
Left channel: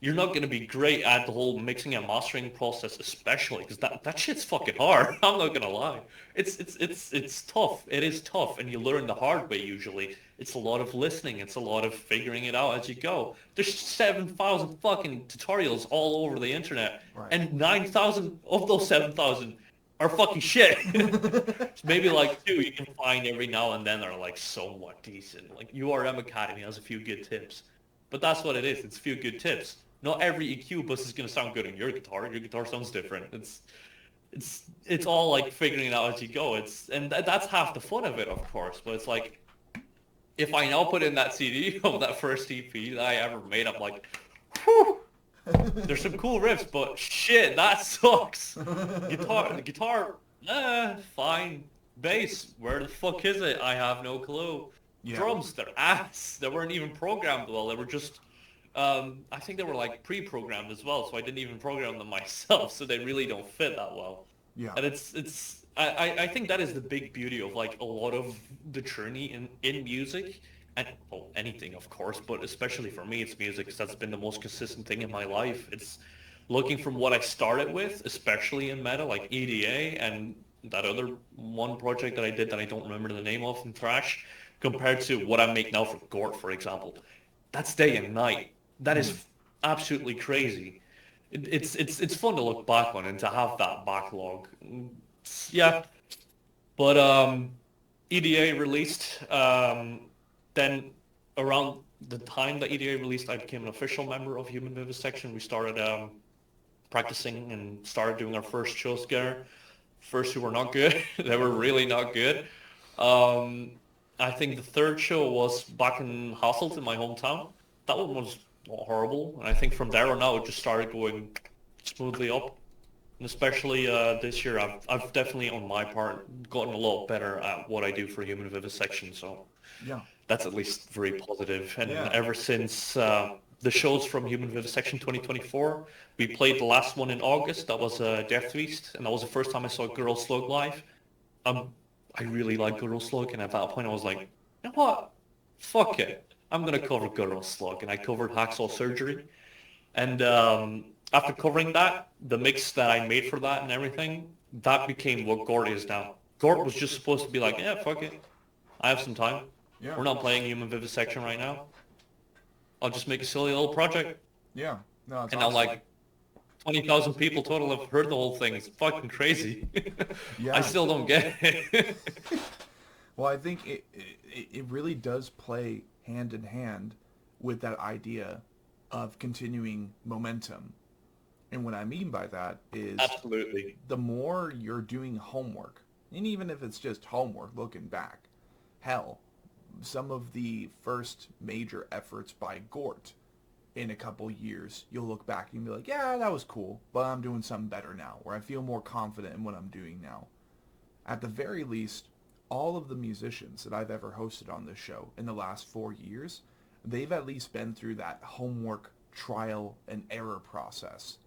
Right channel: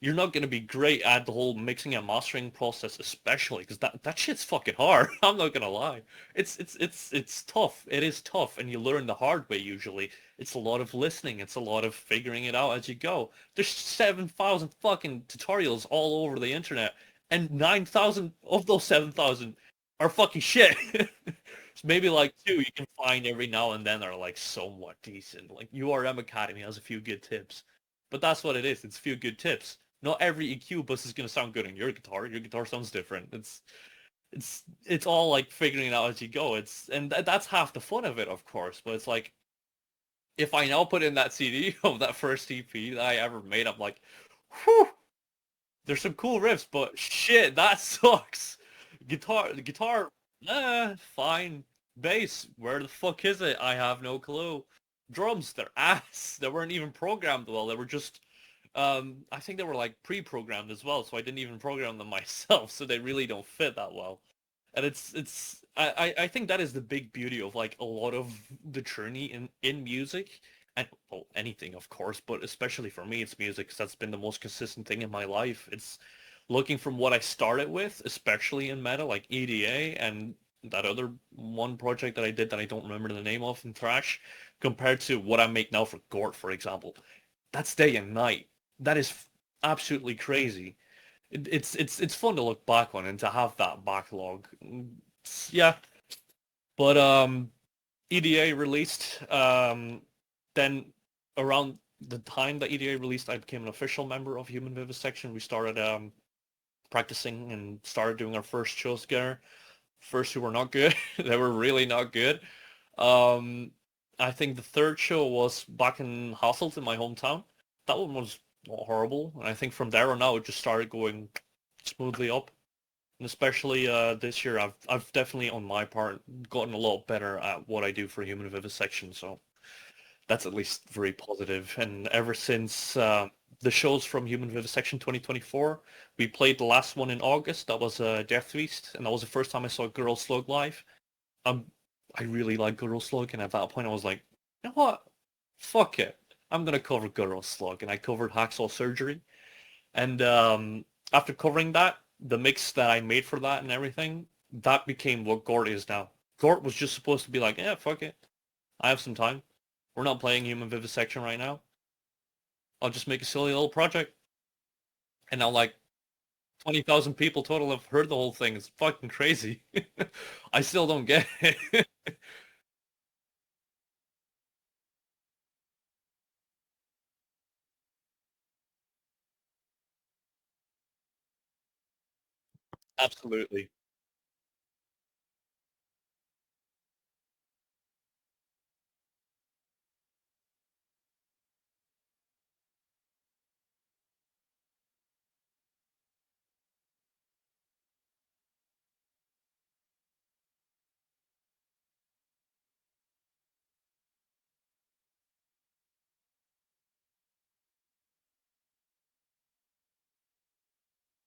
You're not going to be great at the whole mixing and mastering process, especially because that shit's fucking hard. I'm not going to lie. It's tough. It is tough, and you learn the hard way usually. It's a lot of listening. It's a lot of figuring it out as you go. There's 7,000 fucking tutorials all over the internet, Right. and 9,000 of those 7,000 are fucking shit. It's maybe like two you can find every now and then that are like somewhat decent. Like URM Academy has a few good tips. But that's what it is. It's a few good tips. Not every EQ bus is going to sound good on your guitar. Your guitar sounds different. It's all like figuring it out as you go. That's half the fun of it, of course. But it's like if I now put in that CD of that first EP that I ever made, I'm like, whew, there's some cool riffs, but shit, that sucks. The guitar, fine. Bass, where the fuck is it? I have no clue. Yeah. Drums, they're ass. They weren't even programmed well. They were just, I think they were like pre-programmed as well, so I didn't even program them myself, so they really don't fit that well. Yeah. And I think that is the big beauty of like a lot of the journey in music and well, anything of course, but especially for me it's music because that's been the most consistent thing in my life. It's looking from what I started with, especially in metal, like EDA and that other one project that I did that I don't remember the name of in thrash, compared to what I make now for GORT, for example. That's day and night. That is absolutely crazy. It's fun to look back on and to have that backlog. Yeah, but EDA released. Then around the time that EDA released, I became an official member of Human Vivisection. We started practicing and started doing our first shows together. First two were not good. They were really not good. Um, I think the third show was back in Hasselt in my hometown. That one was not horrible. And I think from there on out, it just started going smoothly up. And especially this year, I've definitely, on my part, gotten a lot better at what I do for Human Vivisection. So Yeah. that's at least very positive. And Yeah. ever since the shows from Human Vivisection 2024, we played the last one in August. That was Death Feast, and that was the first time I saw Girl Slug live. I really like Girl Slug, and at that point I was like, you know what? Fuck it. I'm gonna cover Girl Slug, and I covered Hacksaw Surgery. And after covering that, the mix that I made for that and everything, that became what GORT is now. GORT was just supposed to be like, yeah, fuck it. I have some time. Yeah. We're not playing Human Vivisection right now. I'll just make a silly little project. Yeah. No, it's And now awesome. like 20,000 people total have heard the whole thing. It's fucking crazy. Yeah. I still don't get it. Well, I think it really does play hand in hand with that idea of continuing momentum. And what I mean by that is Absolutely. the more you're doing homework, and even if it's just homework looking back, hell, some of the first major efforts by GORT in a couple years, you'll look back and be like, yeah, that was cool, but I'm doing something better now, or I feel more confident in what I'm doing now. At the very least, all of the musicians that I've ever hosted on this show in the last 4 years, they've at least been through that homework, trial, and error process.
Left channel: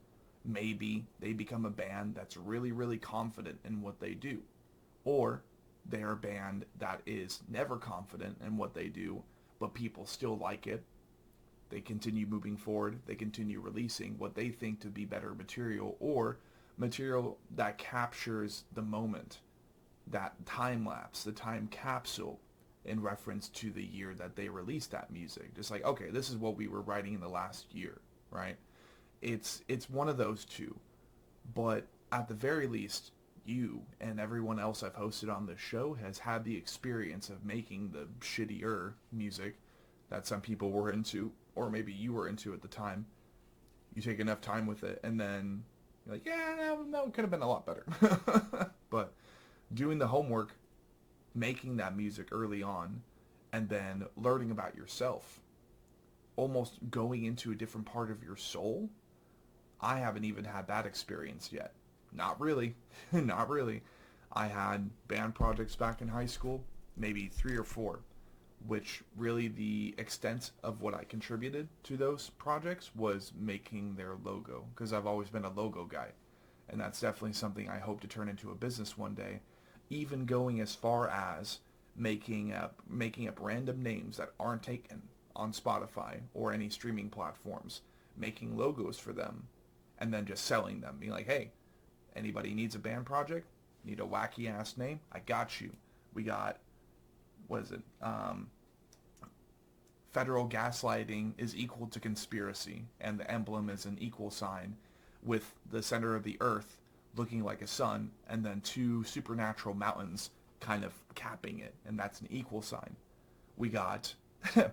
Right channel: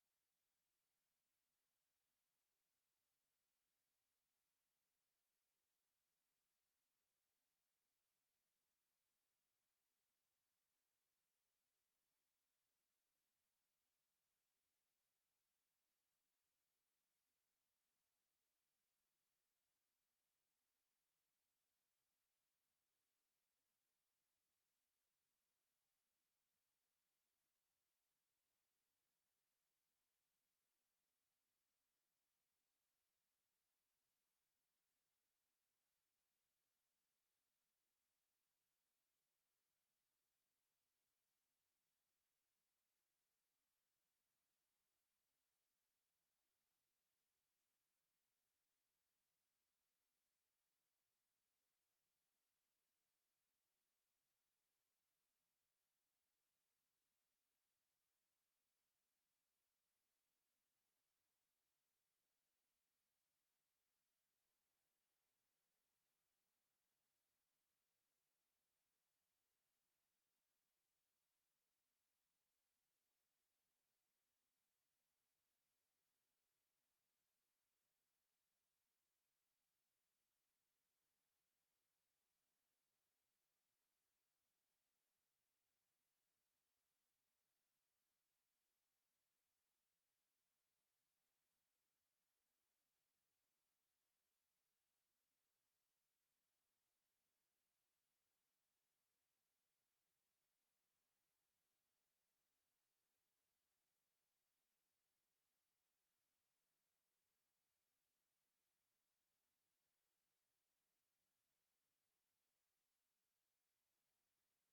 Maybe they become a band that's really, really confident in what they do. Or they're a band that is never confident in what they do, but people still like it. They continue moving forward. They continue releasing what they think to be better material, or material that captures the moment, that time lapse, the time capsule in reference to the year that they released that music. Just like, okay, this is what we were writing in the last year, right? It's one of those two. But at the very least, you and everyone else I've hosted on this show has had the experience of making the shittier music that some people were into, or maybe you were into at the time. You take enough time with it, and then you're like, yeah, no, it could have been a lot better. But doing the homework, making that music early on, and then learning about yourself, almost going into a different part of your soul, I haven't even had that experience yet. Not really. Not really. I had band projects back in high school, maybe 3 or 4, which really the extent of what I contributed to those projects was making their logo, because I've always been a logo guy. And that's definitely something I hope to turn into a business one day, even going as far as making up random names that aren't taken on Spotify or any streaming platforms, making logos for them, and then just selling them, being like, hey, anybody needs a band project, need a wacky ass name, I got you. We got, what is it, federal gaslighting is equal to conspiracy, and the emblem is an equal sign with the center of the earth looking like a sun, and then 2 supernatural mountains kind of capping it, and that's an equal sign. We got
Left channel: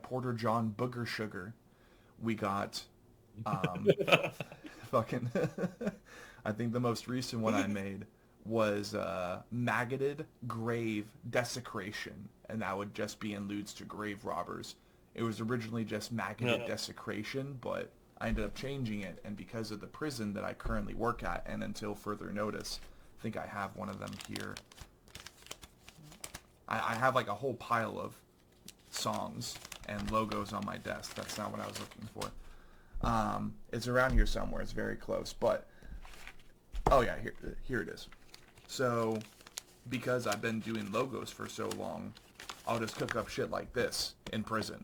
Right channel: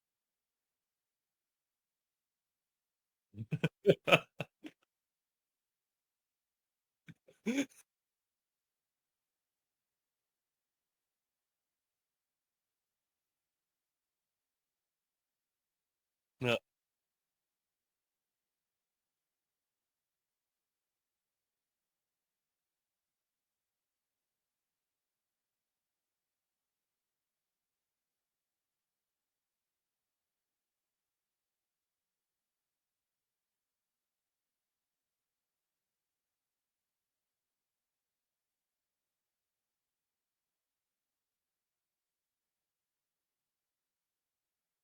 Porter John Booger Sugar. We got fucking I think the most recent one I made was maggoted grave desecration, and that would just be alludes to grave robbers. It was originally just maggoted desecration, but I ended up changing it, and because of the prison that I currently work at, and until further notice, I think I have one of them here. I have like a whole pile of songs and logos on my desk. That's not what I was looking for. It's around here somewhere. It's very close, but oh yeah, here it is. So because I've been doing logos for so long, I'll just cook up shit like this in prison,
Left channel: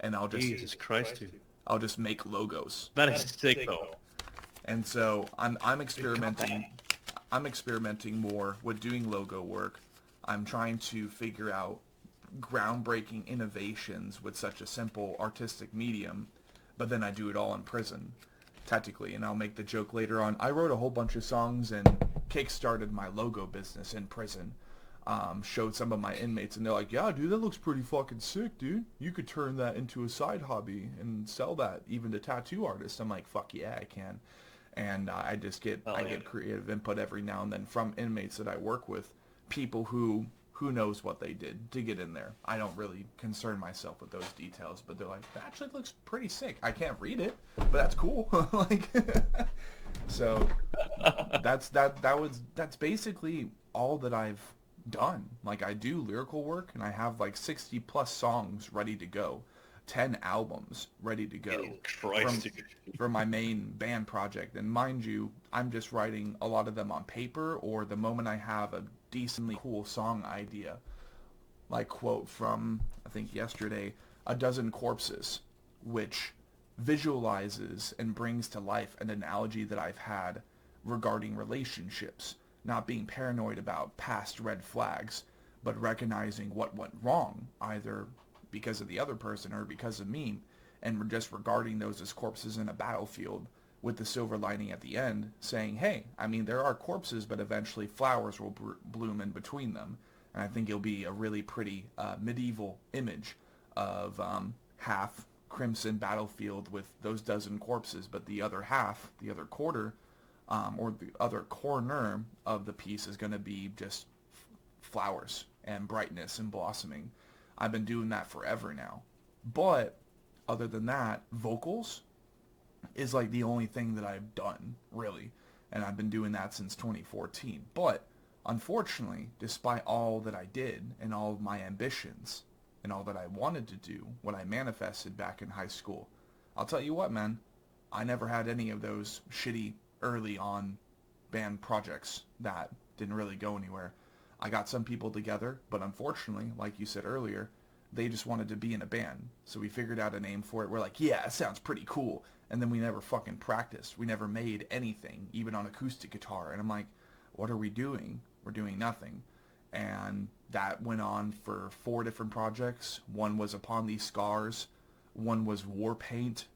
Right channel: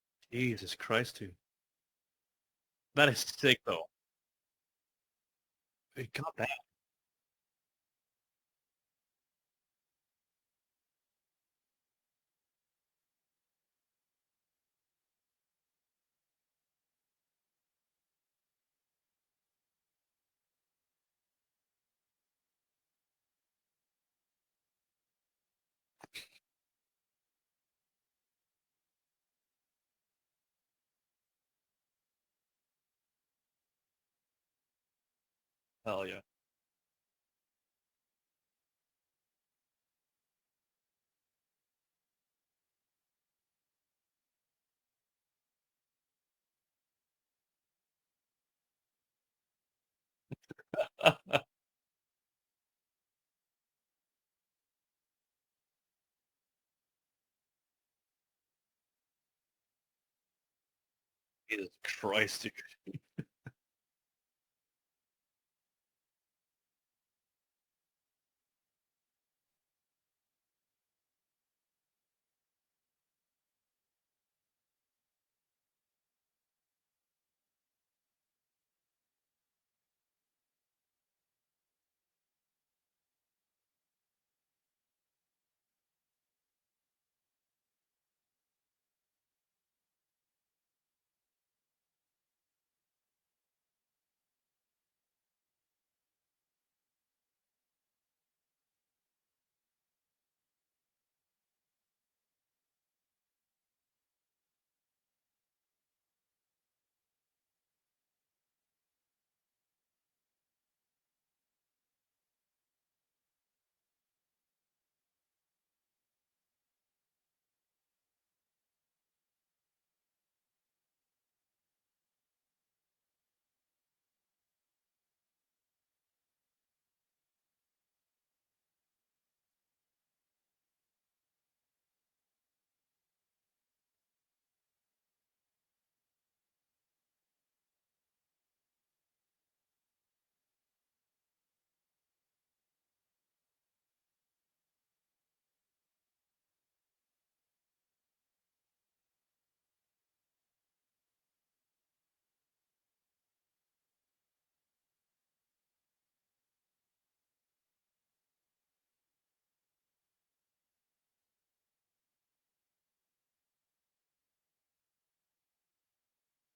and Jesus Christ, dude. I'll just make logos. That is sick, though. And so I'm experimenting. I'm experimenting more with doing logo work. I'm trying to figure out groundbreaking innovations with such a simple artistic medium, but then I do it all in prison, technically, and I'll make the joke later on. I wrote a whole bunch of songs and kickstarted my logo business in prison. Showed some of my inmates, and they're like, yeah, dude, that looks pretty fucking sick, dude. You could turn that into a side hobby and sell that even to tattoo artists. I'm like, fuck yeah, I can. And I just get get creative input every now and then from inmates that I work with, people who knows what they did to get in there. I don't really concern myself with those details, but they're like, that actually looks pretty sick. I can't read it, but that's cool. Like, so that's basically all that I've done. Like, I do lyrical work, and I have like 60 plus songs ready to go, 10 albums ready to go for my main band project. And mind you, I'm just writing a lot of them on paper, or the moment I have a decently cool song idea, like quote from, I think yesterday, A Dozen Corpses, which visualizes and brings to life an analogy that I've had regarding relationships, not being paranoid about past red flags, but recognizing what went wrong, either because of the other person or because of me, and we're just regarding those as corpses in a battlefield, with the silver lining at the end saying, hey, I mean, there are corpses, but eventually flowers will bloom in between them. And I think it'll be a really pretty medieval image of half crimson battlefield with those dozen corpses, but the other half, the other quarter, or the other corner of the piece is going to be just flowers and brightness and blossoming. I've been doing that forever now. But other than that, vocals is like the only thing that I've done, really. And I've been doing that since 2014. But unfortunately, despite all that I did and all of my ambitions and all that I wanted to do, what I manifested back in high school, I'll tell you what, man, I never had any of those shitty early on band projects that didn't really go anywhere. I got some people together, but unfortunately, like you said earlier, they just wanted to be in a band. So we figured out a name for it. We're like, yeah, it sounds pretty cool. And then we never fucking practiced. We never made anything, even on acoustic guitar. And I'm like, what are we doing? We're doing nothing. And that went on for 4 different projects. One was Upon These Scars. One was War Paint.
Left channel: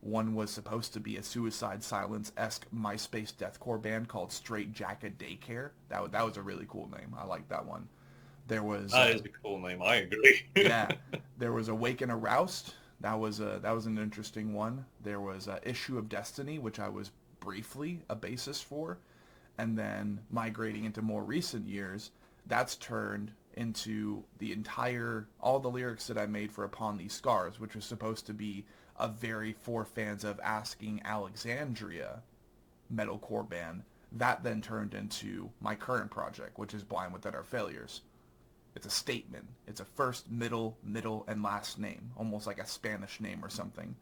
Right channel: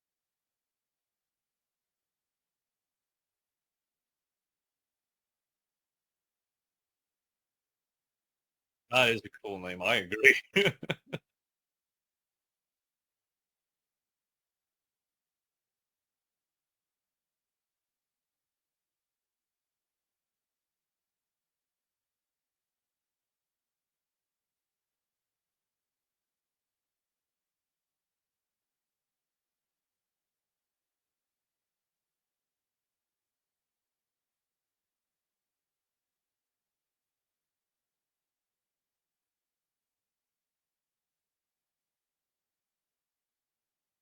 One was supposed to be a Suicide Silence-esque MySpace deathcore band called Straight Jacket Daycare. That was a really cool name. I like that one. There was... That is a cool name. I agree. Yeah. There was Awake and Aroused. that was an interesting one. There was Issue of Destiny, which I was briefly a bassist for, and then migrating into more recent years, that's turned into all the lyrics that I made for Upon These Scars, which was supposed to be a very for fans of Asking Alexandria metalcore band. That then turned into my current project, which is Blind Without Our Failures. It's a statement. It's a first, middle, and last name, almost like a Spanish name or something.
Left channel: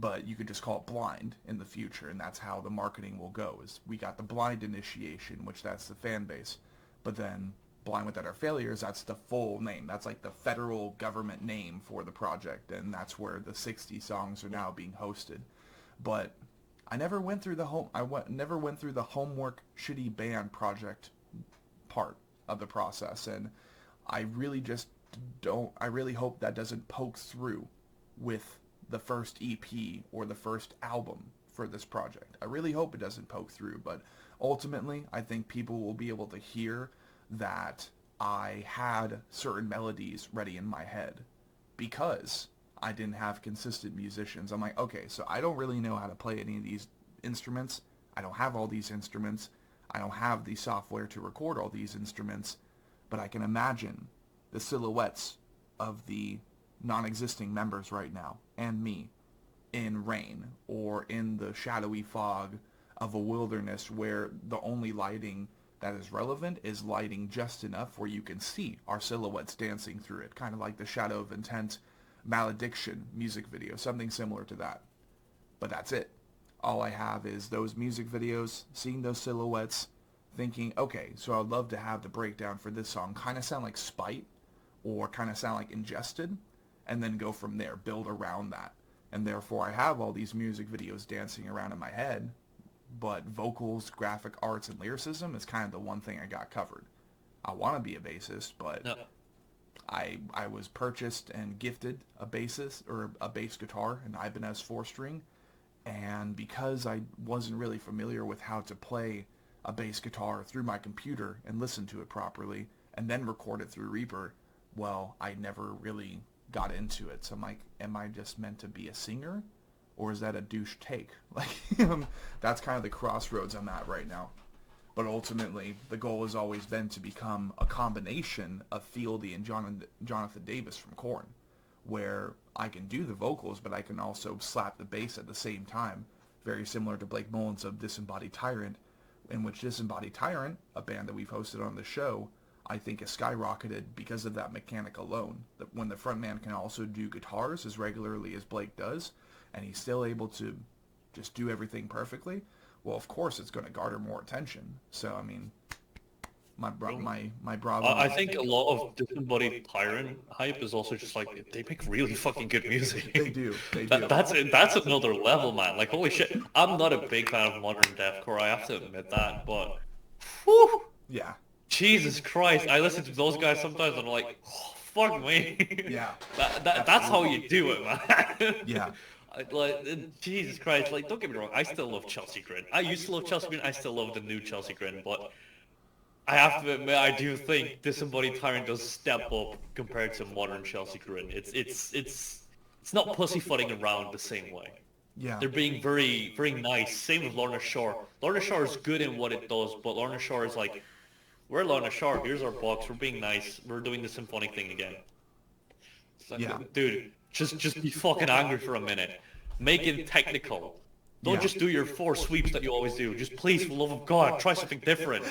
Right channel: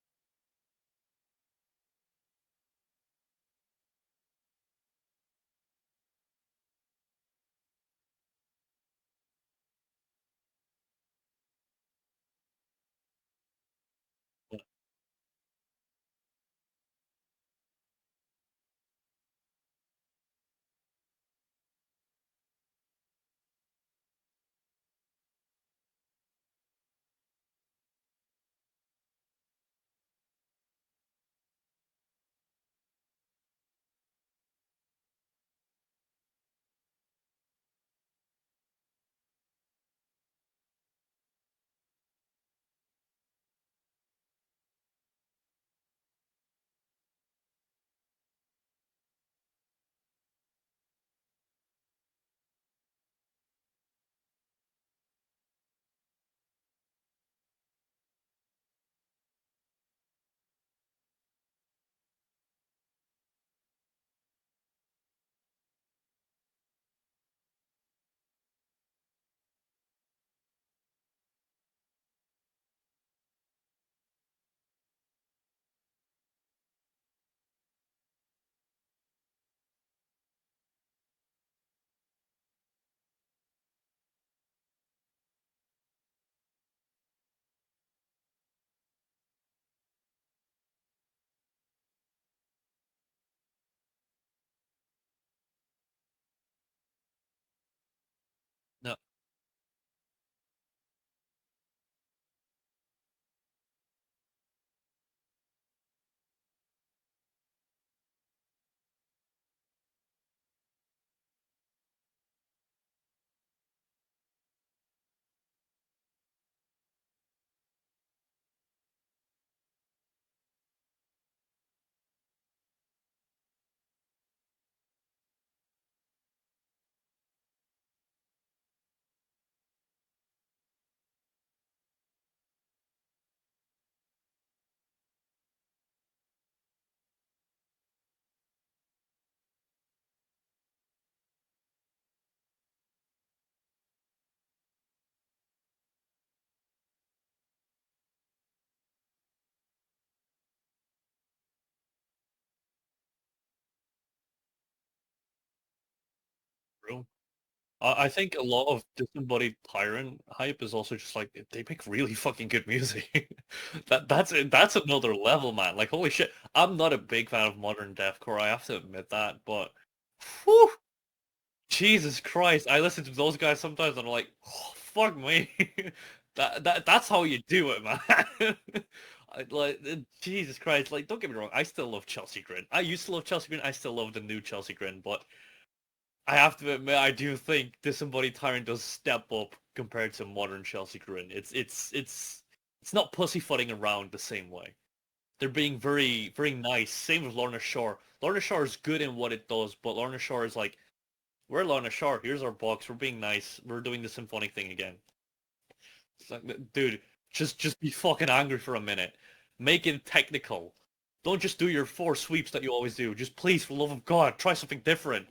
But you could just call it Blind in the future, and that's how the marketing will go. Is we got the Blind Initiation, which that's the fan base, but then Blind Without Our Failures, that's the full name. That's like the federal government name for the project, and that's where the 60 songs are now being hosted. But I never went through never went through the homework shitty band project part of the process, and I really just don't. I really hope that doesn't poke through with the first EP or the first album for this project. I really hope it doesn't poke through, but ultimately, I think people will be able to hear that I had certain melodies ready in my head because I didn't have consistent musicians. I'm like, okay, so I don't really know how to play any of these instruments. I don't have all these instruments. I don't have the software to record all these instruments, but I can imagine the silhouettes of the non-existing members right now and me in rain or in the shadowy fog of a wilderness where the only lighting that is relevant is lighting just enough where you can see our silhouettes dancing through it, kind of like the Shadow of Intent Malediction music video, something similar to that. But that's it. All I have is those music videos, seeing those silhouettes, thinking, okay, so I'd love to have the breakdown for this song kind of sound like Spite or kind of sound like Ingested, and then go from there, build around that. And therefore I have all these music videos dancing around in my head, but vocals, graphic arts, and lyricism is kind of the one thing I got covered. I want to be a bassist, but no. I was purchased and gifted a bassist or a bass guitar, an Ibanez 4-string, and because I wasn't really familiar with how to play a bass guitar through my computer and listen to it properly and then record it through Reaper, well, I never really got into it. So I'm like, am I just meant to be a singer, or is that a douche take? Like, that's kind of the crossroads I'm at right now. But ultimately, the goal has always been to become a combination of Fieldy and Jonathan Davis from Korn, where I can do the vocals, but I can also slap the bass at the same time, very similar to Blake Mullins of Disembodied Tyrant, in which Disembodied Tyrant, a band that we've hosted on the show, I think has skyrocketed because of that mechanic alone. That when the frontman can also do guitars as regularly as Blake does, and he's still able to just do everything perfectly, well, of course it's going to garner more attention. So, I mean, my brother. I think a lot of Disembodied Tyrant hype is also just like, they make really fucking good music. They do. That's another level, man. Like, holy shit. I'm not a big fan of modern deathcore, I have to admit that, but whew, Yeah. Jesus Christ. I listen to those guys sometimes and I'm like, oh, fuck me. Yeah. That's how you do it, man. Yeah. Like, Jesus Christ, like, don't get me wrong, I still love Chelsea Grin. I used to love Chelsea Grin, I still love the new Chelsea Grin, but I have to admit, I do think Disembodied Tyrant does step up compared to modern Chelsea Grin. It's not pussyfooting around the same way. Yeah. They're being very, very nice. Same with Lorna Shore. Lorna Shore is good in what it does, but Lorna Shore is like, we're Lorna Shore, here's our box, we're being nice, we're doing the symphonic thing again. It's like, Yeah. dude, just be fucking angry for a minute. Make it technical. Don't just do your 4 sweeps that you always do. Just please, for the love of God, try something different.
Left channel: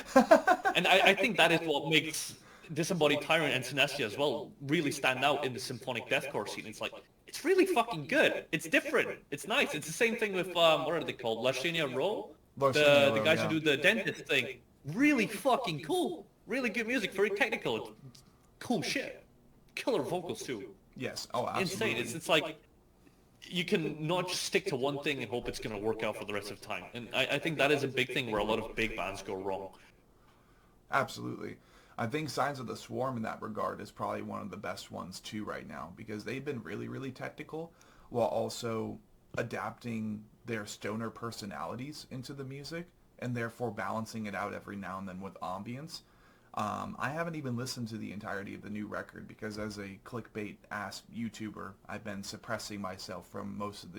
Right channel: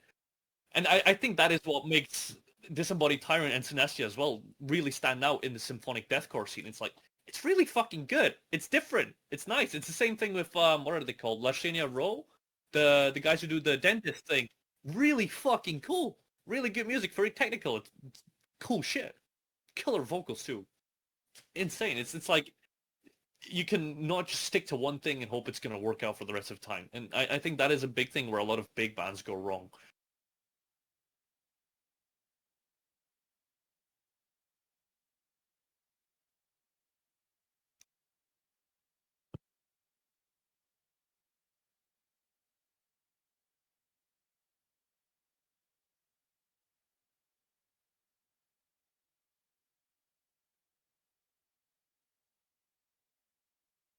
And I think that is what makes Disembodied Tyrant and Synestia as well really stand out in the symphonic deathcore scene. It's like, it's really fucking good. It's different. It's nice. It's the same thing with, what are they called? Lashania Row? The guys who do the dentist thing. Really fucking cool. Really good music. Very technical. It's cool shit. Killer vocals too. Yes. Oh, absolutely. Insane. It's like, you can not just stick to one thing and hope it's going to work out for the rest of the time. And I think that is a big thing where a lot of big bands go wrong. Absolutely. I think Signs of the Swarm in that regard is probably one of the best ones too right now, because they've been really, really technical while also adapting their stoner personalities into the music and therefore balancing it out every now and then with ambience. I haven't even listened to the entirety of the new record because as a clickbait-ass YouTuber, I've been suppressing myself from most of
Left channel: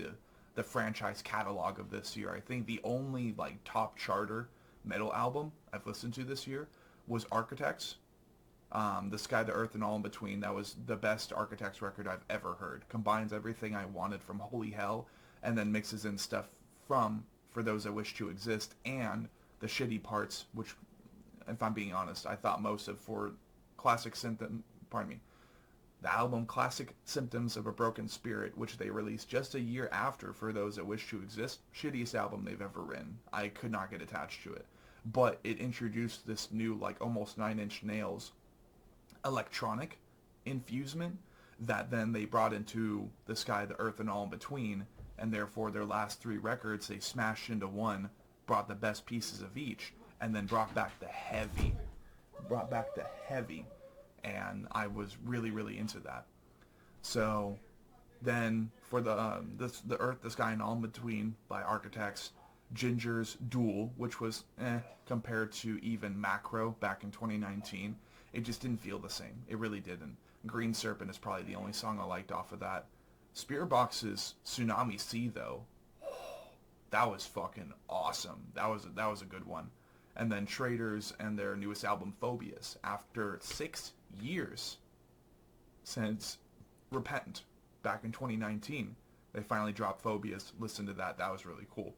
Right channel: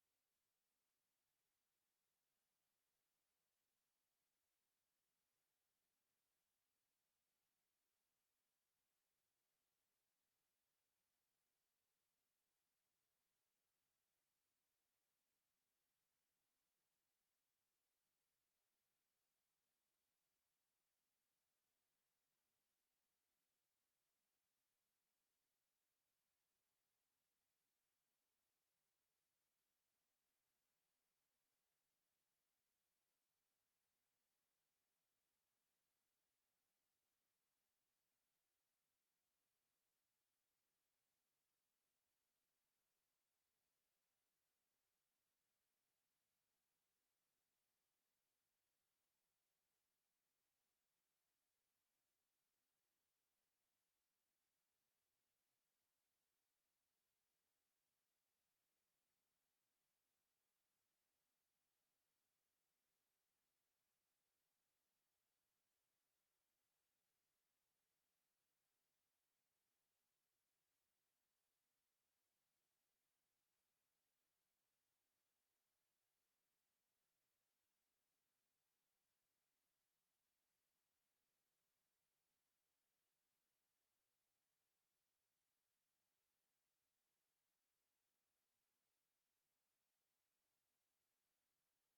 the franchise catalog of this year. I think the only like top charter metal album I've listened to this year was Architects. The Sky, the Earth, and All in Between. That was the best Architects record I've ever heard. Combines everything I wanted from Holy Hell and then mixes in stuff from For Those That Wish to Exist and the shitty parts, which, if I'm being honest, I thought most of for Classic Symptom, pardon me, the album Classic Symptoms of a Broken Spirit, which they released just a year after For Those That Wish to Exist, shittiest album they've ever written. I could not get attached to it. But it introduced this new, like, almost 9-inch nails electronic infusement that then they brought into The Sky, the Earth, and All in Between, and therefore their last three records they smashed into one, brought the best pieces of each, and then brought back the heavy, and I was really, really into that. So then for the Earth, the Sky, and All in Between by Architects, Ginger's Duel, which was compared to even Macro back in 2019. It just didn't feel the same. It really didn't. Green Serpent is probably the only song I liked off of that. Spearbox's Tsunami Sea, though, that was fucking awesome. That was a good one. And then Traders and their newest album, Phobias, after 6 years since Repentant back in 2019, they finally dropped Phobias. Listen to that. That was really cool.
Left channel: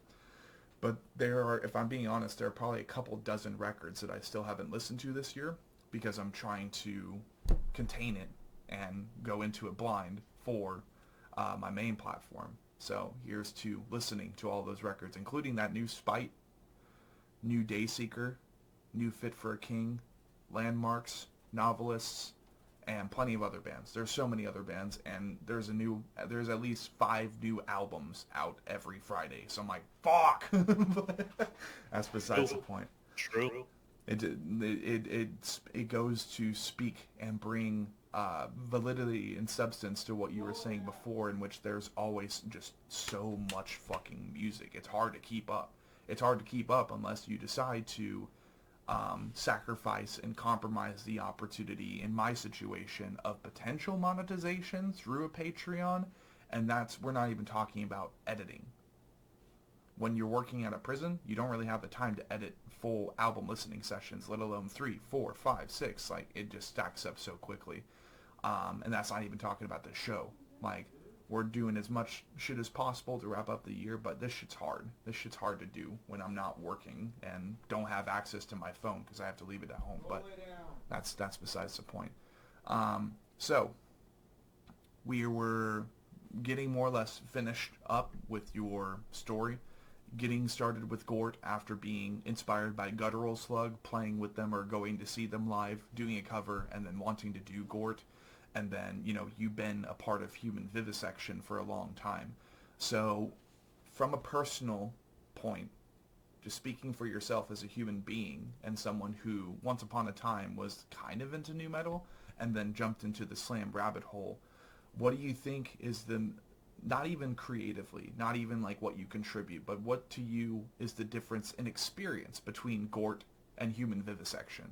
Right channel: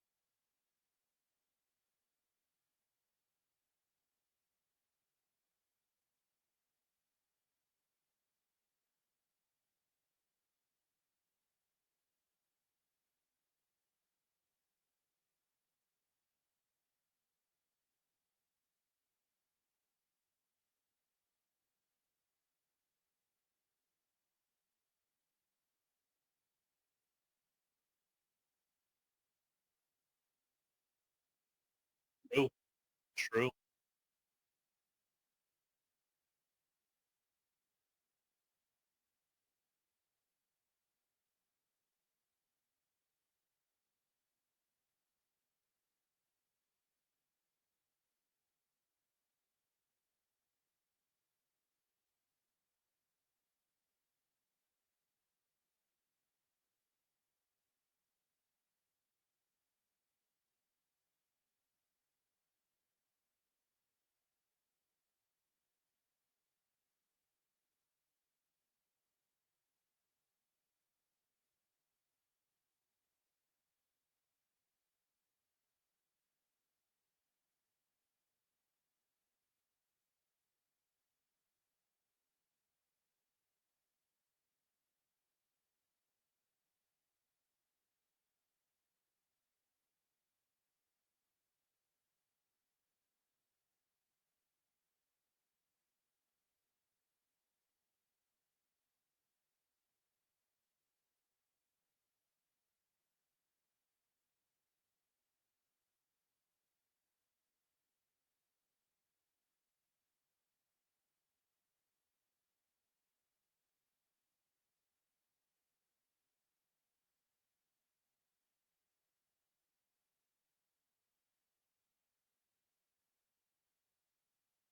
But there are, if I'm being honest, there are probably a couple dozen records that I still haven't listened to this year because I'm trying to contain it and go into it blind for my main platform. So here's to listening to all those records, including that new Spite, new Dayseeker, new Fit for a King, Landmarks, Novelists, and plenty of other bands. There's so many other bands, and there's at least 5 new albums out every Friday. So I'm like, fuck! That's besides the point. True. It goes to speak and bring validity and substance to what you were saying before, in which there's always just so much fucking music. It's hard to keep up. It's hard to keep up unless you decide to sacrifice and compromise the opportunity, in my situation, of potential monetization through a Patreon, and we're not even talking about editing. When you're working at a prison, you don't really have the time to edit full album listening sessions, let alone 3, 4, 5, 6. Like, it just stacks up so quickly. And that's not even talking about the show. Like, we're doing as much shit as possible to wrap up the year, but this shit's hard. This shit's hard to do when I'm not working and don't have access to my phone because I have to leave it at home. But that's besides the point. So we were getting more or less finished up with your story, getting started with GORT after being inspired by Guttural Slug, playing with them or going to see them live, doing a cover, and then wanting to do GORT. And then, you've been a part of Human Vivisection for a long time. So from a personal point, just speaking for yourself as a human being and someone who once upon a time was kind of into nu metal and then jumped into the slam rabbit hole, what do you think is not even creatively, not even like what you contribute, but what to you is the difference in experience between GORT and Human Vivisection?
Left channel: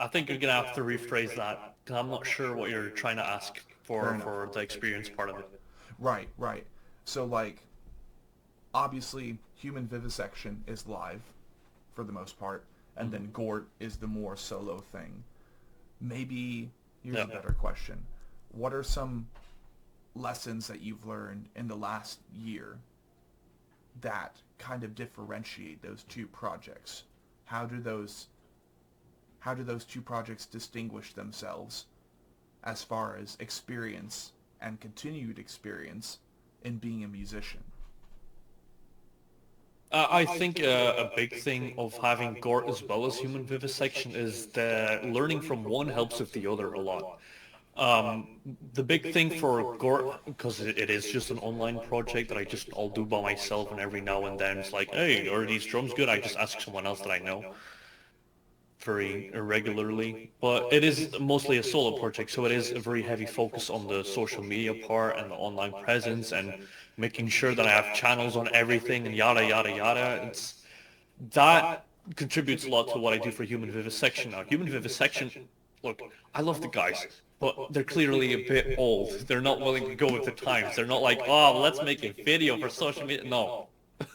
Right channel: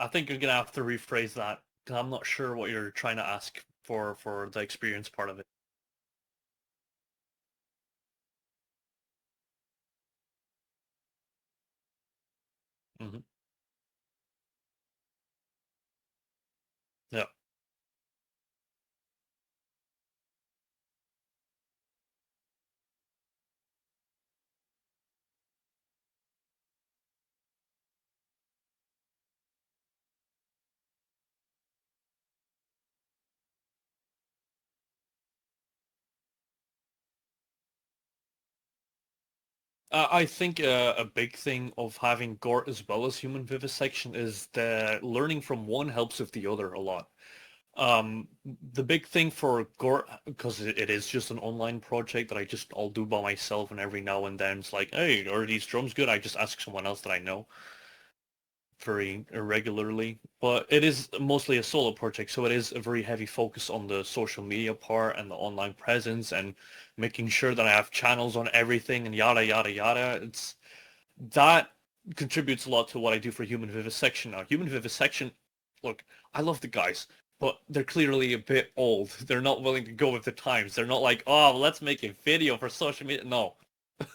I think you're going to have to rephrase that because I'm not sure what you're trying to ask for the experience part of it. Right. So, like, obviously, Human Vivisection is live for the most part, and then GORT is the more solo thing. Maybe here's a better question. What are some lessons that you've learned in the last year that kind of differentiate those two projects? How do those two projects distinguish themselves as far as experience and continued experience in being a musician? I think a big thing of having GORT as well as Human Vivisection is that learning from one helps with the other a lot. The big thing for GORT, because it is just an online project that I'll do by myself, and every now and then it's like, hey, are these drums good? I just ask someone else that I know very irregularly, but it is mostly a solo project, so it is a very heavy focus on the social media part and the online presence and making sure that I have channels on everything and yada yada yada. that contributes a lot to what I do for human vivisection now. Human vivisection, look, I love the guys, but they're clearly a bit old. They're not willing to go with the times. They're not like, oh, let's make a video for social media. No,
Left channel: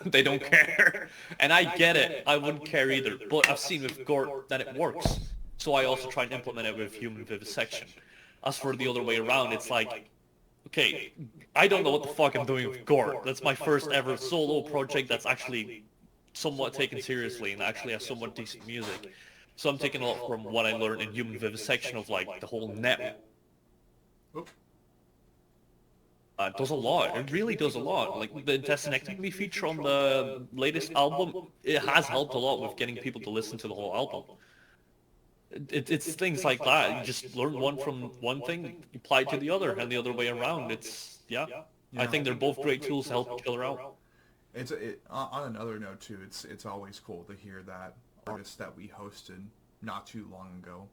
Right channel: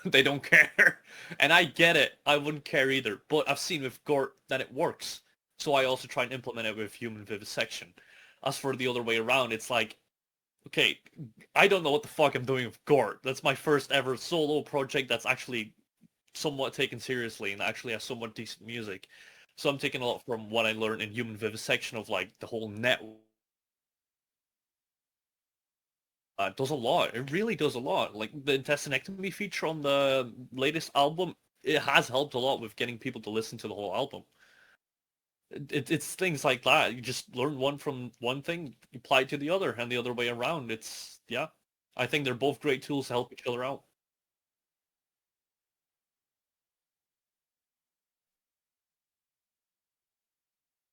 they don't care. And I get it. I wouldn't care either. But I've seen with GORT that it works. So I also try and implement it with human vivisection. As for the other way around, it's like, okay, I don't know what the fuck I'm doing with GORT. That's my first ever solo project that's actually somewhat taken seriously and actually has somewhat decent music. So I'm taking a lot from what I learned in human vivisection of like the whole net. Does a lot. It really does a lot. Like the intestinectomy feature on the latest album, it has helped a lot with getting people to listen to the whole album. It's things like that. You just learn one from one thing, apply it to the other, and the other way around. It's yeah. I think they're both great tools to help each other out. On another note too. It's always cool to hear that artists that we hosted not too long ago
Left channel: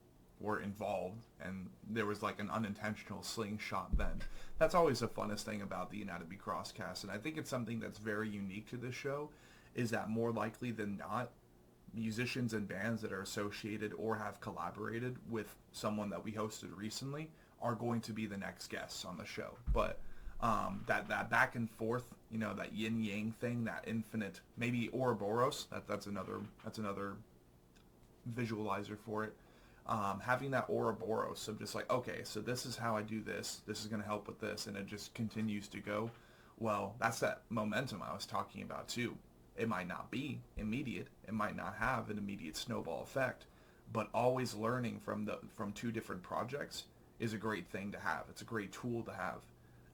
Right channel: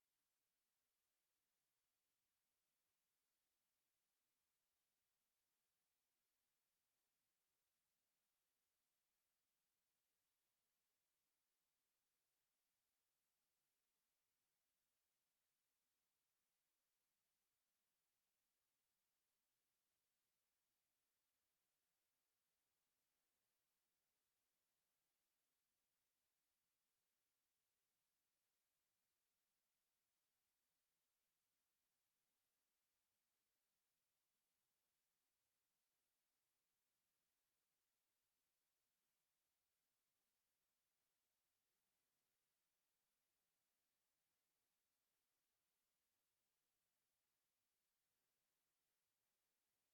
were involved, and there was like an unintentional slingshot then. That's always the funnest thing about the Anatomy Crosscast, and I think it's something that's very unique to this show, is that more likely than not, musicians and bands that are associated or have collaborated with someone that we hosted recently are going to be the next guests on the show. But that back and forth, that yin yang thing, that infinite, maybe Ouroboros, that's another visualizer for it. Having that Ouroboros of just like, okay, so this is how I do this. This is going to help with this, and it just continues to go. Well, that's that momentum I was talking about too. It might not be immediate. It might not have an immediate snowball effect, but always learning from two different projects is a great thing to have. It's a great tool to have.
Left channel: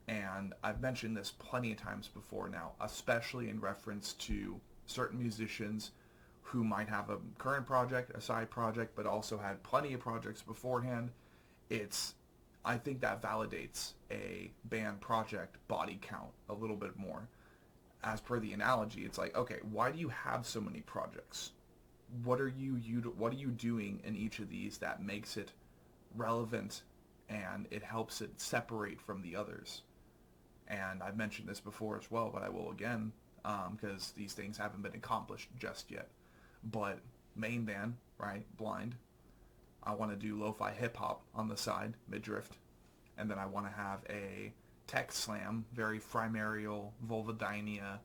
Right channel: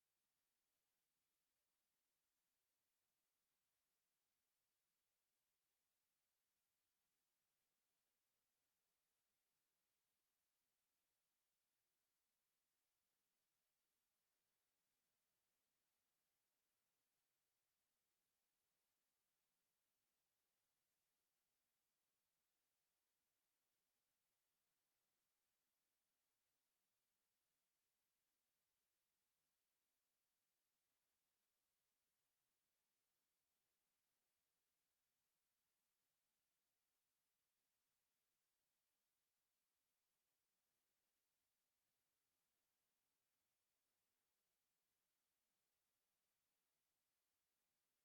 And I've mentioned this plenty of times before now, especially in reference to certain musicians who might have a current project, a side project, but also had plenty of projects beforehand. I think that validates a band project body count a little bit more. As per the analogy, it's like, okay, why do you have so many projects? What are you doing in each of these that makes it relevant and it helps it separate from the others? And I've mentioned this before as well, but I will again, because these things haven't been accomplished just yet. But main band, right, Blind, I want to do lo-fi hip-hop on the side, mid-drift, and then I want to have a tech slam, very primarial, vulvodynia,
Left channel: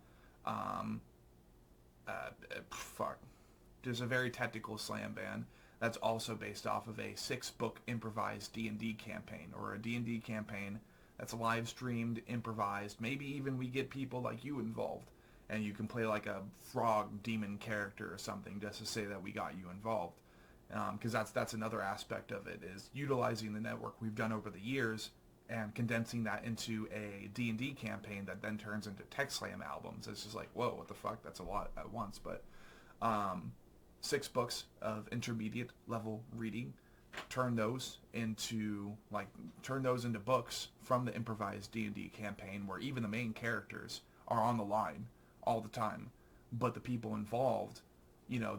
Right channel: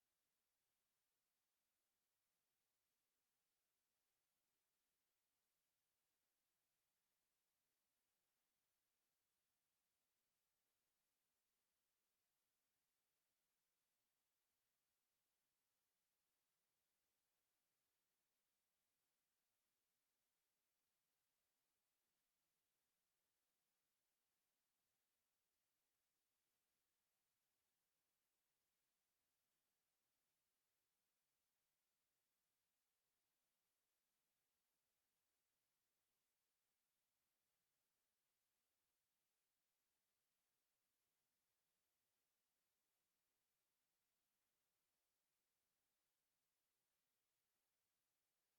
there's a very technical slam band that's also based off of a 6-book improvised D&D campaign, or a D&D campaign that's live streamed, improvised. Maybe even we get people like you involved, and you can play like a frog demon character or something just to say that we got you involved. Because that's another aspect of it, is utilizing the network we've done over the years and condensing that into a D&D campaign that then turns into Tech Slam albums. It's just like, whoa, what the fuck? That's a lot at once. But 6 books of intermediate level reading, turn those into books from the improvised D&D campaign, where even the main characters are on the line all the time, but the people involved,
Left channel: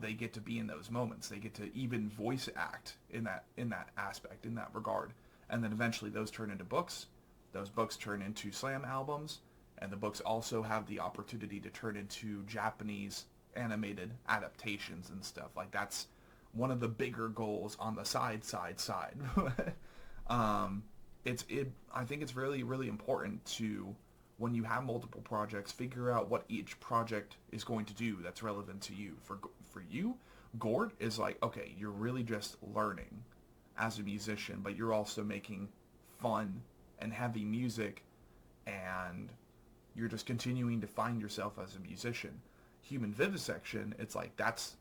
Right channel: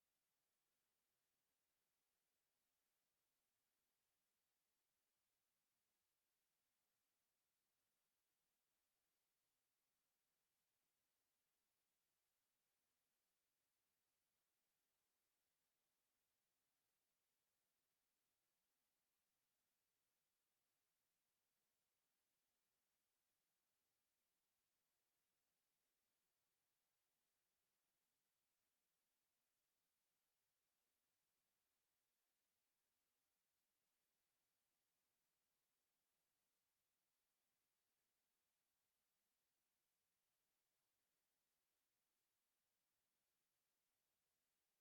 they get to be in those moments. They get to even voice act in that aspect, in that regard. And then eventually those turn into books. Those books turn into slam albums, and the books also have the opportunity to turn into Japanese animated adaptations and stuff. Like, that's one of the bigger goals on the side. I think it's really, really important to, when you have multiple projects, figure out what each project is going to do that's relevant to you. For you, GORT is like, okay, you're really just learning as a musician, but you're also making fun and heavy music, and you're just continuing to find yourself as a musician. Human vivisection, it's like that's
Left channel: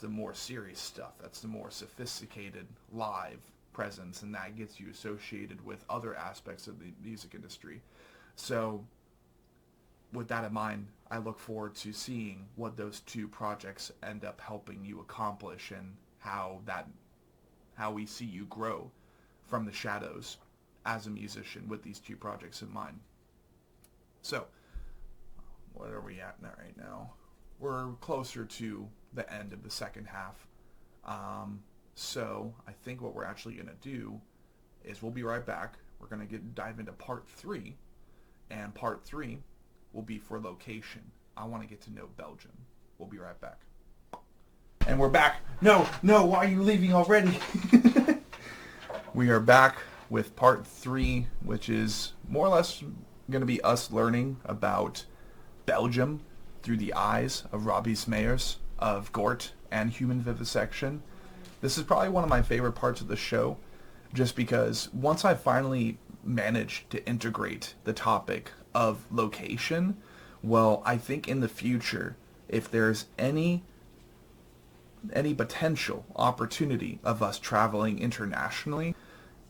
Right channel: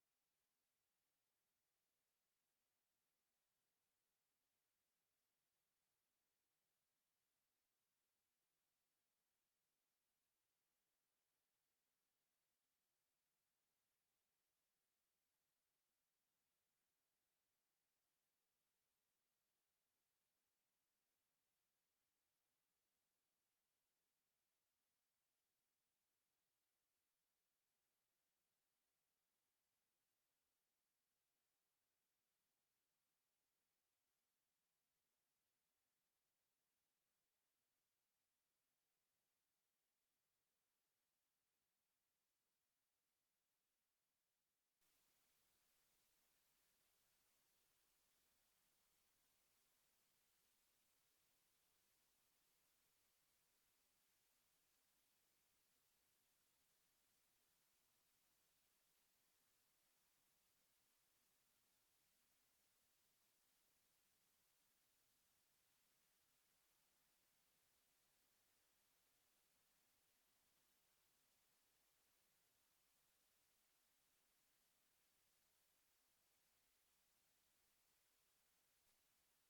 the more serious stuff. That's the more sophisticated live presence, and that gets you associated with other aspects of the music industry. So with that in mind, I look forward to seeing what those two projects end up helping you accomplish, and how we see you grow from the shadows as a musician with these two projects in mind. So, what are we at right now? We're closer to the end of the second half. So, I think what we're actually going to do is we'll be right back. We're going to dive into part 3. And part 3 will be for location. I want to get to know Belgium. We'll be right back. And we're back. No, why are you leaving already? We are back with part 3, which is more or less going to be us learning about Belgium through the eyes of Robbies Meyers of GORT and human vivisection. This is probably one of my favorite parts of the show, just because once I finally managed to integrate the topic of location, well, I think in the future, if there's any potential opportunity of us traveling internationally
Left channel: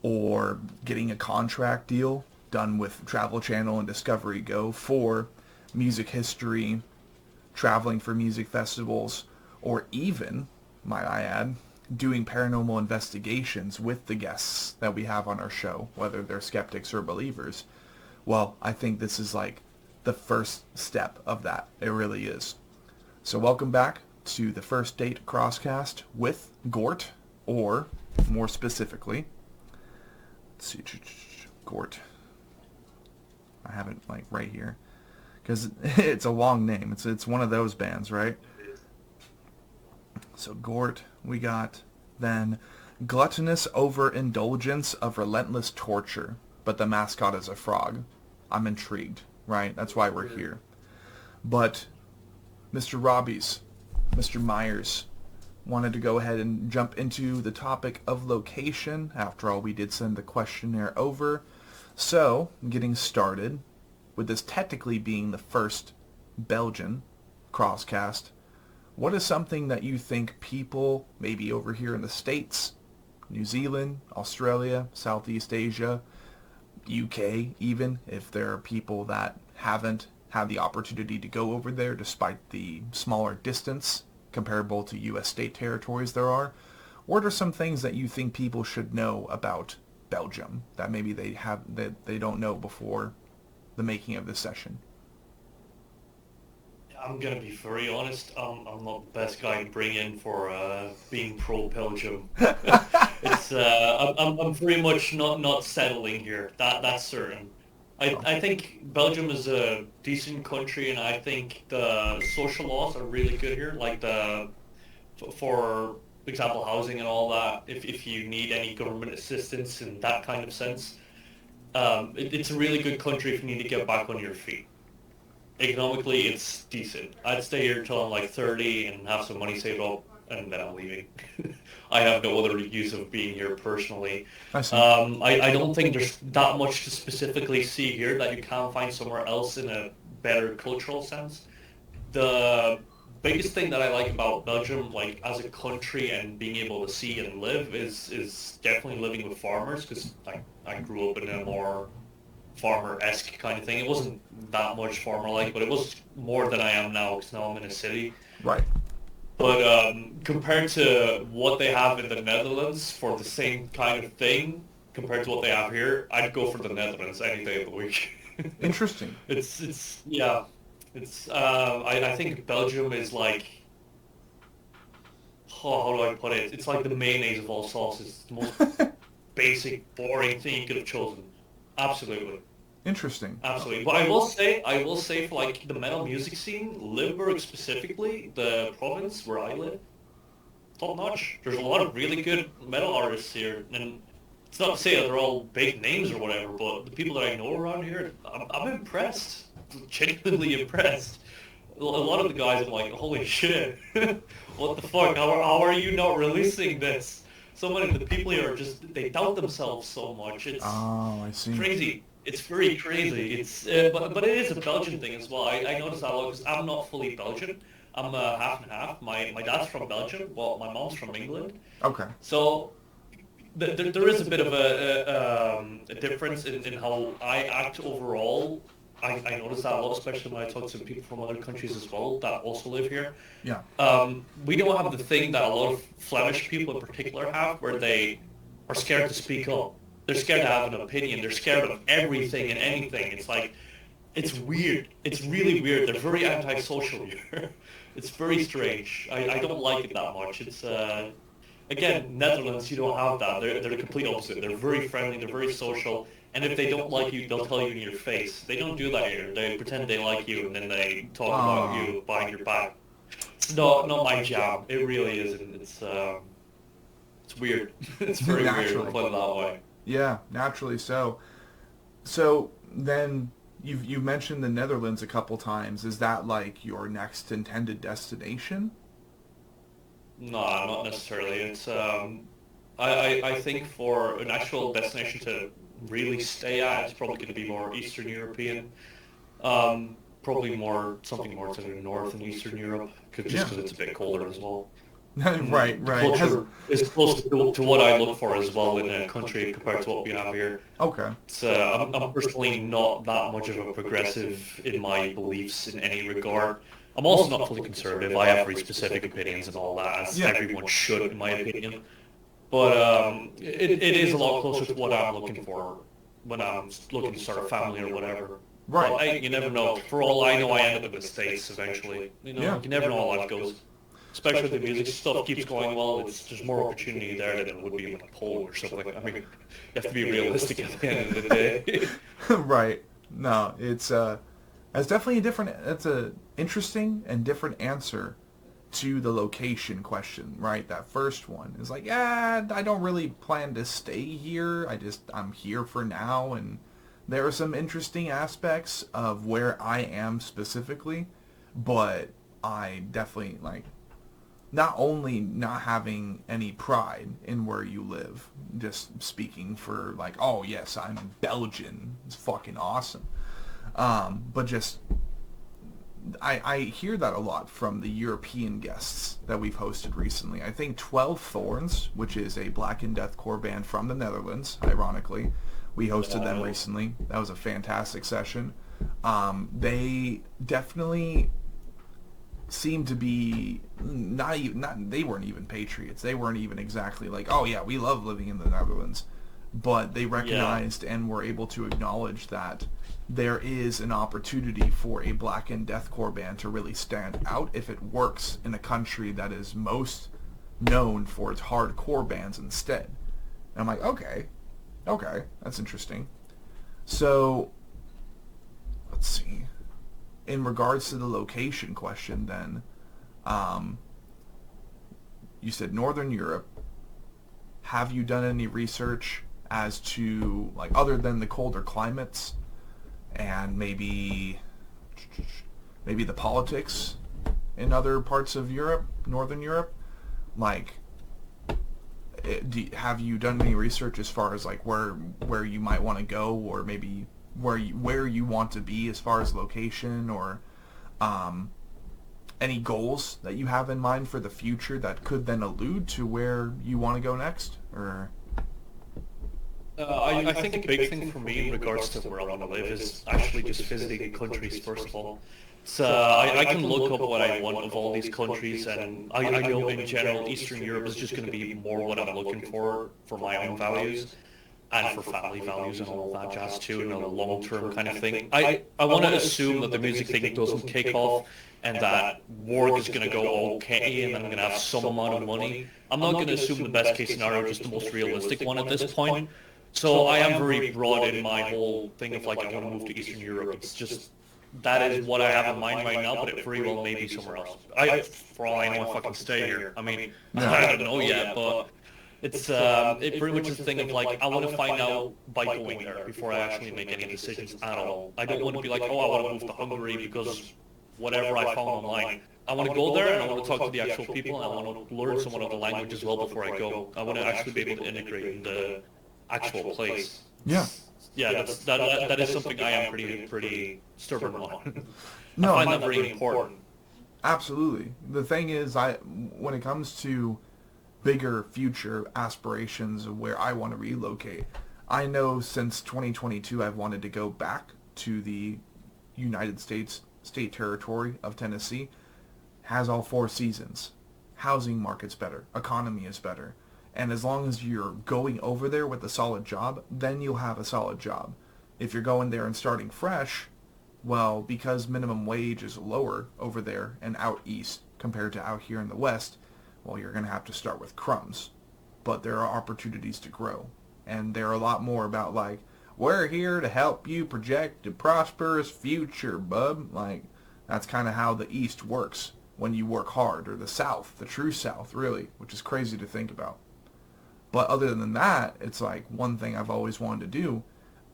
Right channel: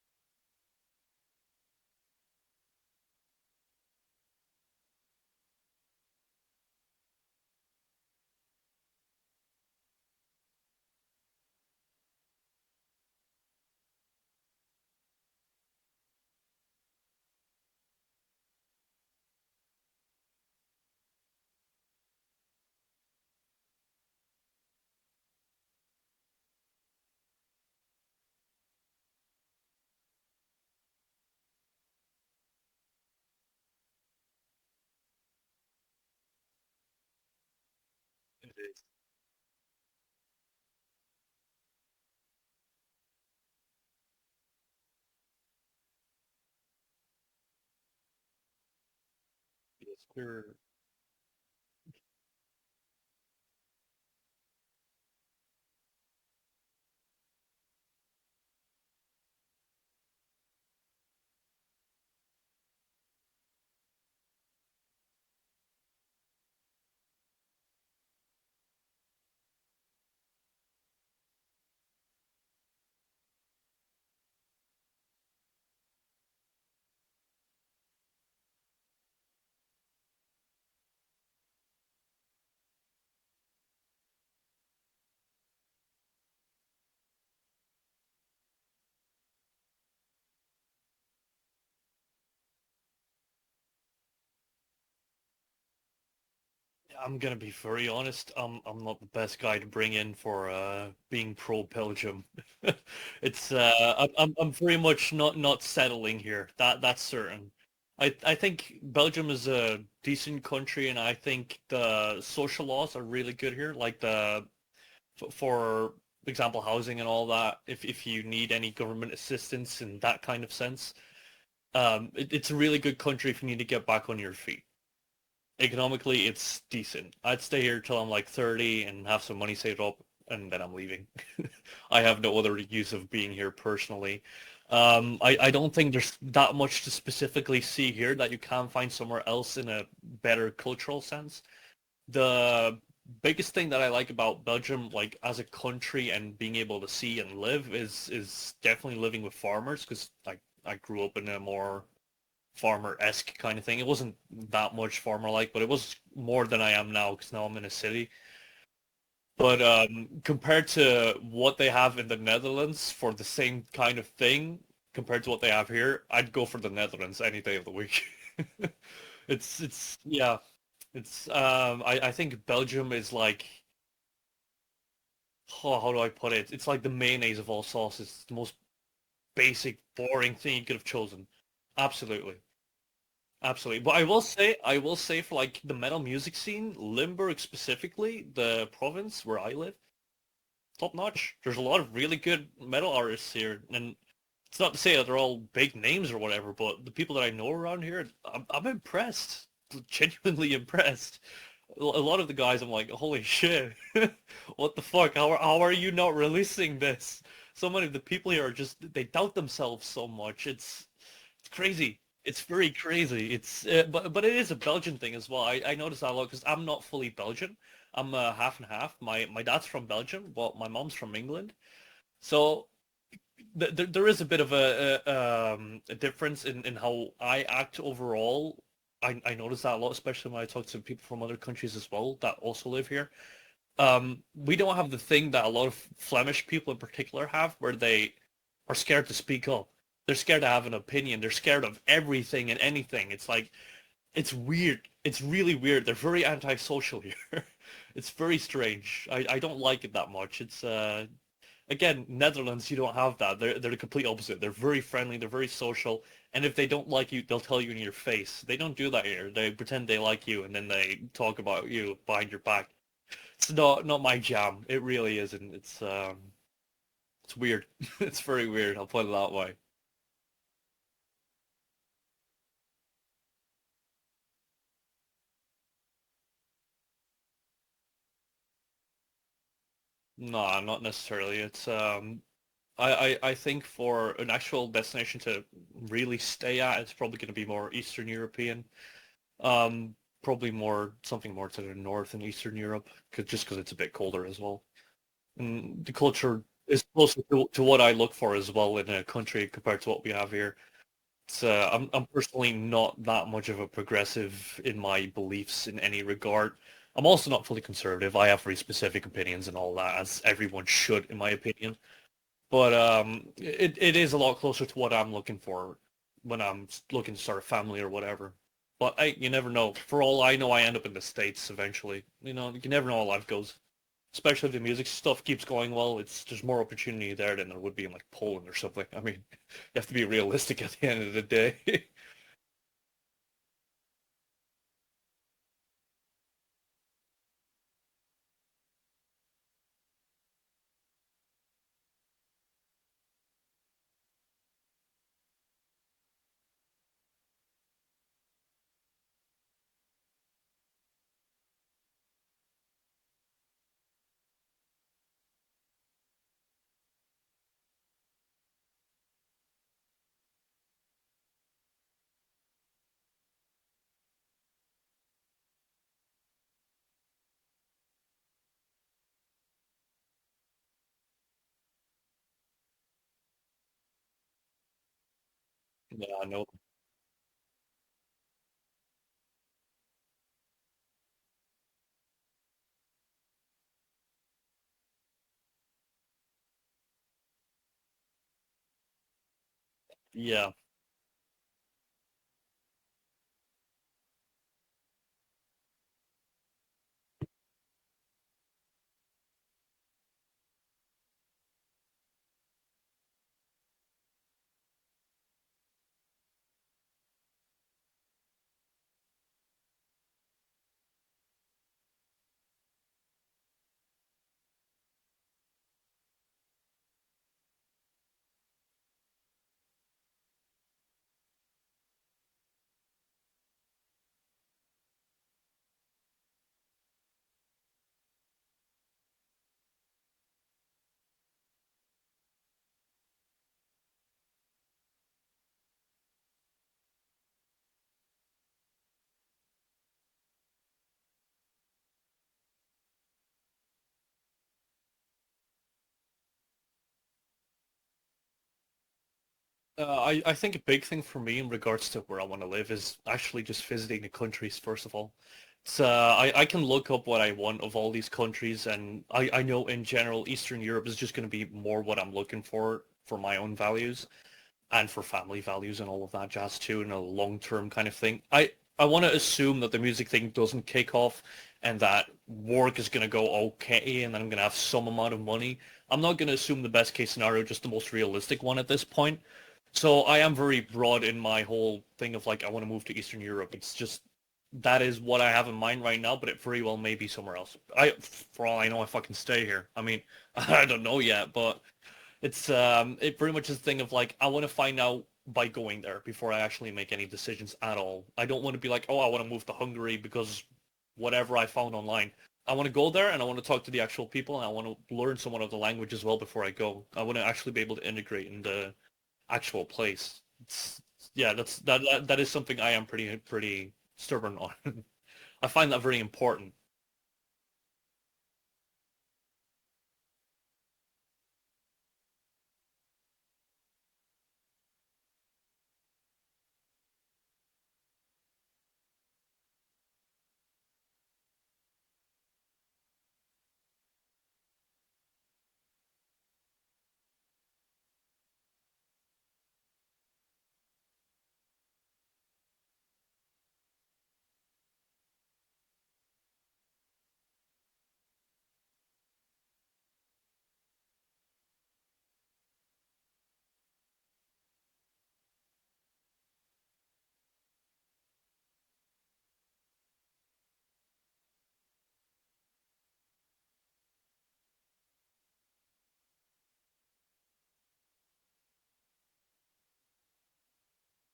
or getting a contract deal done with Travel Channel and Discovery Go for music history, traveling for music festivals, or even, might I add, doing paranormal investigations with the guests that we have on our show, whether they're skeptics or believers, well, I think this is like the first step of that. It really is. So welcome back to the First Date Crosscast with GORT, or more specifically, let's see, GORT. I have it like right here because it's a long name. It's one of those bands, right? So GORT, we got then gluttonous overindulgence of relentless torture, but the mascot is a frog. I'm intrigued, right? That's why we're here. But Mr. Robbies, Mr. Meyers, wanted to go ahead and jump into the topic of location. After all, we did send the questionnaire over. So, getting started, with this technically being the first Belgian crosscast, what is something that you think people, maybe over here in the States, New Zealand, Australia, Southeast Asia, UK even, if there are people that haven't had the opportunity to go over there despite the smaller distance comparable to U.S. state territories there are, what are some things that you think people should know about Belgium that maybe they don't know before the making of this session? I'm gonna be very honest. I'm not the best guy to bring in for being pro Belgium. It's I'm very much not settling here. That's certain. I think Belgium is a decent country, and I think the social laws are really good here. Like for example, housing and all that. If you need any government assistance in that kind of sense, it's a really good country if you need to get back on your feet. Economically, it's decent. I'd stay here till I'm like 30 and have some money saved up, and then I'm leaving. I have no other use of being here personally. I see. I don't think there's that much to specifically see here that you can't find somewhere else in a better cultural sense. The biggest thing that I like about Belgium, like as a country and being able to see and live, is definitely living with farmers, because I grew up in a more farmer-esque kind of thing. It wasn't that much farmer-like, but it was more than I am now, because now I'm in a city. Right. But compared to what they have in the Netherlands for the same kind of thing, compared to what they have here, I'd go for the Netherlands any day of the week. Interesting. It's yeah. It's I think Belgium is like, oh, how do I put it? It's like the mayonnaise of all sauces. It's the most basic, boring thing you could have chosen. Absolutely. Interesting. Absolutely. But I will say for like the metal music scene, Limburg specifically, the province where I live, top notch. There's a lot of really good metal artists here, and it's not to say that they're all big names or whatever, but the people that I know around here, I'm impressed. Genuinely impressed. A lot of the guys, I'm like, holy shit, what the fuck? How are you not releasing this? So many of the people here are just, they doubt themselves so much. Oh, I see. Crazy. It's very crazy. It's but it is a Belgian thing as well. I notice that a lot because I'm not fully Belgian. I'm half and half. My dad's from Belgium, but my mom's from England. Okay. So there is a bit of a difference in how I act overall. I notice that a lot, especially when I talk to people from other countries as well that also live here. Yeah. We don't have the thing that a lot of Flemish people in particular have, where they are scared to speak up. They're scared to have an opinion. They're scared of everything and anything. It's like, it's weird. It's really weird. They're very antisocial here. It's very strange. I don't like it that much. It's again, Netherlands, you don't have that. They're the complete opposite. They're very friendly. They're very social. And if they don't like you, they'll tell you in your face. They don't do that here. They pretend they like you, and then they talk about you behind your back. It's not my jam. It really isn't. It's weird. It's very weird. I'll Naturally. put it that way. Yeah, naturally so. So then you've mentioned the Netherlands a couple times. Is that like your next intended destination? No, not necessarily. It's I think for an actual destination to really stay at, it's probably going to be more Eastern European. Probably more something more to the north and Eastern Europe, just Yeah. because it's a bit colder as well. Right, The right. Has culture is closer to what I look for as well in a country compared to what we have here. okay. It's, I'm personally not that much of a progressive in my beliefs in any regard. I'm also Well, not fully conservative. I have very specific opinions and all that, as yeah. everyone should, in my opinion. But it is a lot closer to what I'm looking for when I'm looking to start a family or whatever. Right. But you never know. For all I know, I end up in the States eventually. Yeah. You never know how life goes. Especially if the music stuff keeps going well, there's more opportunity there than there would be in like Poland or something. I mean, you have to be realistic at the end of the day. Right. No, it's definitely a different. It's a interesting and different answer to the location question, right? That first one is like, yeah, I don't really plan to stay here. I'm here for now, and there are some interesting aspects of where I am specifically, but I definitely like not only not having any pride in where you live, just speaking for like, oh yes, I'm Belgian, it's fucking awesome. But just I hear that a lot from the European guests that we've hosted recently. I think 12 Thorns, which is a Black and Deathcore band from the Netherlands, ironically, we Yeah, hosted I them know. recently. That was a fantastic session. They definitely seem to be not even not they weren't even patriots. They weren't even exactly like, oh yeah, we love living in the Netherlands, but they Yeah. recognized and were able to acknowledge that there is an opportunity for a black and deathcore band to really stand out if it works in a country that is most known for its hardcore bands instead. And I'm like, okay, okay, that's interesting. So let's see. In regards to the location question, then, um, you said Northern Europe. Have you done any research as to like other than the colder climates and maybe the politics in other parts of Europe, Northern Europe? Like, have you done any research as far as like where you might want to go, or maybe where you want to be as far as location, or um, any goals that you have in mind for the future that could then allude to where you want to go next? Or I think a big thing for me in regards to where I want to live is actually just visiting the countries, first of all. So I can look up what I want of all these countries, and I know in general Eastern Europe is just going to be more what I'm looking for my own values and for family values and all of that jazz too, in a long-term kind of thing. I want to assume that the music thing doesn't kick off and that work is going to go okay and I'm going to have some amount of money. I'm not going to assume the best case scenario, just the most realistic one at this point. So I am very broad in my whole thing of like I want to move to Eastern Europe. It's just that is what I have in mind right now, but it very well may be somewhere else. For all I know, I fucking stay here. I mean, yeah, I don't know yet, but it pretty much is a thing of like I want to find out by going there before I actually make any decisions at all. I don't want to be like, oh, I want to move to Hungary because whatever I found online. I want to go there and I want to talk to the actual people and I want to learn somewhat of the language as well before I go. I want to actually be able to integrate in the actual place. yeah. Yeah, that is something I am pretty stubborn on. I No, find that very important. absolutely. The thing is, when it comes to bigger future aspirations of where I want to relocate, I know since 2022 I've wanted to go back to the United States state territory of Tennessee. Has all four seasons. Housing market's better. Economy is better. And as long as you're going over there with a solid job, then you'll have a solid job. If you're going there and starting fresh, well, because minimum wage is lower over there and out east compared to out here in the west, well, you're going to have to start with crumbs. But there are opportunities to grow. And they're a lot more about like, we're here to help you project a prosperous future, bub. Like, that's kind of how the east works when you work hard, or the South, the true South, really, which is crazy to think about. But other than that, it's like one thing I've always wanted to do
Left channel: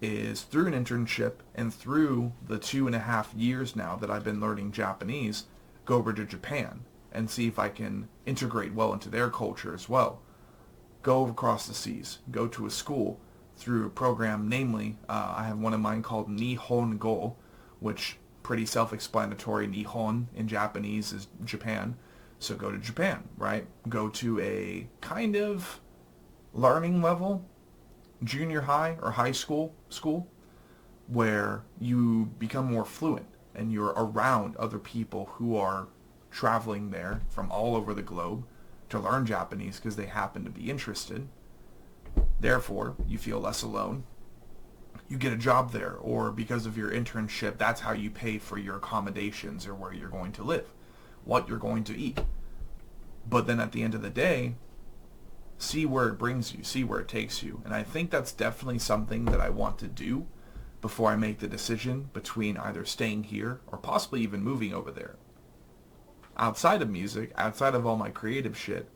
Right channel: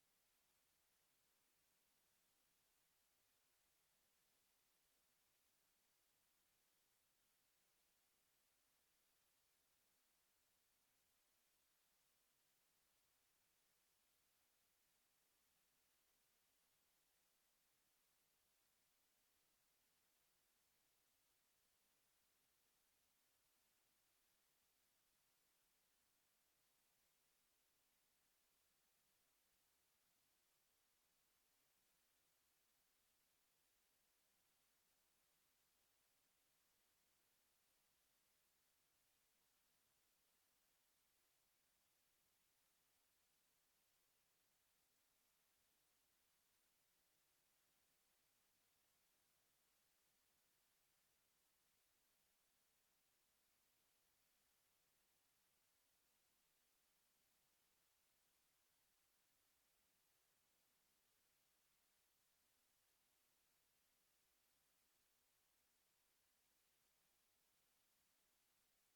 is through an internship and through the 2.5 years now that I've been learning Japanese, go over to Japan and see if I can integrate well into their culture as well. Go across the seas, go to a school through a program, namely, I have one of mine called Nihon Go, which pretty self-explanatory. Nihon in Japanese is Japan. So go to Japan, right? Go to a kind of learning level, junior high or high school, where you become more fluent and you're around other people who are traveling there from all over the globe to learn Japanese because they happen to be interested. Therefore, you feel less alone. You get a job there, or because of your internship, that's how you pay for your accommodations or where you're going to live, what you're going to eat. But then at the end of the day, see where it brings you, see where it takes you. And I think that's definitely something that I want to do before I make the decision between either staying here or possibly even moving over there. Outside of music, outside of all my creative shit,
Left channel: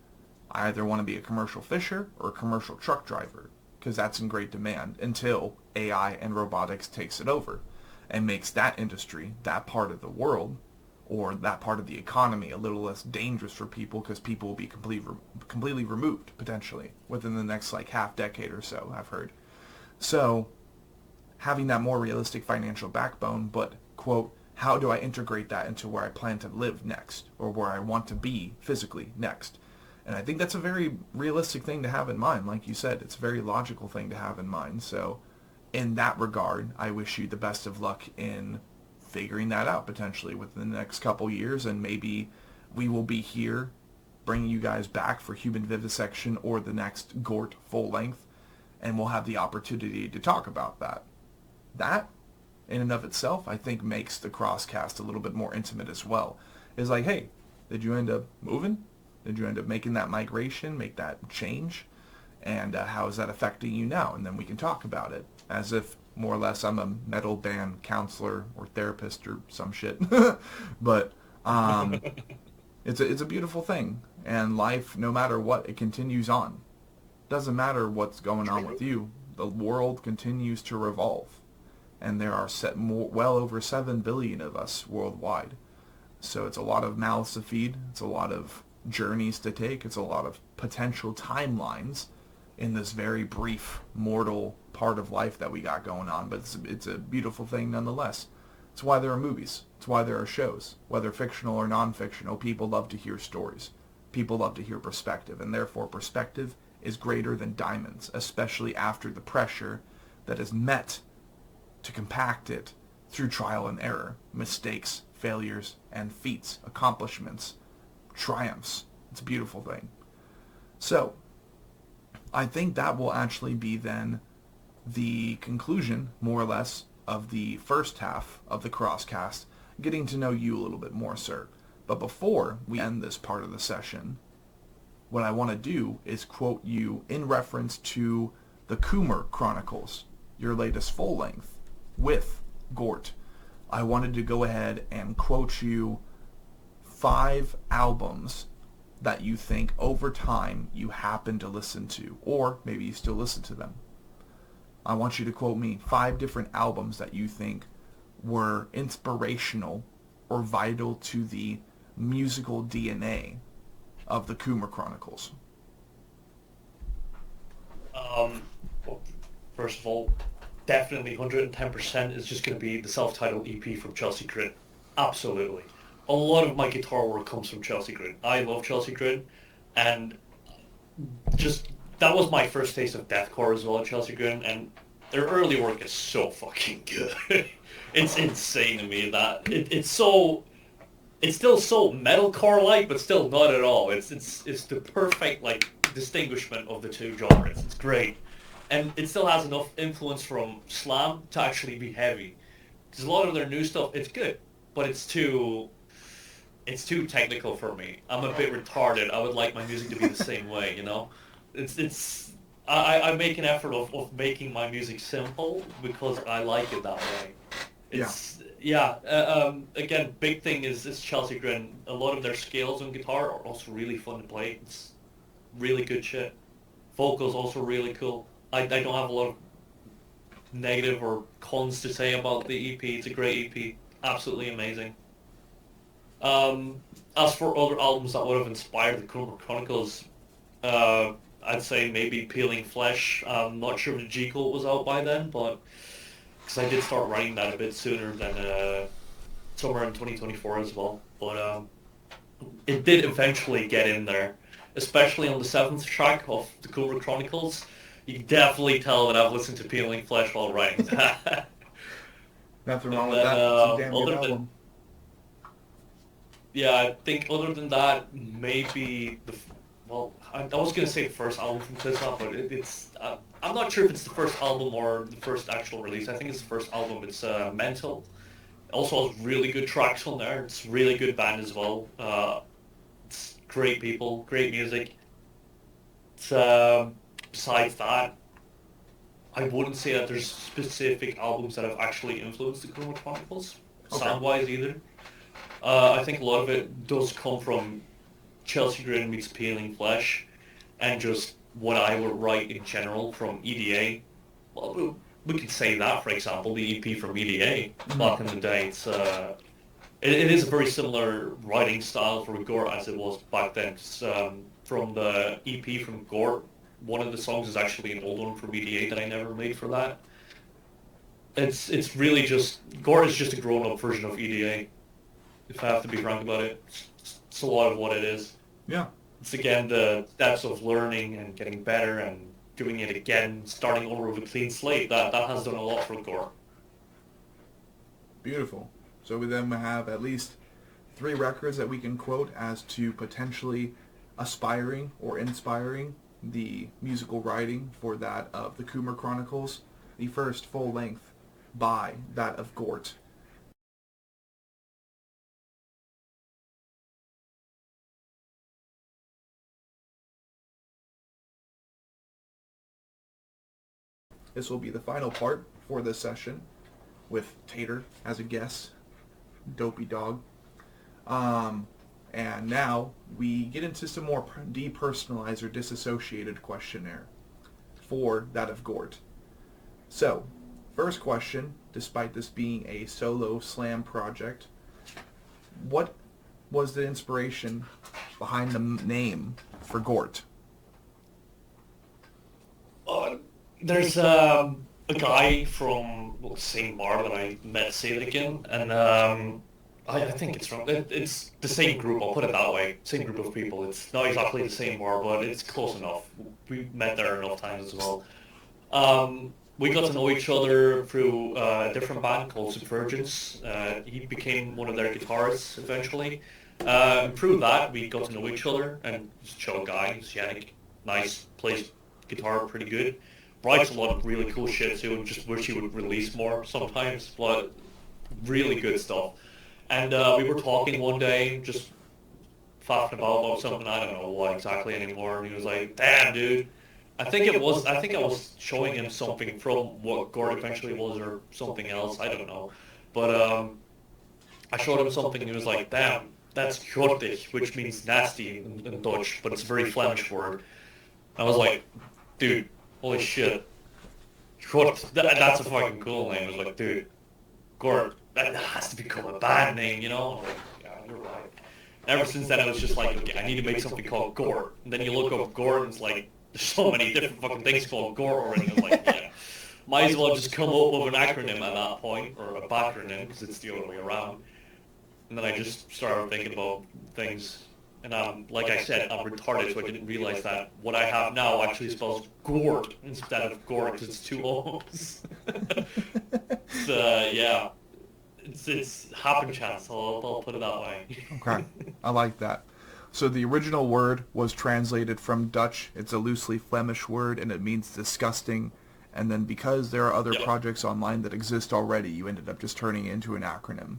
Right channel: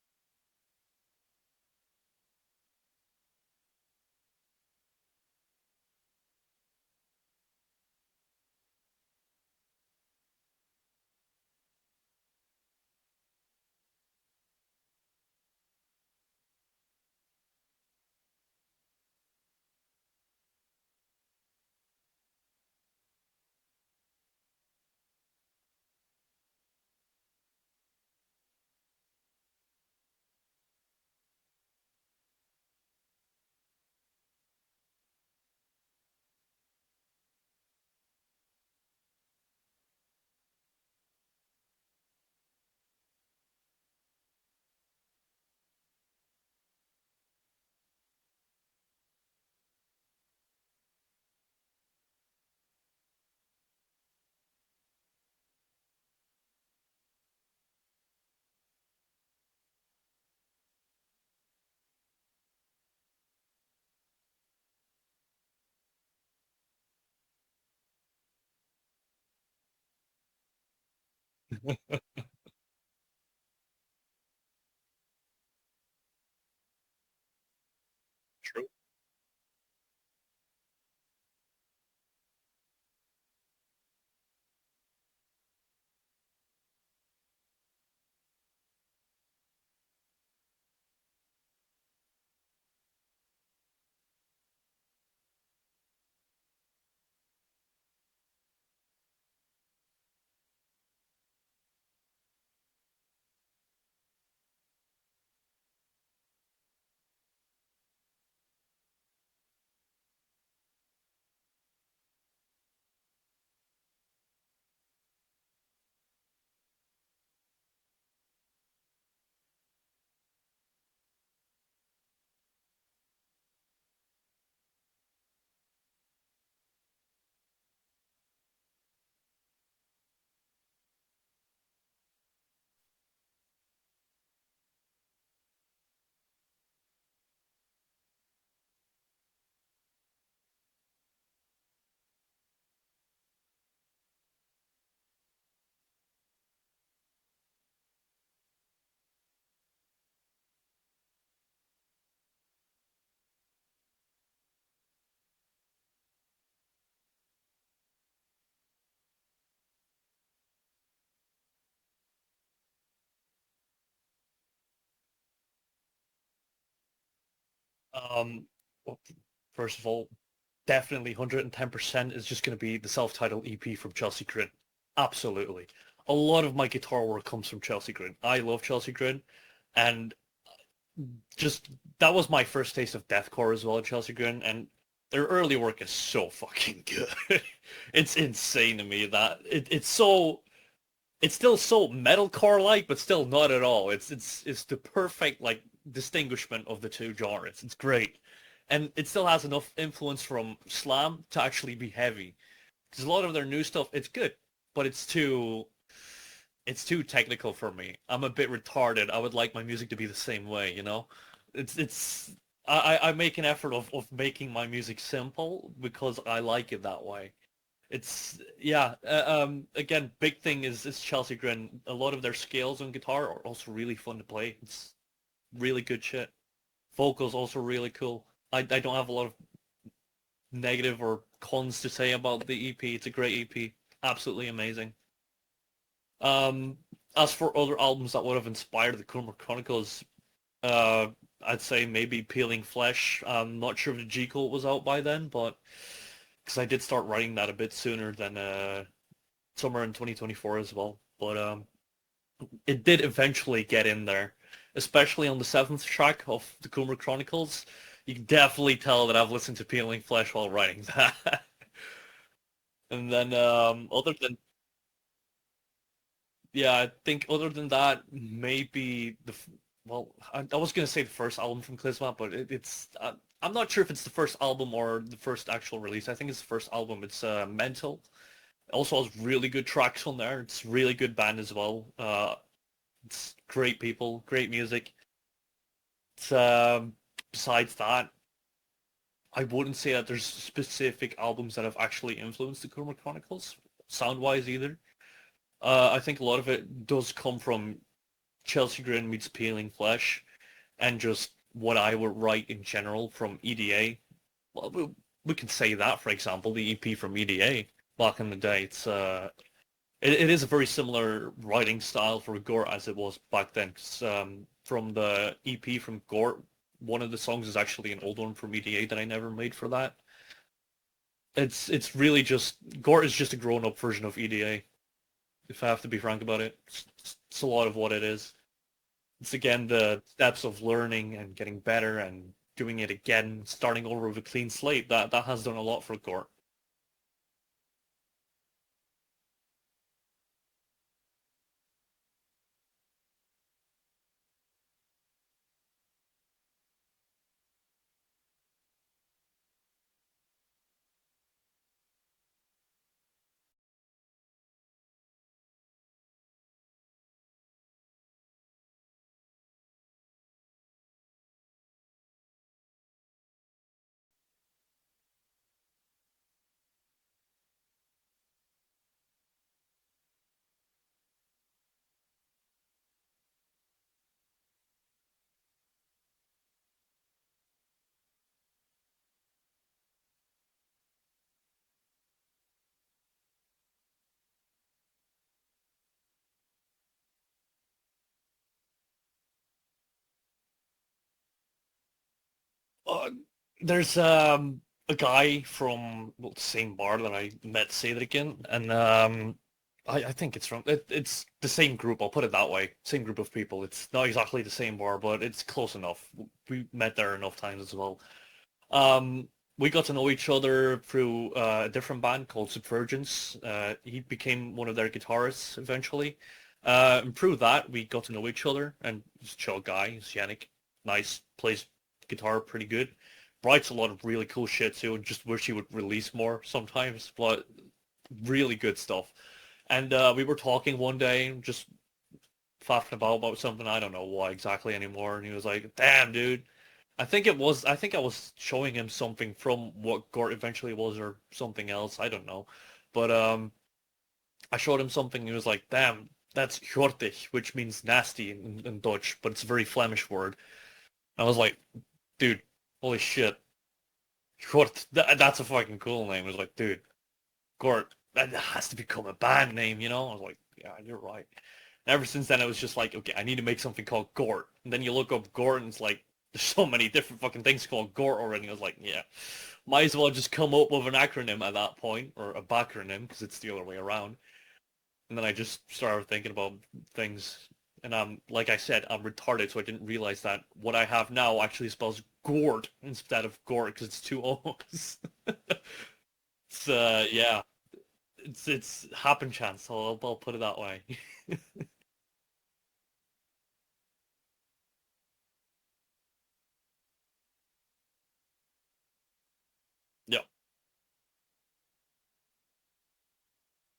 I either want to be a commercial fisher or a commercial truck driver, because that's in great demand until AI and robotics takes it over and makes that industry, that part of the world, or that part of the economy a little less dangerous for people, because people will be completely removed, potentially, within the next like half decade or so, I've heard. So, having that more realistic financial backbone, but, quote, how do I integrate that into where I plan to live next, or where I want to be physically next? And I think that's a very realistic thing to have in mind. Like you said, it's a very logical thing to have in mind. So in that regard, I wish you the best of luck in figuring that out potentially within the next couple years. And maybe we will be here bringing you guys back for Human Vivisection or the next GORT full length. And we'll have the opportunity to talk about that. That, in and of itself, I think makes the crosscast a little bit more intimate as well. It's like, hey, did you end up moving? Did you end up making that migration, make that change? And how is that affecting you now? And then we can talk about it as if more or less I'm a metal band counselor or therapist or some shit. But it's a beautiful thing. And life, no matter what, it continues on. Doesn't matter what's going on with you. The world continues to revolve. And there are well over 7 billion of us worldwide. So it's a lot of mouths to feed. It's a lot of journeys to take. It's a lot of potential timelines in this very brief mortal part of life that we got going on. But it's a beautiful thing nonetheless. It's why there are movies. It's why there are shows. Whether fictional or non-fictional, people love to hear stories. People love to hear perspective. And therefore, perspective is greater than diamonds, especially after the pressure that is met to compact it through trial and error, mistakes, failures, and feats, accomplishments, triumphs. It's a beautiful thing. So, I think that will actually be then the conclusion, more or less, of the first half of the Crosscast, getting to know you a little bit more, sir. But before we end this part of the session, what I want to do is quote you in reference to the Coomer Chronicles, your latest full-length, with GORT. I wanted to go ahead and quote you 5 albums that you think over time you happen to listen to, or maybe you still listen to them. I want you to quote me 5 different albums that you think were inspirational or vital to the musical DNA of the Coomer Chronicles. Well, first of all, definitely 110% is just going to be the self-titled EP from Chelsea Grin. Absolutely. A lot of my guitar work comes from Chelsea Grin. I love Chelsea Grin, and just that was my first taste of deathcore as well, Chelsea Grin, and their early work is so fucking good. It's insane to me that it's still so metalcore-like, but still not at all. It's the perfect like distinguishment of the two genres. It's great. And it still has enough influence from slam to actually be heavy. Because a lot of their new stuff, it's good, but it's too technical for me. I'm a bit retarded. I would like my music to be the same way, you know? I make an effort of making my music simple because I like it that way. Again, big thing is Chelsea Grin. A lot of their scales on guitar are also really fun to play. It's really good shit. Vocals also really cool. I don't have a lot of negative or cons to say about the EP. It's a great EP. Absolutely amazing. Um, as for other albums that would have inspired the Chroma Chronicles, I'd say maybe Peeling Flesh. I'm not sure if the G Code was out by then, but because I did start writing that a bit sooner than somewhere in 2024 as well. But it did eventually get in there, especially on the seventh track of the Coomer Chronicles. You can definitely tell that I've listened to Peeling Flesh while writing that. Nothing wrong And with then that. It's a damn good other than album. yeah, I think other than that, maybe well, I was gonna say the first album from Klisma, but I'm not sure if it's the first album or the first actual release. I think it's the first album. It's Mental. Also has really good tracks on there. It's really good band as well. It's great people, great music. It's, besides that, I wouldn't say that there's specific albums that have actually influenced the Chroma Chronicles, Okay. sound-wise either. I think a lot of it does come from Chelsea Grin meets Peeling Flesh, and just what I would write in general from EDA. Well, we could say that, for example, the EP from EDA back in the day. It is a very similar writing style for GORT as it was back then. 'Cause, from the EP from GORT, one of the songs is actually an old one from EDA that I never made for that. It's really just GORT is just a grown-up version of EDA, if I have to be frank about it. It's a lot of what it is. Yeah. It's again the steps of learning and getting better and doing it again, starting over with a clean slate. That has done a lot for GORT. Beautiful. So we then have at least 3 records that we can quote as to potentially aspiring or inspiring the musical writing for that of the Coomer Chronicles. The first full length by that of GORT. This will be the final part for this session with Tater as a guest. Dopey dog. And now we get into some more depersonalized or disassociated questionnaire for that of GORT. So, first question, despite this being a solo slam project, what was the inspiration behind the name for GORT? There's a guy from the same bar that I met say that again, and I think it's the same group. I'll put it that way. Same group of people. It's not exactly the same bar, but it's close enough. We met there enough times as well. We got to know each other through a different band called Subvergence. He became one of their guitarists eventually. And through that, we got to know each other, and he's a chill guy. He's Yannick. Nice. Plays guitar pretty good. Writes a lot of really cool shit too, and just wish he would release more sometimes, but really good stuff. And we were talking one day, just faffing about something, I don't know what exactly anymore, and he was like, damn, dude. I think I was showing him something from what GORT eventually was or something else, I don't know. But I showed him something and he was like, damn, that's grottig, which means nasty in Dutch, but it's a very Flemish word. I was like, dude, holy shit. GORT, that's a fucking cool name. I was like, dude, GORT, that has to become a band name, you know? I was like, yeah, you're right. Ever since then, I was just like, okay, I need to make something called GORT. And then you look up GORT and it's like, there's so many different fucking things called GORT already. I was like, yeah, might as well just come up with an acronym at that point, or a backronym, because it's the other way around. And then I just started thinking about things. And like I said, I'm retarded, so I didn't realize that what I have now actually spells GORT instead of GORT, because it's two O's. So, yeah. It's happen chance. I'll put it that way. Okay, I like that. So the original word was translated from Dutch. It's a loosely Flemish word, and it means disgusting. And then because there are other Yep. projects online that exist already, you ended up just turning it into an acronym.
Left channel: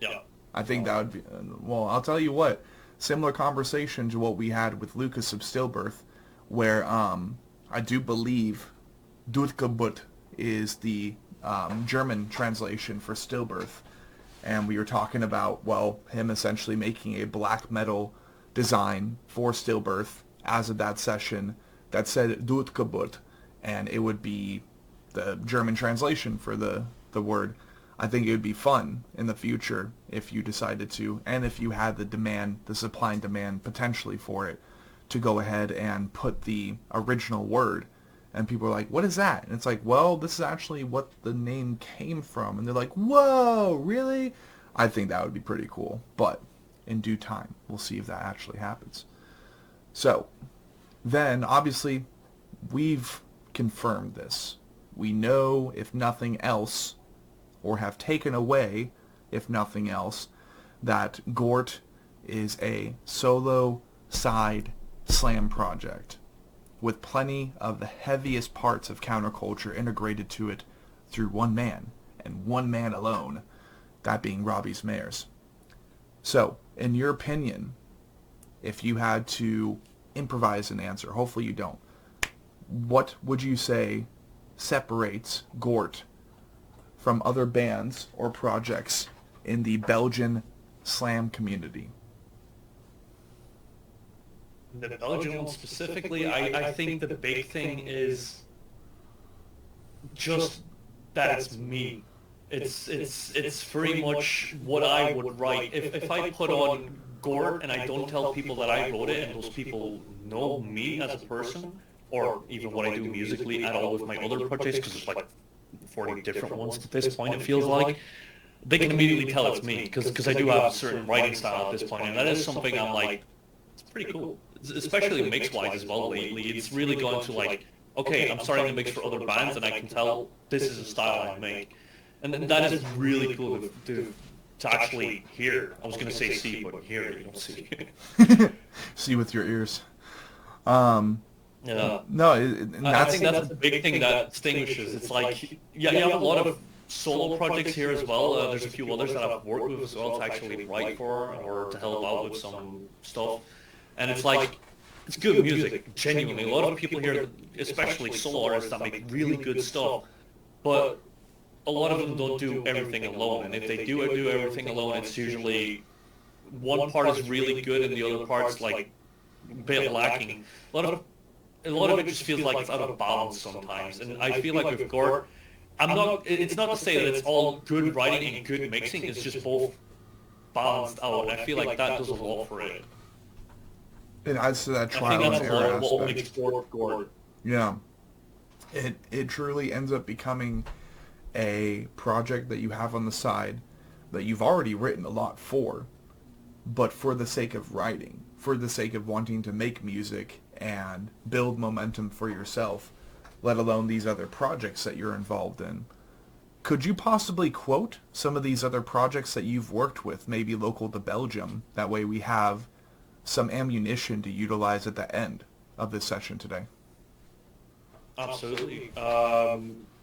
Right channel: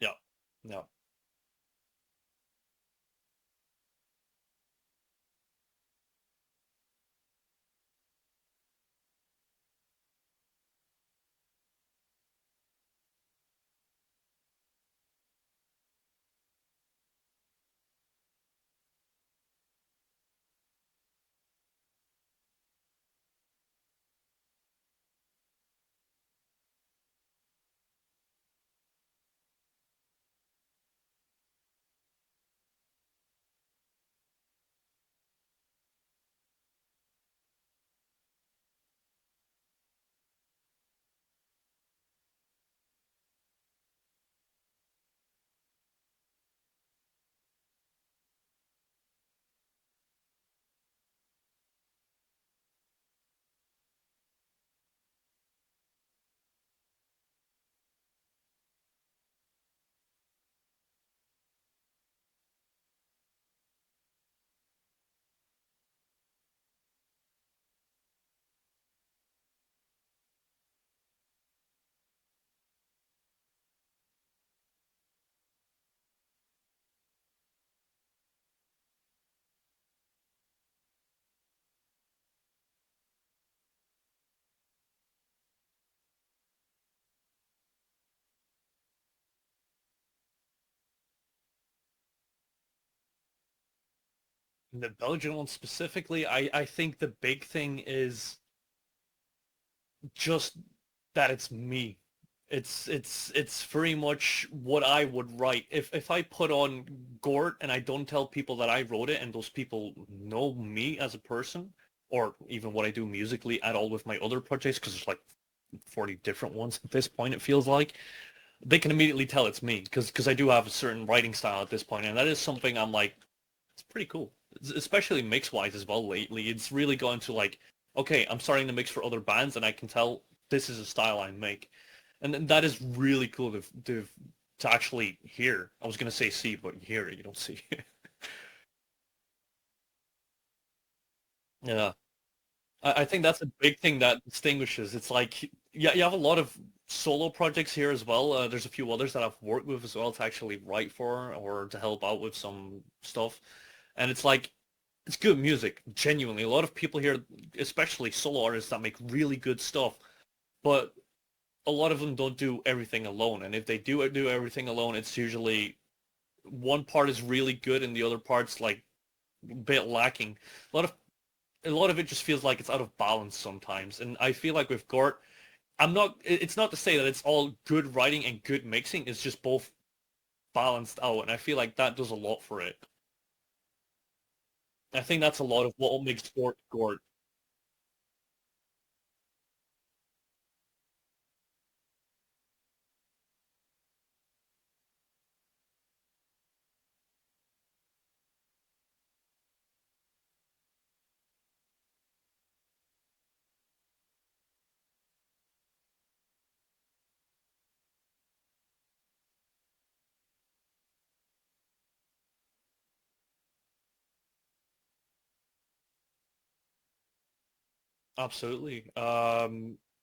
Yeah. I think that would be... well, I'll tell you what. Similar conversation to what we had with Lucas of Stillbirth, where I do believe Doodkebut is the German translation for stillbirth. And we were talking about, well, him essentially making a black metal design for stillbirth as of that session that said Dutgeburt, and it would be the German translation for the word. I think it would be fun in the future if you decided to, and if you had the demand, the supply and demand potentially for it, to go ahead and put the original word. And people are like, what is that? And it's like, well, this is actually what the name came from. And they're like, whoa, really? I think that would be pretty cool. But in due time, we'll see if that actually happens. So, then, obviously, we've confirmed this. We know, if nothing else, or have taken away, if nothing else, that GORT is a solo side slam project with plenty of the heaviest parts of counterculture integrated to it through one man, and one man alone, that being Robbies Meyers. So, in your opinion, if you had to improvise an answer, hopefully you don't, what would you say separates GORT from other bands or projects in the Belgian slam community? The Belgian one specifically, I think the big thing is just that it's me. It's very much what I would write. If I put on GORT and I don't tell people that I wrote it and those people know me as a person, or even what I do musically at all with my other projects, because there's like 40 different ones at this point, it feels like, they can immediately tell it's me, because I do have a certain writing style at this point, and that is something I'm like, it's pretty cool. Especially mix-wise as well lately. It's really gone to like, okay, I'm starting to mix for other bands and I can tell this is a style I make. And that is really cool to actually hear. I was going to say see, but hear it, you don't see it. See with your ears. Yeah. No, I think that's a big thing that distinguishes. It's like, yeah, you have a lot of solo projects here as well. There's a few others that I've worked with as well to actually write for or to help out with some stuff. And it's like, it's good music, genuinely. A lot of people here, especially solo artists that make really good stuff, but a lot of them don't do everything alone. And if they do everything alone, it's usually one part is really good and the other part's like a bit lacking. A lot of it just feels like it's out of balance sometimes. And I feel like with GORT, it's not to say that it's all good writing and good mixing, it's just both balanced out. And I feel like that does a lot for it. It adds to that trial I think that's a and lot error of what aspect. makes GORT. Yeah. It truly ends up becoming a project that you have on the side that you've already written a lot for, but for the sake of writing, for the sake of wanting to make music and build momentum for yourself, let alone these other projects that you're involved in. Could you possibly quote some of these other projects that you've worked with, maybe local to Belgium? That way we have some ammunition to utilize at the end of this session today. Absolutely.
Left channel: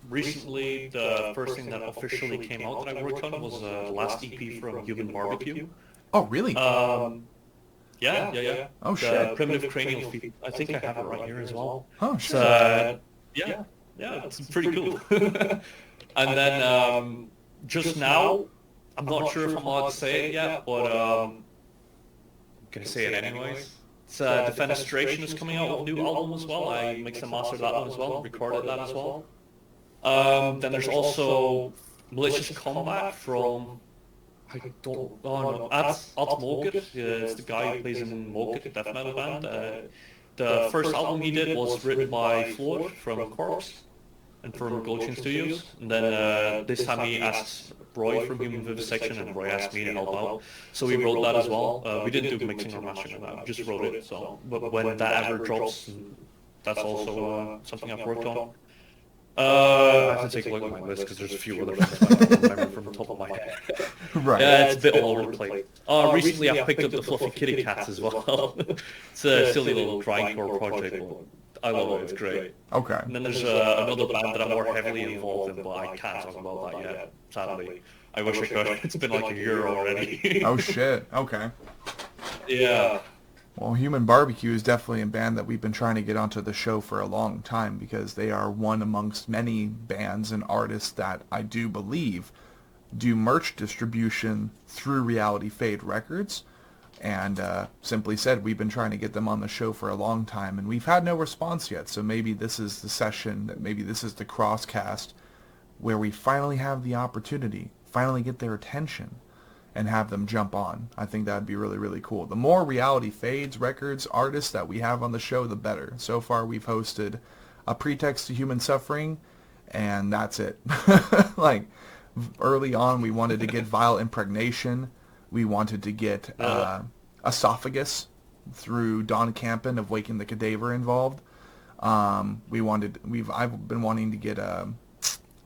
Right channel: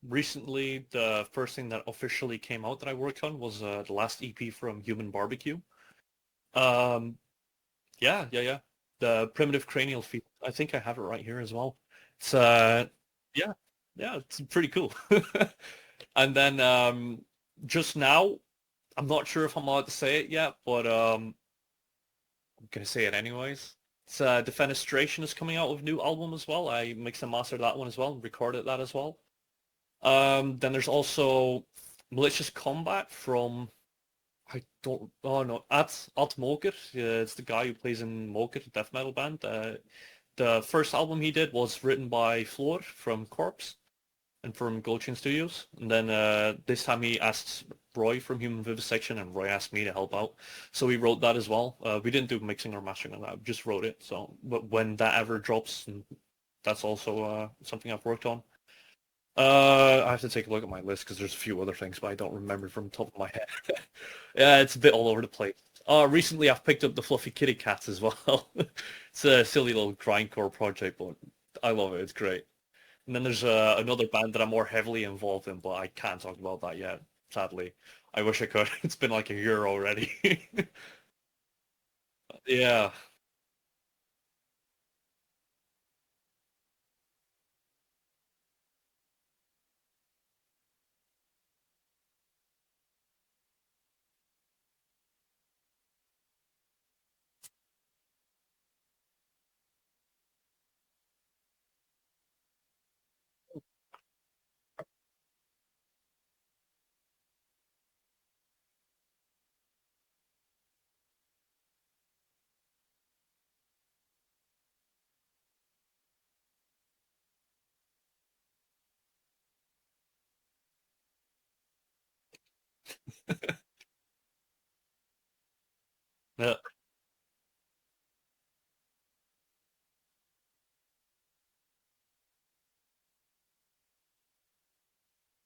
Recently, the first thing that officially came out that I worked on was the last EP from Human Barbecue. Oh, really? Yeah. Oh, The shit. Primitive Cranial feat. I think I have it right here as well. Oh, It's, shit. yeah, it's pretty cool. And then just now, I'm not sure if I'm allowed to say it yet, but I'm gonna say it anyways. It's Defenestration is coming out with a new album as well. I mixed and mastered that one as well, recorded that as well. Then there's also Malicious Combat from At Moket. It's the guy who plays in Moket, death metal band. The first album he did was written by Floor from Corpse and from Goldchain Studios. And then this time he asked Roy from Human Vivisection, and Roy asked me to help out. So we wrote that as well. We didn't do mixing or mastering on that, we just wrote it. So, but when that ever drops, that's also something I've worked on. I have to take a look at my list because there's a few other things but I don't remember from the top of my head. Right. Yeah, it's a bit all over the place. Recently I've picked up the Fluffy Kitty Cats as well. It's a silly little grindcore project, but I love it. It's great. Okay. And then there's another band that I'm more heavily involved in, but I can't talk about that yet, sadly. I wish I could. It's been like a year already. Oh, shit. Okay. Yeah. Well, Human Barbecue is definitely a band that we've been trying to get onto the show for a long time because they are one amongst many bands and artists that I do believe do merch distribution through Reality Fade Records. And simply said, we've been trying to get them on the show for a long time, and we've had no response yet. So maybe this is the session, maybe this is the crosscast where we finally have the opportunity, finally get their attention, and have them jump on. I think that'd be really, really cool. The more Reality Fades Records artists that we have on the show, the better. So far, we've hosted A Pretext to Human Suffering, and that's it. Like, early on, we wanted to get Vile Impregnation. We wanted to get Esophagus through Don Campen of Waking the Cadaver involved. I've been wanting to get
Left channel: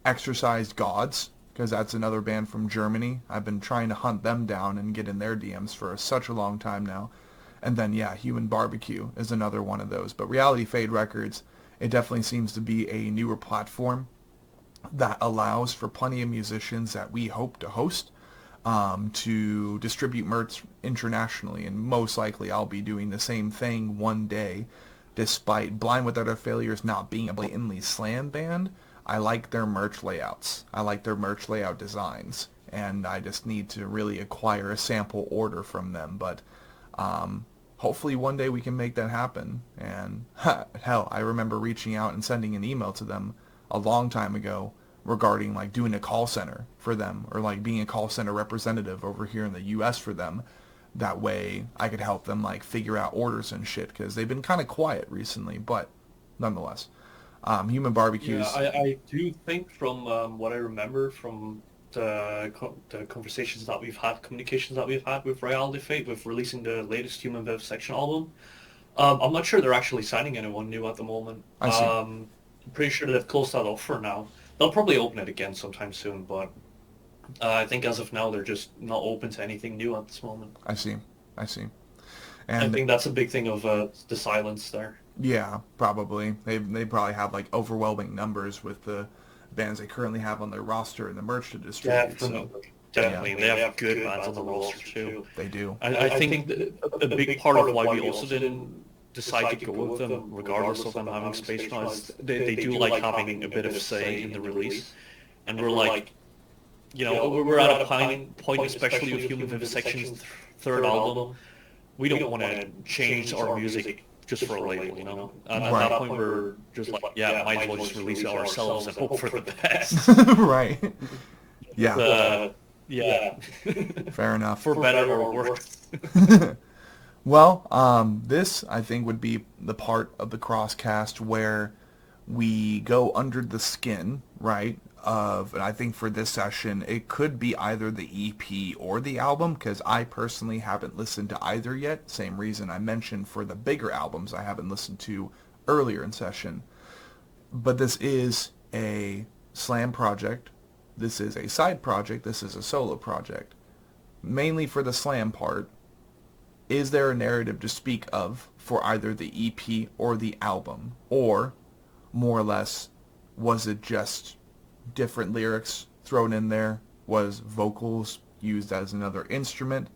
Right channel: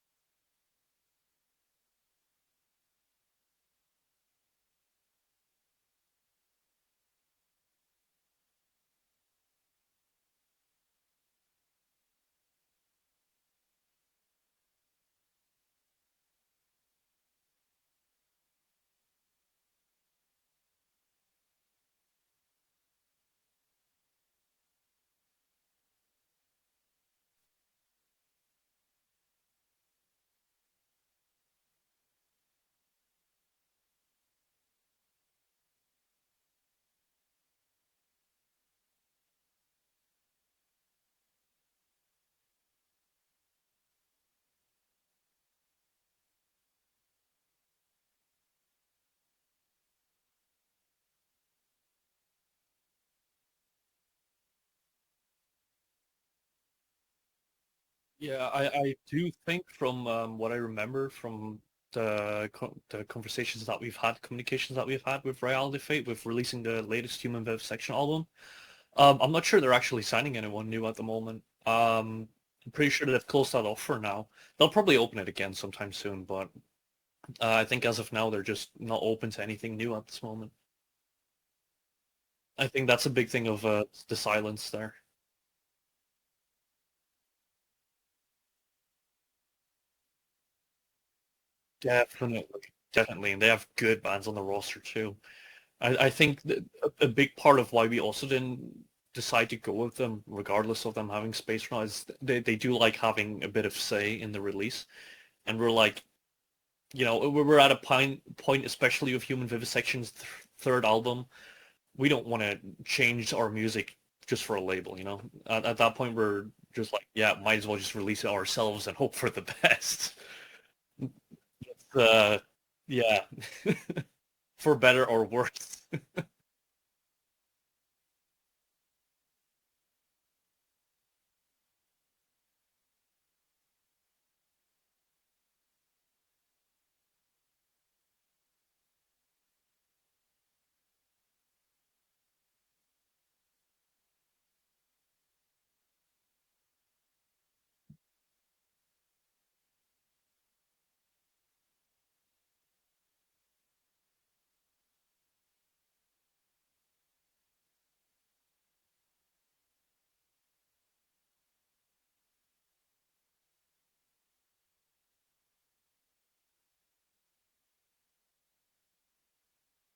Exorcised Gods, because that's another band from Germany. I've been trying to hunt them down and get in their DMs for such a long time now. And then, yeah, Human Barbecue is another one of those. But Reality Fade Records, it definitely seems to be a newer platform that allows for plenty of musicians that we hope to host to distribute merch internationally. And most likely I'll be doing the same thing one day, despite Blind Without a Failures not being a blatantly slam band. I like their merch layouts. I like their merch layout designs. And I just need to really acquire a sample order from them. But hopefully one day we can make that happen. And hell, I remember reaching out and sending an email to them a long time ago regarding like doing a call center for them, or like being a call center representative over here in the US for them. That way I could help them like figure out orders and shit, because they've been kind of quiet recently, but nonetheless. Human Barbecues. Yeah, I do think from what I remember from the conversations that we've had, communications that we've had with Reality Fate, with releasing the latest Human Vivisection album, I'm not sure they're actually signing anyone new at the moment. I'm pretty sure they've closed that off for now. They'll probably open it again sometime soon, but I think as of now they're just not open to anything new at this moment. I see. And I think that's a big thing of the silence there. Yeah, probably. They probably have like overwhelming numbers with the bands they currently have on their roster and the merch to distribute. Definitely. And they have good bands on the roster too. They do. I think a big part of why we also didn't decide to go with them, regardless of them having space now, is they do like having a bit of say in the release. And we're like, you know, we're at a point, especially with Human Vivisection's third album, we don't want to change our music just for a label, you know? At that point, we're just like, yeah, might as well just release it ourselves and hope for the best. Right. Yeah. Yeah. Fair enough. For better or worse. Well, this, I think, would be the part of the crosscast where we go under the skin, right, and I think for this session, it could be either the EP or the album, because I personally haven't listened to either yet. Same reason I mentioned for the bigger albums I haven't listened to earlier in session. But this is a slam project. This is a side project. This is a solo project. Mainly for the slam part, is there a narrative to speak of for either the EP or the album? Or, more or less, was it just different lyrics thrown in there? Was vocals used as another instrument?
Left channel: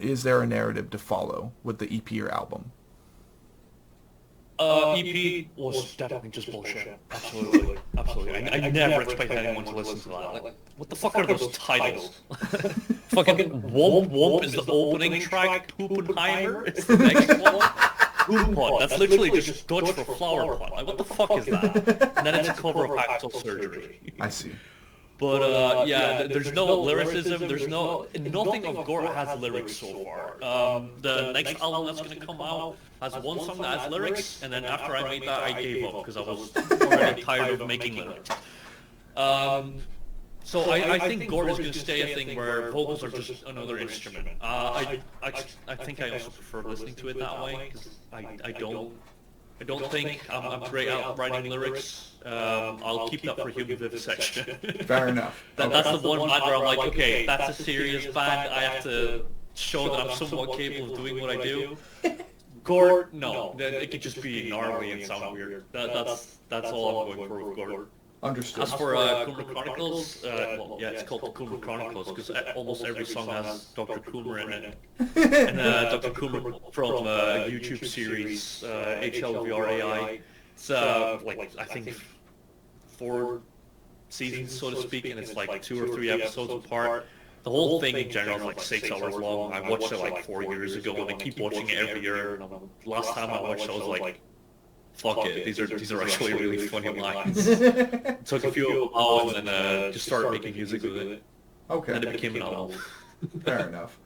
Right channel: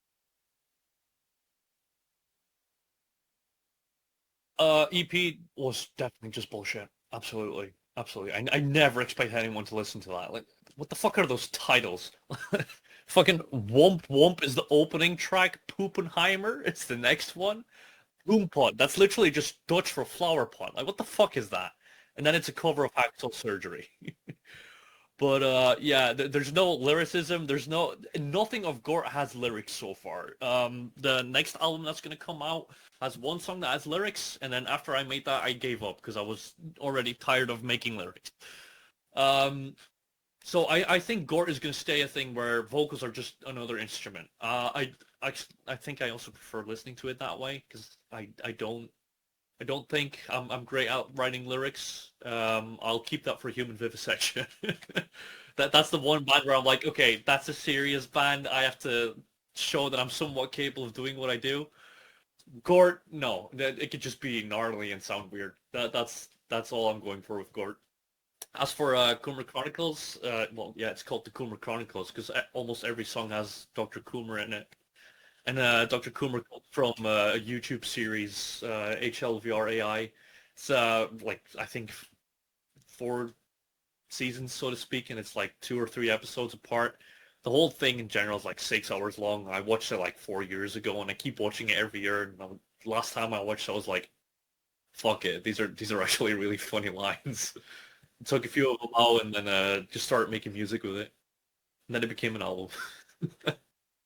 Is there a narrative to follow with the EP or album? EP was definitely just bullshit. Absolutely. I never expect anyone to listen to that. Like, what the fuck are those titles? Fucking Womp Womp is the opening track. Poopenheimer is the next one. Poompot. That's literally just Dutch for flower pot. Like, what the fuck is that? And then it's a cover of Hacksaw Surgery. I see. But yeah, there's no lyricism. There's nothing of GORT has lyrics so far. The next album that's gonna come out has one song that has lyrics, and then after I made that, I gave up because I was already tired of making lyrics. So I think GORT is gonna stay a thing where vocals are just another instrument. I think I also prefer listening to it that way, because I don't think I'm great at writing lyrics. I'll keep that for Human Vivisection. Fair enough. That's the one band where I'm like, okay, that's a serious band. I have to show that I'm somewhat capable of doing what I do. GORT, no. It could just be gnarly and sound weird. That's all I'm going for with GORT. Understood. As for Coomer Chronicles, well, yeah, it's called the Coomer Chronicles because almost every song has Dr. Coomer in it. And Dr. Coomer from a YouTube series, HLVRAI. It's like I think 4 seasons, so to speak, and it's like 2 or 3 episodes apart. The whole thing in general is like 6 hours long. I watched it like 4 years ago, and I keep watching it every year. And last time I watched, it, I was like, "Fuck it, these are actually really funny lines." Took a few of them out, and then just started making music with it. And Okay. then it became an album. Fair enough.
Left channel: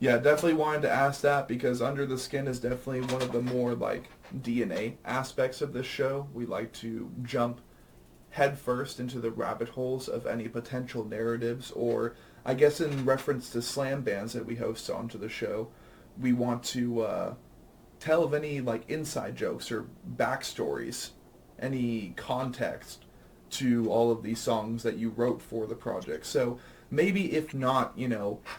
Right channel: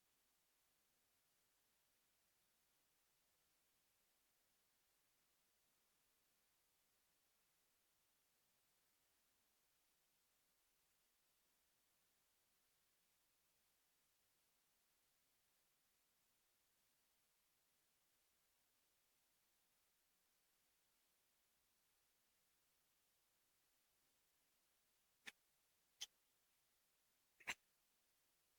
Yeah, definitely wanted to ask that because Under the Skin is definitely one of the more like DNA aspects of this show. We like to jump headfirst into the rabbit holes of any potential narratives, or I guess in reference to slam bands that we host onto the show, we want to tell of any like inside jokes or backstories, any context to all of these songs that you wrote for the project. So maybe if not,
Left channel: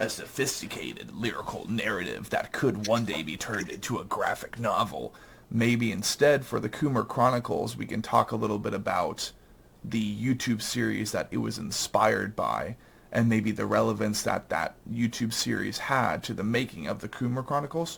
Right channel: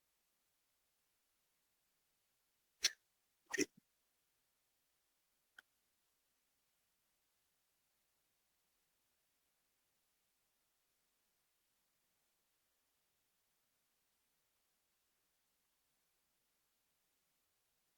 a sophisticated lyrical narrative that could one day be turned into a graphic novel, maybe instead for the Coomer Chronicles we can talk a little bit about the YouTube series that it was inspired by and maybe the relevance that that YouTube series had to the making of the Coomer Chronicles.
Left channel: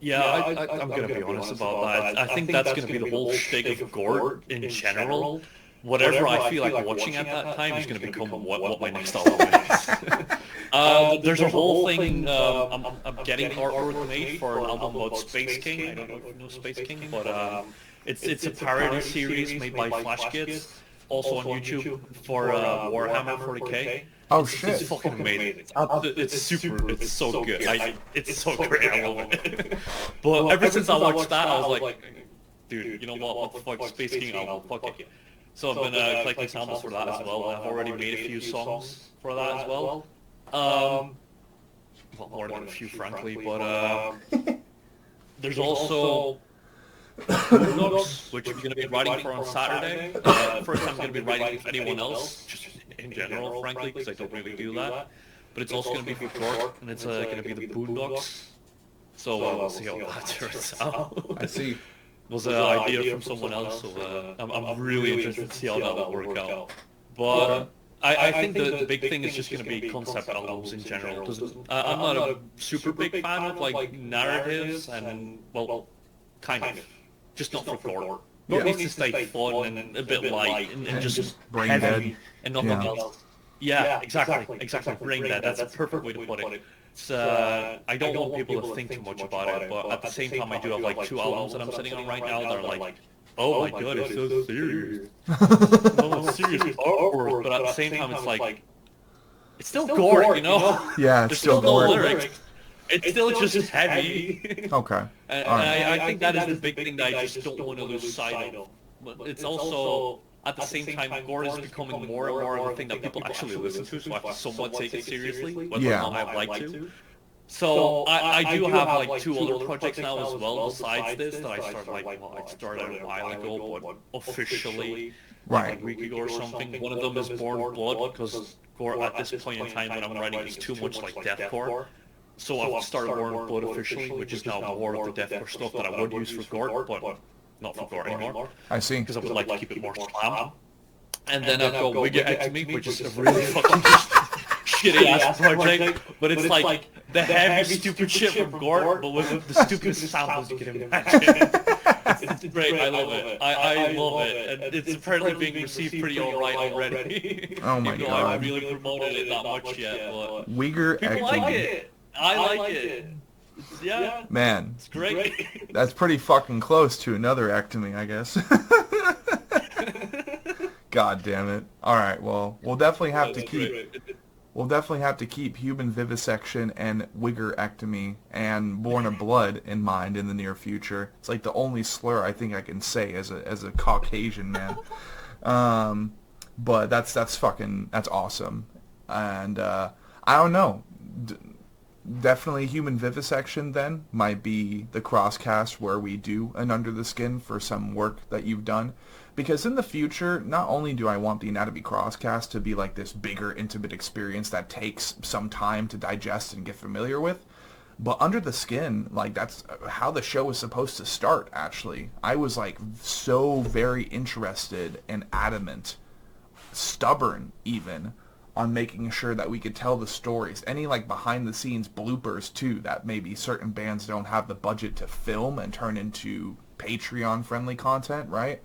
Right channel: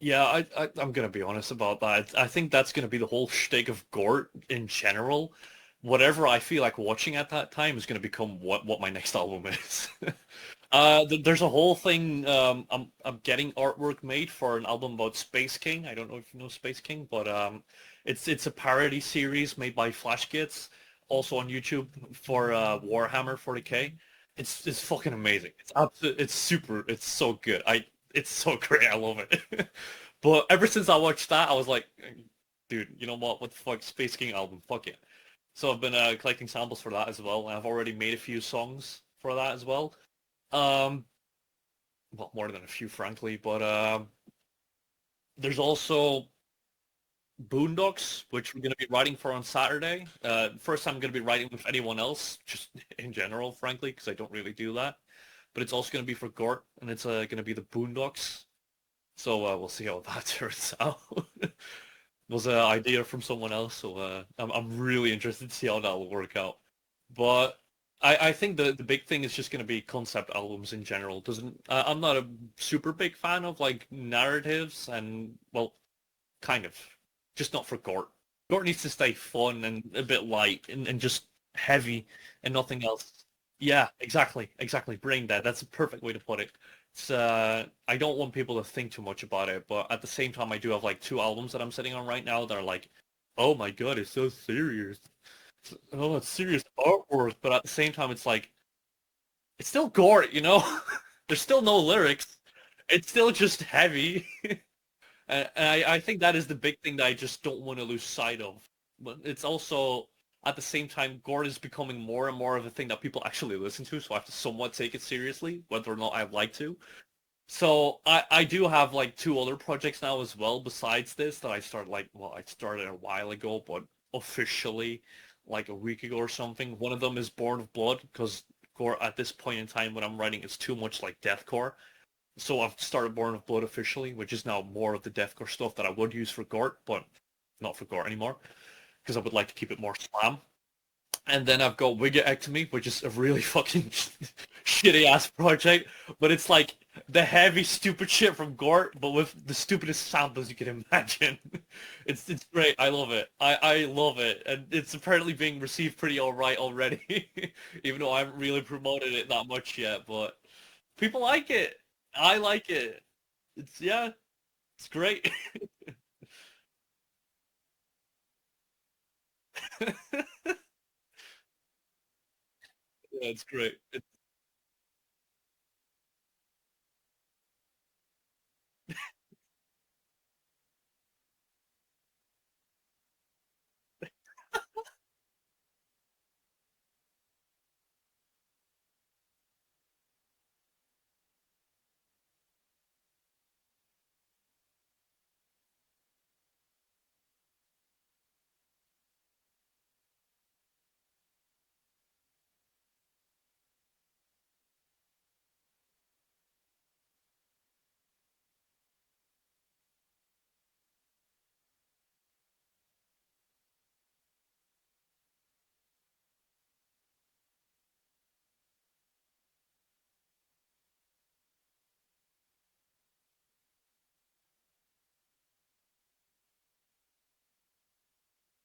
Yeah, I'm gonna be honest about that. I think that's gonna be the whole shtick of GORT in general. Whatever I feel like watching at that time is gonna become what my next album is. There's a whole thing. I'm getting artwork made for an album about Space King. I don't know if you know Space King, but it's a parody series made by Flash Kids, also on YouTube for Warhammer 40K. Oh It's shit. fucking amazing. It's super. It's so good. It's so great. I love it. But ever since I watched that, I was like, dude, you know what? What the fuck? Space King album. Fuck it. So I've been collecting samples for that as well, and I've already made a few songs for that as well. Um, well, more than a few, frankly. But there's also Boondocks, which I'm going to be writing for on Saturday. First time I'm going to be writing with anyone else, just in general, frankly, because I don't really do that. But it's also going to be for GORT, and it's going to be the Boondocks. So we'll see how that turns out. I see. Was an idea from someone else, so I'm really interested to see how that will work out. But I think the big thing is just going to be concept albums in general. Because I'm not a super big fan of like narratives and, well, kind of. Just not for GORT. GORT needs to stay fun and a bit light and just brain heavy dead. and nothing Yeah. else. Yeah, exactly. Brain dead. That's a perfect way to put it. It's, I don't want people to think too much about it, but at the same time, I do have like 2 albums that I'm sitting on right now that are like, oh my god, it's so serious. No, it's serious artwork, but at the same time, it's like, it's still GORT, you know? Yeah, it's There's still no gore. lyrics. It's still just heavy. Okay. And All right. I think that is the big thing that I just don't want to lose sight of. But it's also, at the same time, GORT is becoming more and more of a thing that people actually listen to, so I have to somewhat take it seriously, whether or Yeah. not I'd like to. So I do have like 2 other projects now as well besides this that I started I started a while ago, but officially like Right. a week ago or something. One of them is Born of Blood because GORT at this point in time when I'm writing is too much like deathcore. So I've started Born of Blood officially, which is now more of the deathcore stuff that I would use for GORT, but not for GORT anymore I see. because I would like to keep it more slam. And then I've got Wigga, which is a really fucking shitty ass project, but it's like the heavy stupid shit from GORT, but with the stupidest samples you can imagine. It's great. I love it. I love it, and it's apparently being received pretty alright already. Oh my Even though I haven't God. really promoted it that much yet, but Uyghur people like ectomy. it. I like it. Yeah, Man, it's great. that's pretty fucking close to another ectomy, I guess. God damn it. All right, well, we'll definitely have to keep human vivisection and Uyghur ectomy and Born of Blood in mind in the near future. It's like the only slur I think I can say as a Caucasian man. But that's awesome. And I don't know. Definitely human vivisection then might be the crosscast where we do an Under the Skin for some work that you've done. Because in the future, not only do I want the Anatomy Crosscast to be like this bigger, intimate experience that takes some time to digest and get familiar with, But Under the Skin, like, that's how the show was supposed to start, actually. I was, like, so very interested and adamant, stubborn even, on making sure that we could tell the stories. Any, like, behind-the-scenes bloopers, too, that maybe certain bands don't have the budget to film and turn into Patreon-friendly content, right?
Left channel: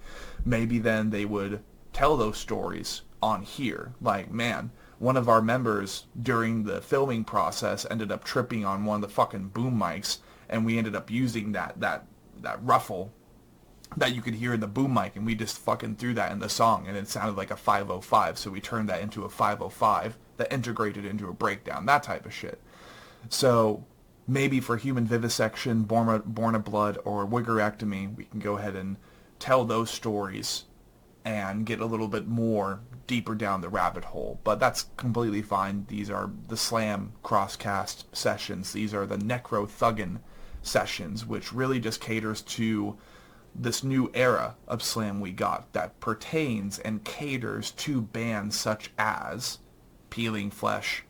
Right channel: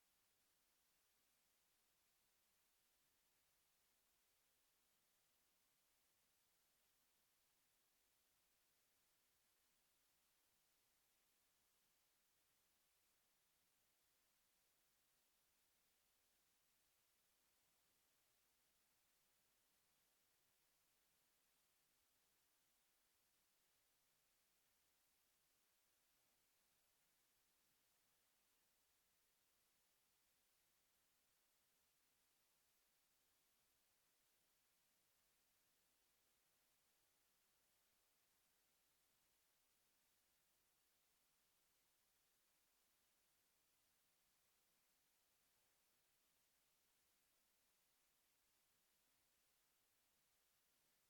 Maybe then they would tell those stories on here. Like, man, one of our members during the filming process ended up tripping on one of the fucking boom mics, and we ended up using that ruffle that you could hear in the boom mic, and we just fucking threw that in the song, and it sounded like a 505, so we turned that into a 505 that integrated into a breakdown, that type of shit. So maybe for Human Vivisection, Born of Blood, or Wiggerectomy, we can go ahead and tell those stories and get a little bit more deeper down the rabbit hole. But that's completely fine. These are the Slam Crosscast sessions. These are the Necro Thuggin sessions, which really just caters to this new era of Slam we got that pertains and caters to bands such as Peeling Flesh,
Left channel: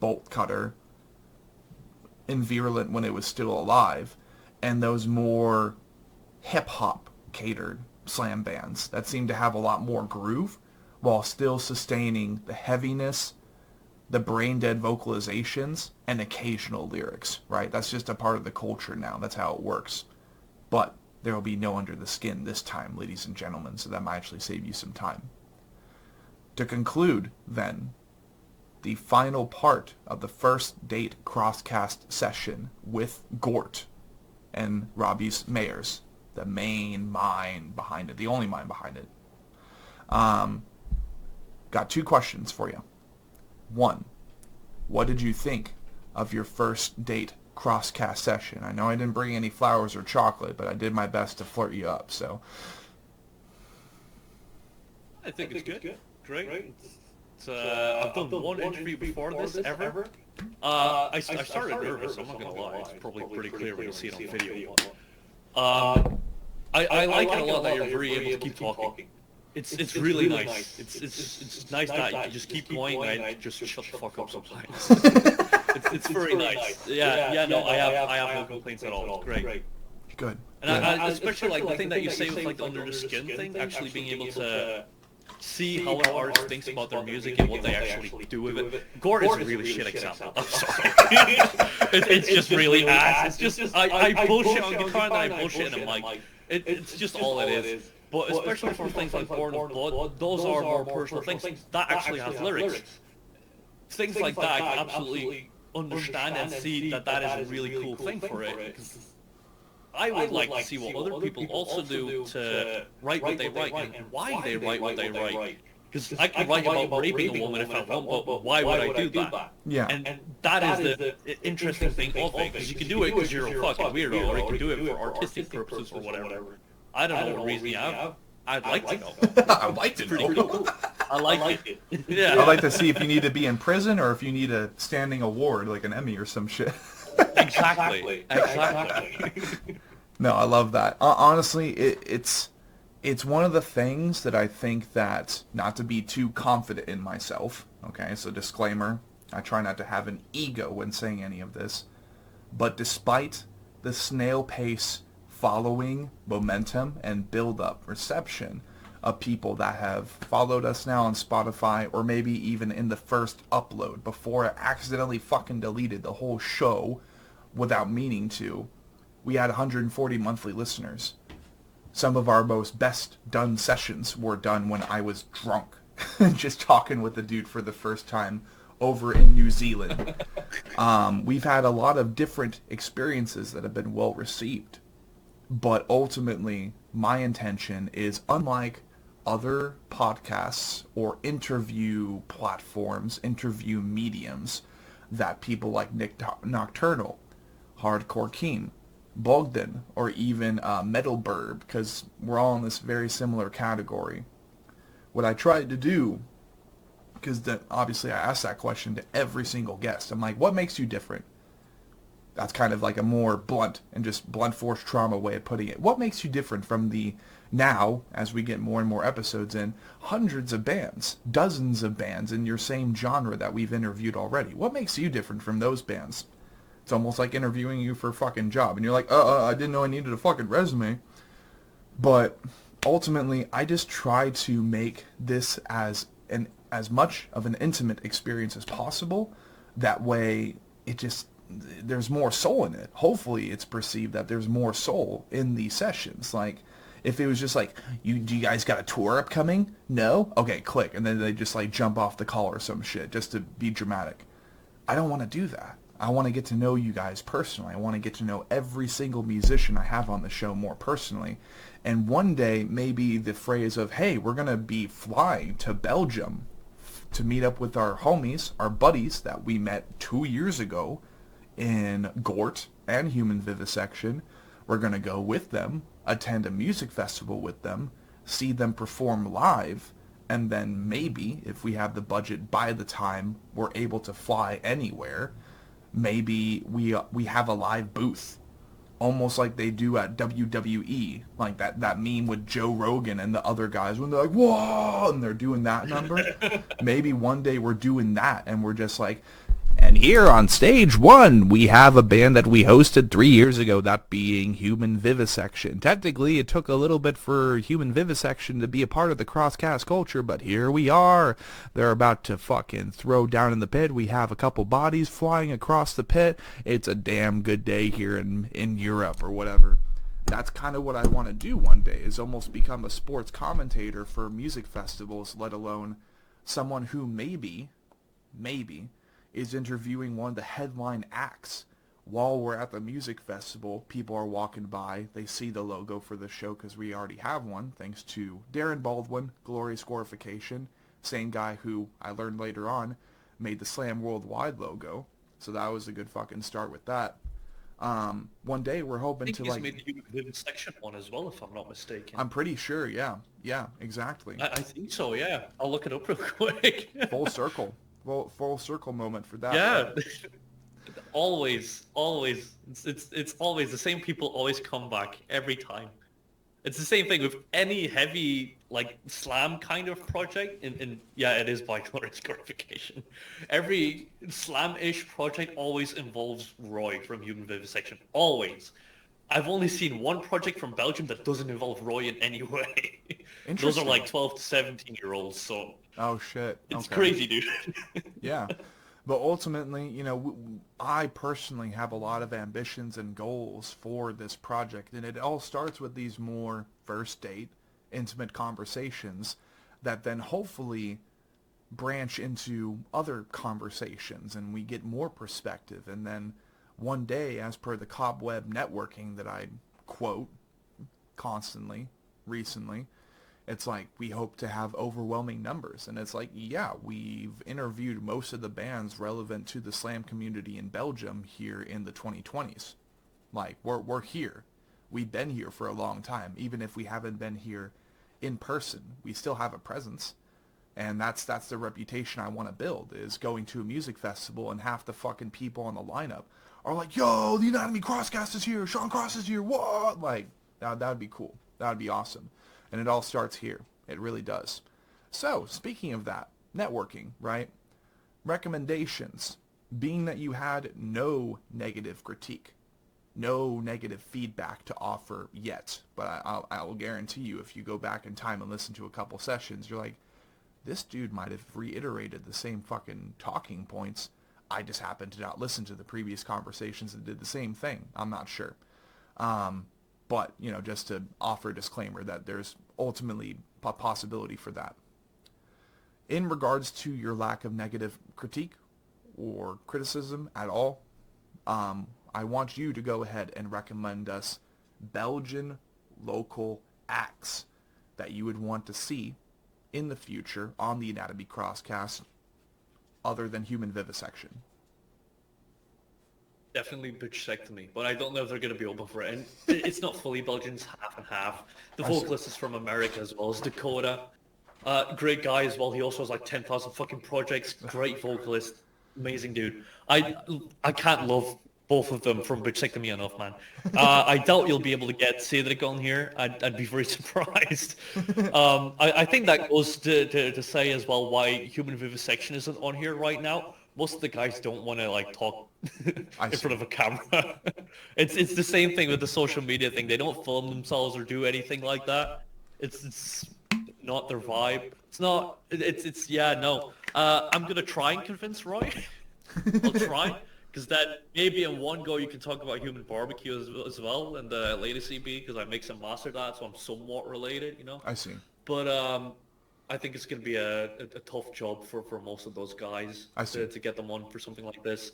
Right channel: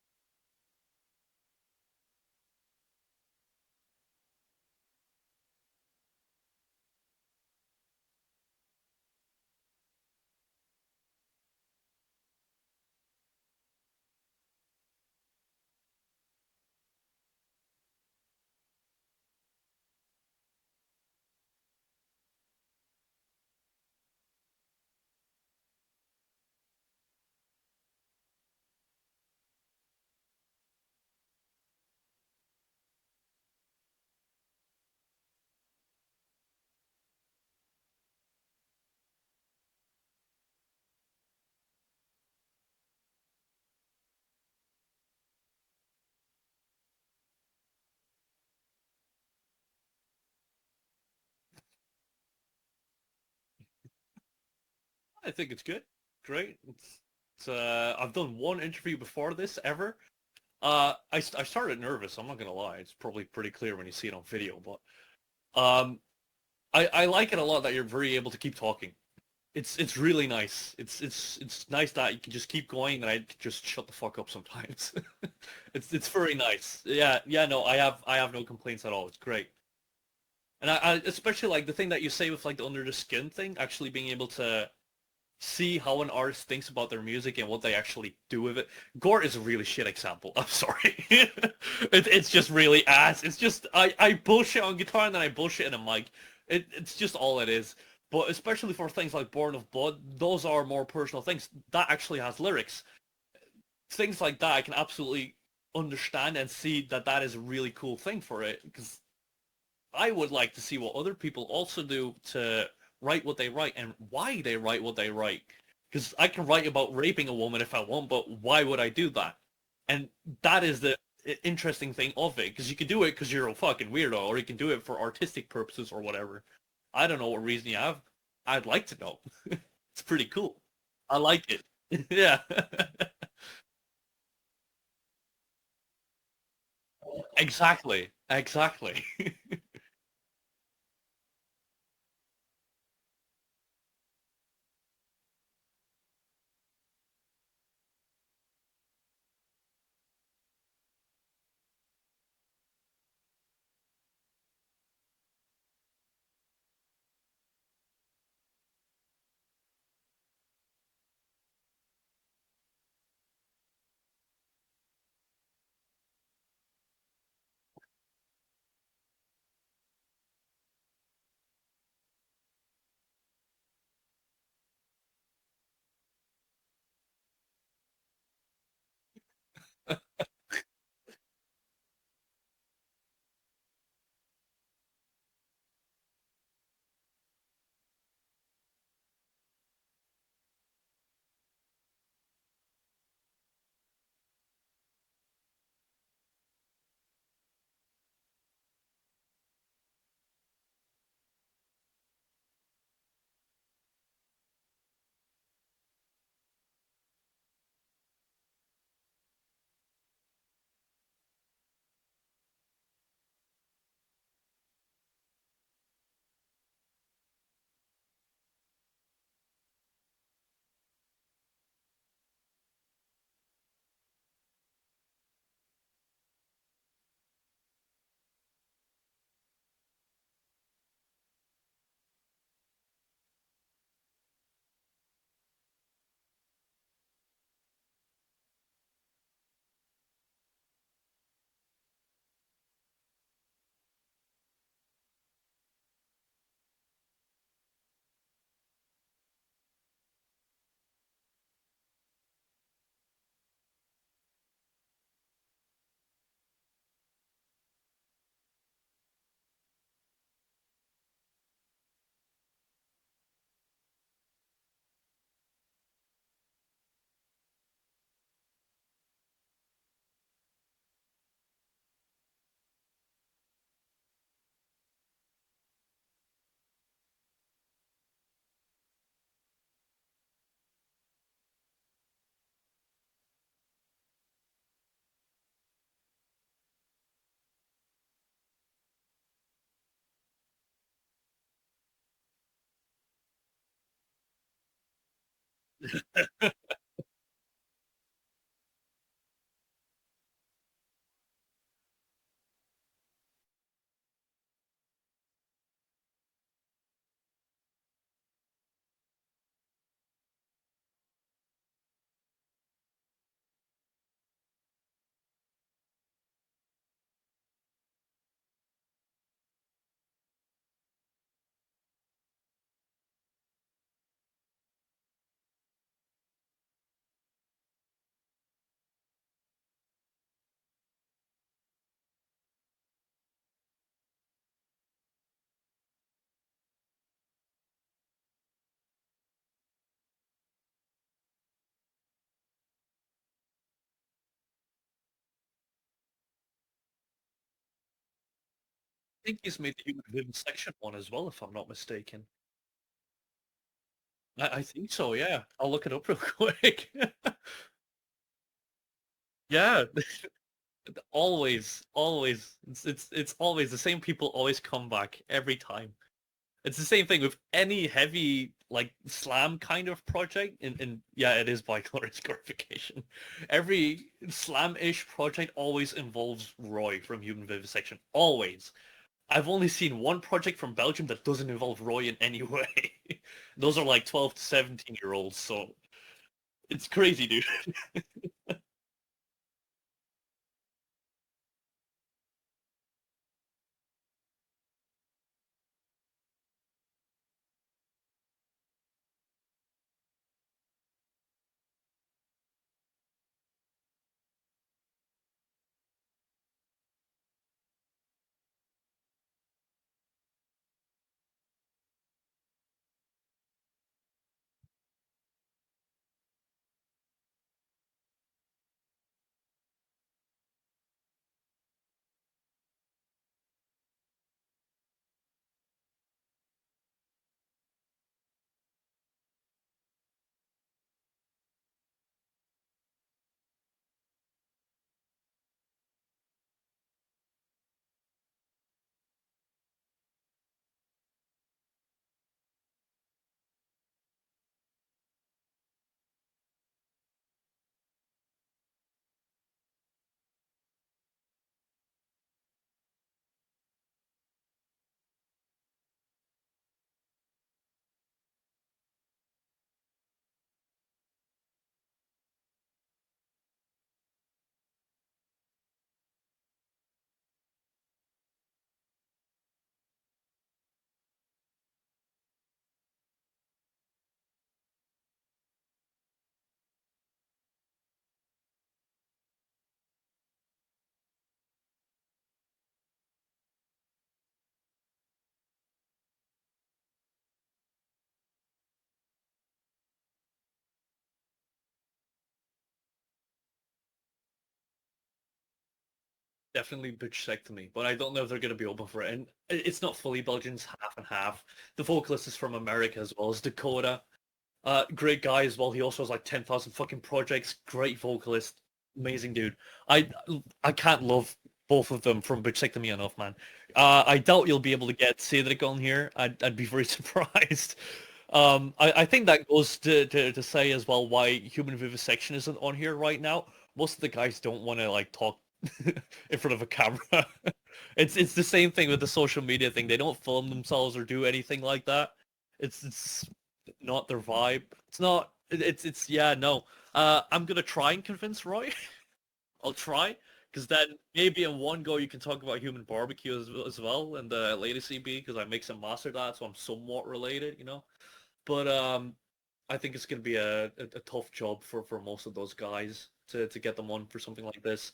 Bolt Cutter, Invirulent when it was still alive, and those more hip-hop catered Slam bands that seem to have a lot more groove while still sustaining the heaviness, the brain-dead vocalizations, and occasional lyrics, right? That's just a part of the culture now. That's how it works. But there will be no Under the Skin this time, ladies and gentlemen, so that might actually save you some time. To conclude, then, the final part of the first date crosscast session with GORT and Robbies Meyers, the main mind behind it, the only mind behind it. Got two questions for you. One, what did you think of your first date crosscast session? I know I didn't bring any flowers or chocolate, but I did my best to flirt you up, so. I think it's good. Great. I've done one interview before this ever. I started nervous, I'm not gonna lie. It's probably pretty clear when you see it on video, but I like it a lot that you're very able to keep talking. It's really nice. It's nice that you can just keep going and I just shut the fuck up sometimes. It's very nice. Yeah, no, I have no complaints at all. It's great. Good. And I especially like the thing that you say with like the under the skin thing, actually being able to see how an artist thinks about their music and what they actually do with it. GORT is a really shit example. I'm sorry. It's just really ass. It's just I bullshit on guitar and then I bullshit in a mic. It's just all it is. But especially for things like Born of Blood, those are more personal things. That actually has lyrics. Things like that I can absolutely understand and see that that is a really cool thing for it. Because I would like to see what other people also do to write what they write and why they write what they write. Because I can write about raping a woman if I want, but why would I do that? Yeah. And that is the interesting thing of it. Because you can do it because you're a fucking weirdo, or you can do it for artistic purposes or whatever. I don't know what reason you have. I'd like to know. I'd like to It's pretty know. cool. I like it. Yeah. I'd like to see if you need to be in prison or if you need a standing award like an Emmy or some shit. Exactly. No, I love that. Honestly, it's one of the things that I think that, not to be too confident in myself, okay, so disclaimer, I try not to have an ego when saying any of this, but despite the snail pace following momentum and build-up reception of people that have followed us now on Spotify, or maybe even in the first upload before I accidentally fucking deleted the whole show without meaning to, we had 140 monthly listeners. Some of our most best done sessions were done when I was drunk, just talking with the dude for the first time over in New Zealand. We've had a lot of different experiences that have been well received. But ultimately, my intention is, unlike other podcasts or interview platforms, interview mediums that people like Nick Nocturnal, Hardcore Keen, Bogdan, or even Metal Burb, because we're all in this very similar category. What I tried to do, because obviously I asked that question to every single guest. I'm like, what makes you different? That's kind of like a more blunt and just blunt force trauma way of putting it. What makes you different from the, now, as we get more and more episodes in, hundreds of bands, dozens of bands in your same genre that we've interviewed already? What makes you different from those bands? It's almost like interviewing you for a fucking job. And you're like, I didn't know I needed a fucking resume. But ultimately, I just try to make this as much of an intimate experience as possible. That way, it just there's more soul in it. Hopefully, it's perceived that there's more soul in these sessions. Like, if it was just like, do you guys got a tour upcoming? No? Okay, click. And then they just like jump off the call or some shit just to be dramatic. I don't want to do that. I want to get to know you guys personally. I want to get to know every single musician I have on the show more personally. And one day, maybe the phrase of, hey, we're going to be flying to Belgium to meet up with our homies, our buddies that we met 2 years ago in GORT and Human Vivisection. We're going to go with them, attend a music festival with them, see them perform live, and then maybe, if we have the budget by the time we're able to fly anywhere, maybe we have a live booth, almost like they do at WWE, like that meme with Joe Rogan and the other guys when they're like, whoa, and they're doing that number. Maybe one day we're doing that, and we're just like, and here on stage one, we have a band that we hosted 3 years ago, that being Human Vivisection. Technically, it took a little bit for Human Vivisection to be a part of the crosscast culture, but here we are. They're about to fucking throw down in the pit. We have a couple bodies flying across the pit. It's a damn good day here in Europe or whatever. That's kind of what I want to do one day, is almost become a sports commentator for music festivals, let alone someone who maybe is interviewing one of the headline acts while we're at the music festival. People are walking by. They see the logo for the show because we already have one, thanks to Darren Baldwin, Glorious Glorification, same guy who I learned later on made the Slam Worldwide logo. So that was a good fucking start with that. One day we're hoping I think to he's like... made the Human Vivisection one as well, if I'm not mistaken. I'm pretty sure, yeah. Yeah, exactly. I think so, yeah. I'll look it up real quick. Full circle. Full circle moment for that. Yeah. Always. It's always the same people always come back every time. It's the same thing with any heavy like slam kind of project. And yeah, it is by Glorious Glorification. Every slam-ish project always involves Roy from Human Vivisection. Always. I've only seen one project from Belgium that doesn't involve Roy in any way. Those are like 12 to 17-year-olds, so... Oh, shit. It's Okay. crazy, dude. Yeah. But ultimately, I personally have a lot of ambitions and goals for this project, and it all starts with these more first date, intimate conversations that then hopefully branch into other conversations, and we get more perspective, and then one day, as per the cobweb networking that I quote constantly recently, it's like we hope to have overwhelming numbers. And it's like, yeah, we've interviewed most of the bands relevant to the slam community in Belgium here in the 2020s. Like, we're here. We've been here for a long time. Even if we haven't been here in person, we still have a presence. And that's the reputation I want to build, is going to a music festival and half the fucking people on the lineup are like, yo, the Anatomy Crosscast is here, Sean Cross is here, what? Like, that would be cool. That would be awesome. And it all starts here. It really does. So, speaking of that, networking, right? Recommendations. Being that you had no negative critique, no negative feedback to offer yet, but I'll guarantee you, if you go back in time and listen to a couple sessions, you're like, this dude might have reiterated the same fucking talking points. I just happened to not listen to the previous conversations that did the same thing. I'm not sure. But, just to offer a disclaimer that there's ultimately a possibility for that. In regards to your lack of negative critique or criticism at all, I want you to go ahead and recommend us Belgian local acts that you would want to see in the future on the Anatomy Crosscast other than Human Vivisection. Definitely Bitchectomy, but I don't know if they're going to be open for it. And it's not fully Belgian, it's half and half. The vocalist is from America as well as Dakota. Great guy as well. He also has like 10,000 fucking projects. Great vocalist. Amazing dude. I can't love both of them from Bitchectomy enough, man. I doubt you'll be able to get Cedric on here. I'd be very surprised. I think that goes to say as well why Human Vivisection isn't on here right now. Most of the guys don't want to like talk I in see. front of a camera. It's the same thing with the social media thing. They don't film themselves or do anything like that. It's not their vibe. It's not. It's yeah no. I'm gonna try and convince Roy. I'll try because then maybe in one go you can talk about human barbecue as well and the latest CB because I mix and master that, so I'm somewhat related, you know. I see. But I think it's going to be a tough job for most of those guys I see. to get them on for something like this.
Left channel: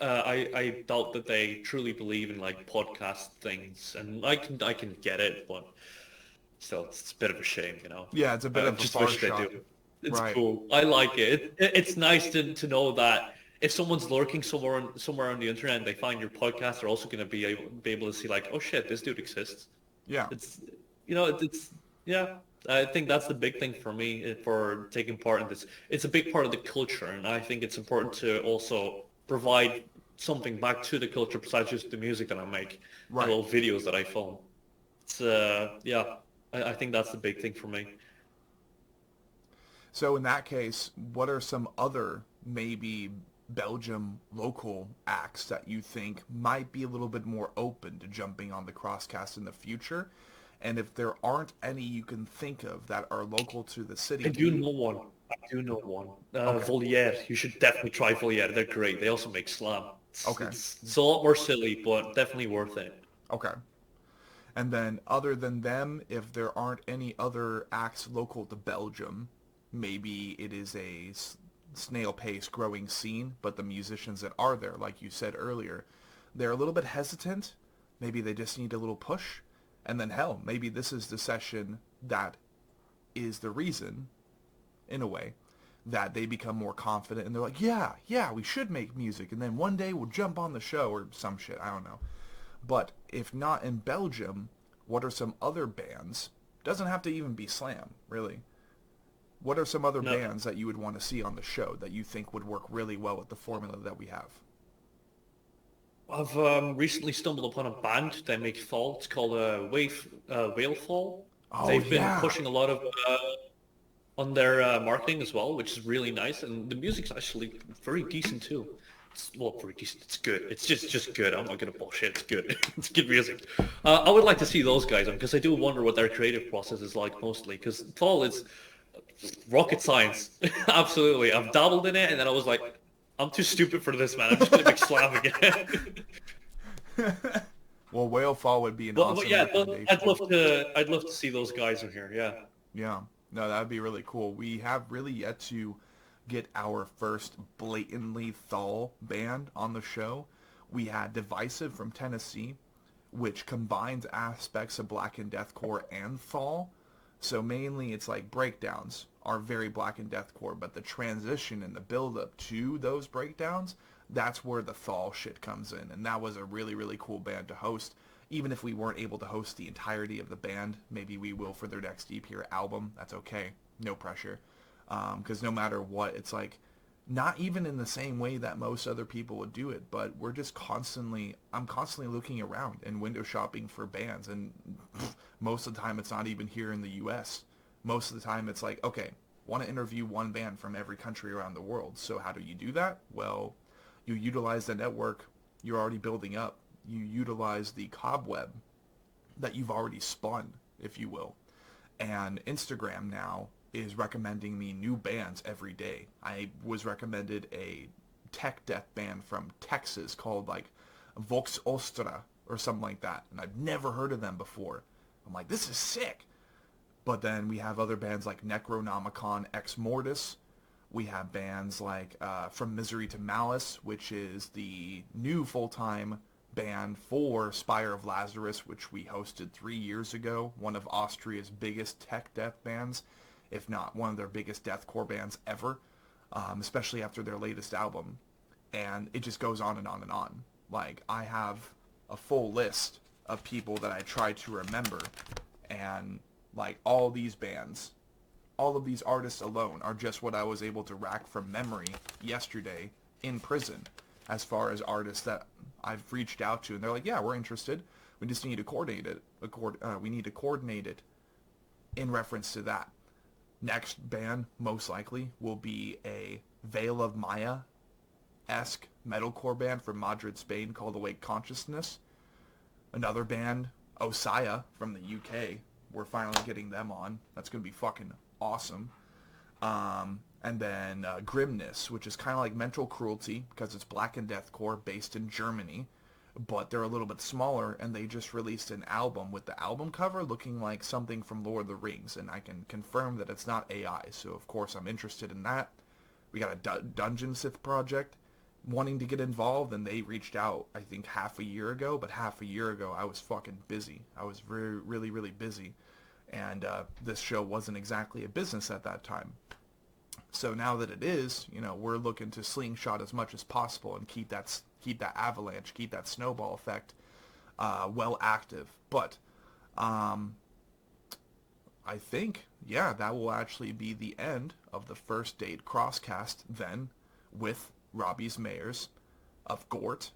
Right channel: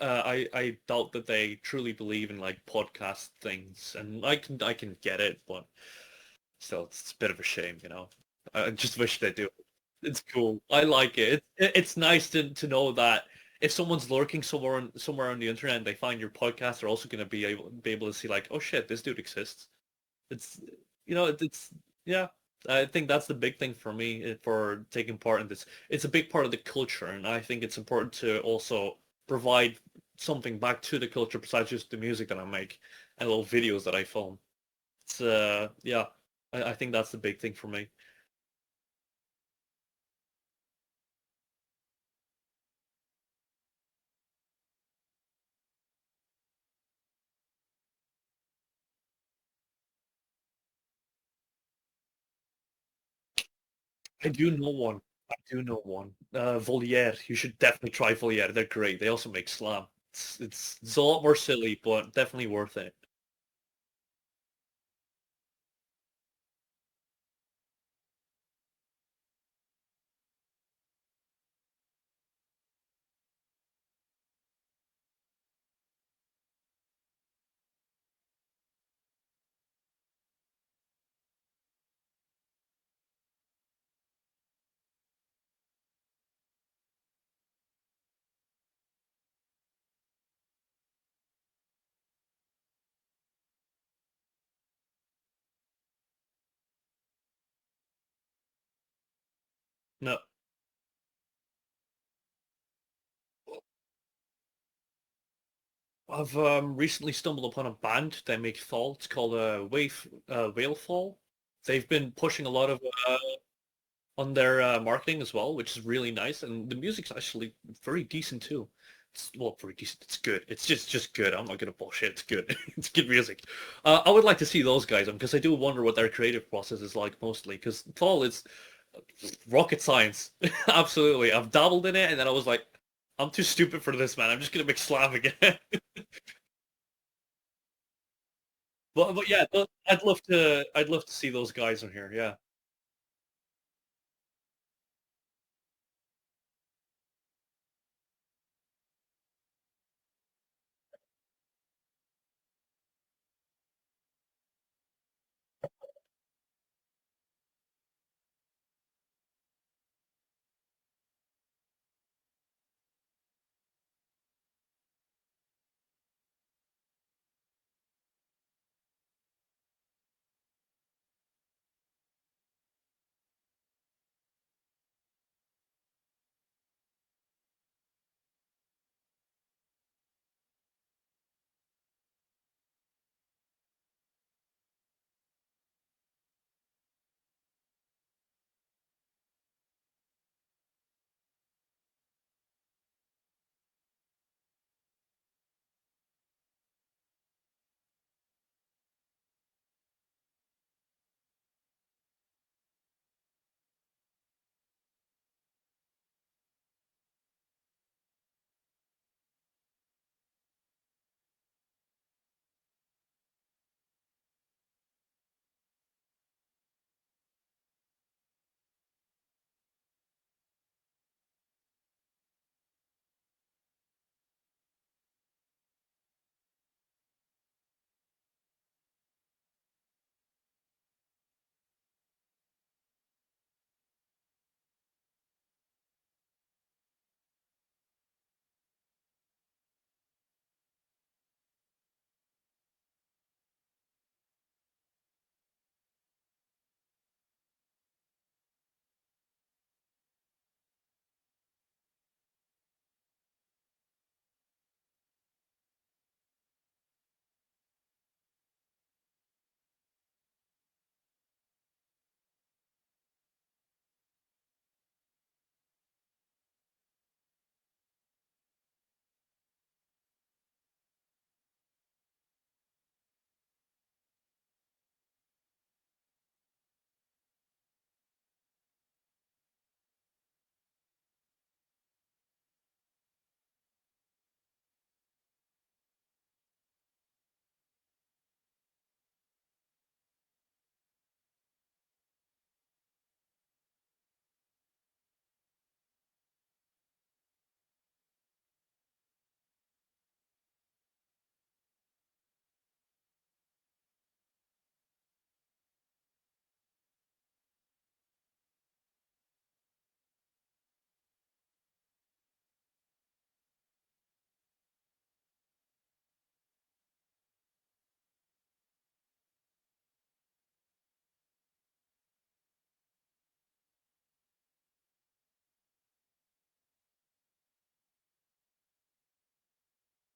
I doubt that they truly believe in like podcast things, and I can get it, but still, it's a bit of a shame, you know. Yeah, it's a bit I of a just far wish they shot. do. It's Right. cool. I like it. It's nice to know that if someone's lurking somewhere on the internet and they find your podcast, they're also going to be able to see like, oh shit, this dude exists. Yeah. It's it's yeah. I think that's the big thing for me for taking part in this. It's a big part of the culture, and I think it's important to also provide something back to the culture besides just the music that I make and Right. little videos that I film. It's yeah. I think that's the big thing for me. So in that case, what are some other maybe Belgium local acts that you think might be a little bit more open to jumping on the crosscast in the future? And if there aren't any you can think of that are local to the I city to do you, know one. I do know one. okay, Voliere. You should definitely try Voliere. They're great. They also make slam. It's, okay, it's, it's a lot more silly, but definitely worth it. okay. And then other than them, if there aren't any other acts local to Belgium, maybe it is a snail pace growing scene, but the musicians that are there, like you said earlier, they're a little bit hesitant. Maybe they just need a little push. And then hell, maybe this is the session that is the reason, in a way, that they become more confident and they're like, yeah, yeah, we should make music. And then one day we'll jump on the show or some shit. I don't know. But if not in Belgium, what are some other bands? Doesn't have to even be slam, really. What are some other No, bands that you would want to see on the show that you think would work really well with the formula that we have? I've recently stumbled upon a band that make fall. It's called Whale Fall. Oh They've been yeah. pushing a lot of on their marketing as well, which is really nice. And the music's actually very decent too. Well, very decent. It's good. It's just good. I'm not gonna bullshit. It's good. It's good music. I would like to see those guys on because I do wonder what their creative process is like mostly. Because fall is rocket science. Absolutely. I've dabbled in it, and then I was like, I'm too stupid for this, man. I'm just gonna make slam again. Well, Whale Fall would be an But awesome yeah, recommendation. I'd love to see those guys in here. Yeah. Yeah. No, that would be really cool. We have really yet to get our first blatantly Thal band on the show. We had Divisive from Tennessee, which combines aspects of Black and Deathcore and Thal. So mainly it's like breakdowns are very Black and Deathcore, but the transition and the build up to those breakdowns, that's where the Thal shit comes in. And that was a really, really cool band to host. Even if we weren't able to host the entirety of the band, maybe we will for their next EP or album. That's okay. No pressure. Because no matter what, it's like not even in the same way that most other people would do it, but we're just I'm constantly looking around and window shopping for bands, and most of the time it's not even here in the US. Most of the time it's like, okay, want to interview one band from every country around the world. So how do you do that? Well, you utilize the network you're already building up. You utilize the cobweb that you've already spun, if you will. And Instagram now is recommending me new bands every day. I was recommended a tech death band from Texas called like Vox Ostra or something like that, and I've never heard of them before. I'm like, this is sick. But then we have other bands like Necronomicon Ex Mortis. We have bands like From Misery to Malice, which is the new full-time band for Spire of Lazarus, which we hosted 3 years ago. One of Austria's biggest tech death bands, if not one of their biggest deathcore bands ever, especially after their latest album. And it just goes on and on and on. Like, I have a full list of people that I try to remember, and like all these bands, all of these artists alone are just what I was able to rack from memory yesterday in prison as far as artists that I've reached out to, and they're like, yeah, we're interested. We just need to coordinate it. We need to coordinate it in reference to that. Next band, most likely, will be a Veil of Maya esque metalcore band from Madrid, Spain called Awake Consciousness. Another band, Osaya from the UK. We're finally getting them on. That's going to be fucking awesome. And then Grimness, which is kind of like Mental Cruelty because it's black and deathcore based in Germany, but they're a little bit smaller, and they just released an album with the album cover looking like something from Lord of the Rings, and I can confirm that it's not AI, so of course I'm interested in that. We got a Dungeon Sith project wanting to get involved, and they reached out, I think, half a year ago, but half a year ago I was fucking busy. I was really, really busy, and this show wasn't exactly a business at that time. So now that it is, you know, we're looking to slingshot as much as possible and keep that avalanche, keep that snowball effect well active. But I think, yeah, that will actually be the end of the first date crosscast then with Robbies Meyers of GORT,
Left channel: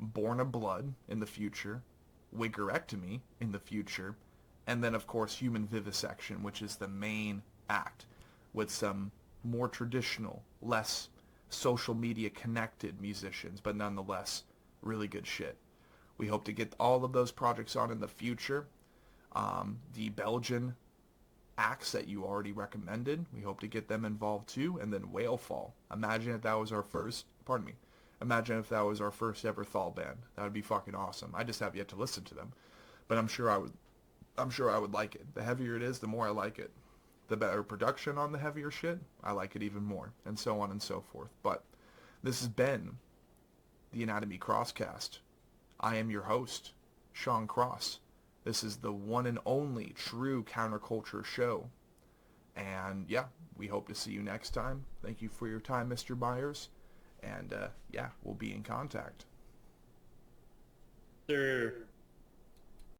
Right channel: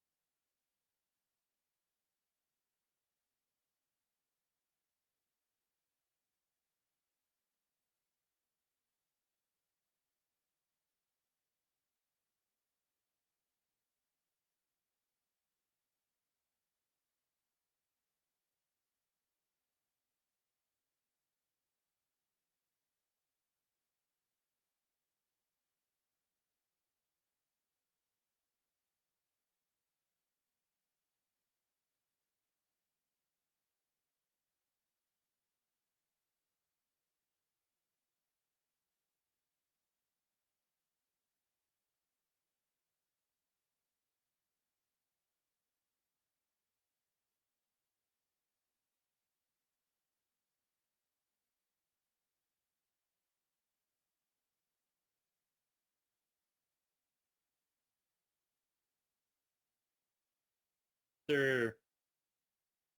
Born of Blood in the future, Wiggerectomy in the future, and then of course Human Vivisection, which is the main act with some more traditional, less social media connected musicians, but nonetheless really good shit. We hope to get all of those projects on in the future. The Belgian acts that you already recommended, we hope to get them involved too, and then Whalefall. Imagine if that was our first, pardon me, imagine if that was our first ever Thal band. That would be fucking awesome. I just have yet to listen to them, but I'm sure I would like it. The heavier it is, the more I like it. The better production on the heavier shit, I like it even more, and so on and so forth. But this has been the Anatomy Crosscast. I am your host, Sean Cross. This is the one and only true counterculture show. And yeah, we hope to see you next time. Thank you for your time, Mr. Byers. And yeah, we'll be in contact. Sir.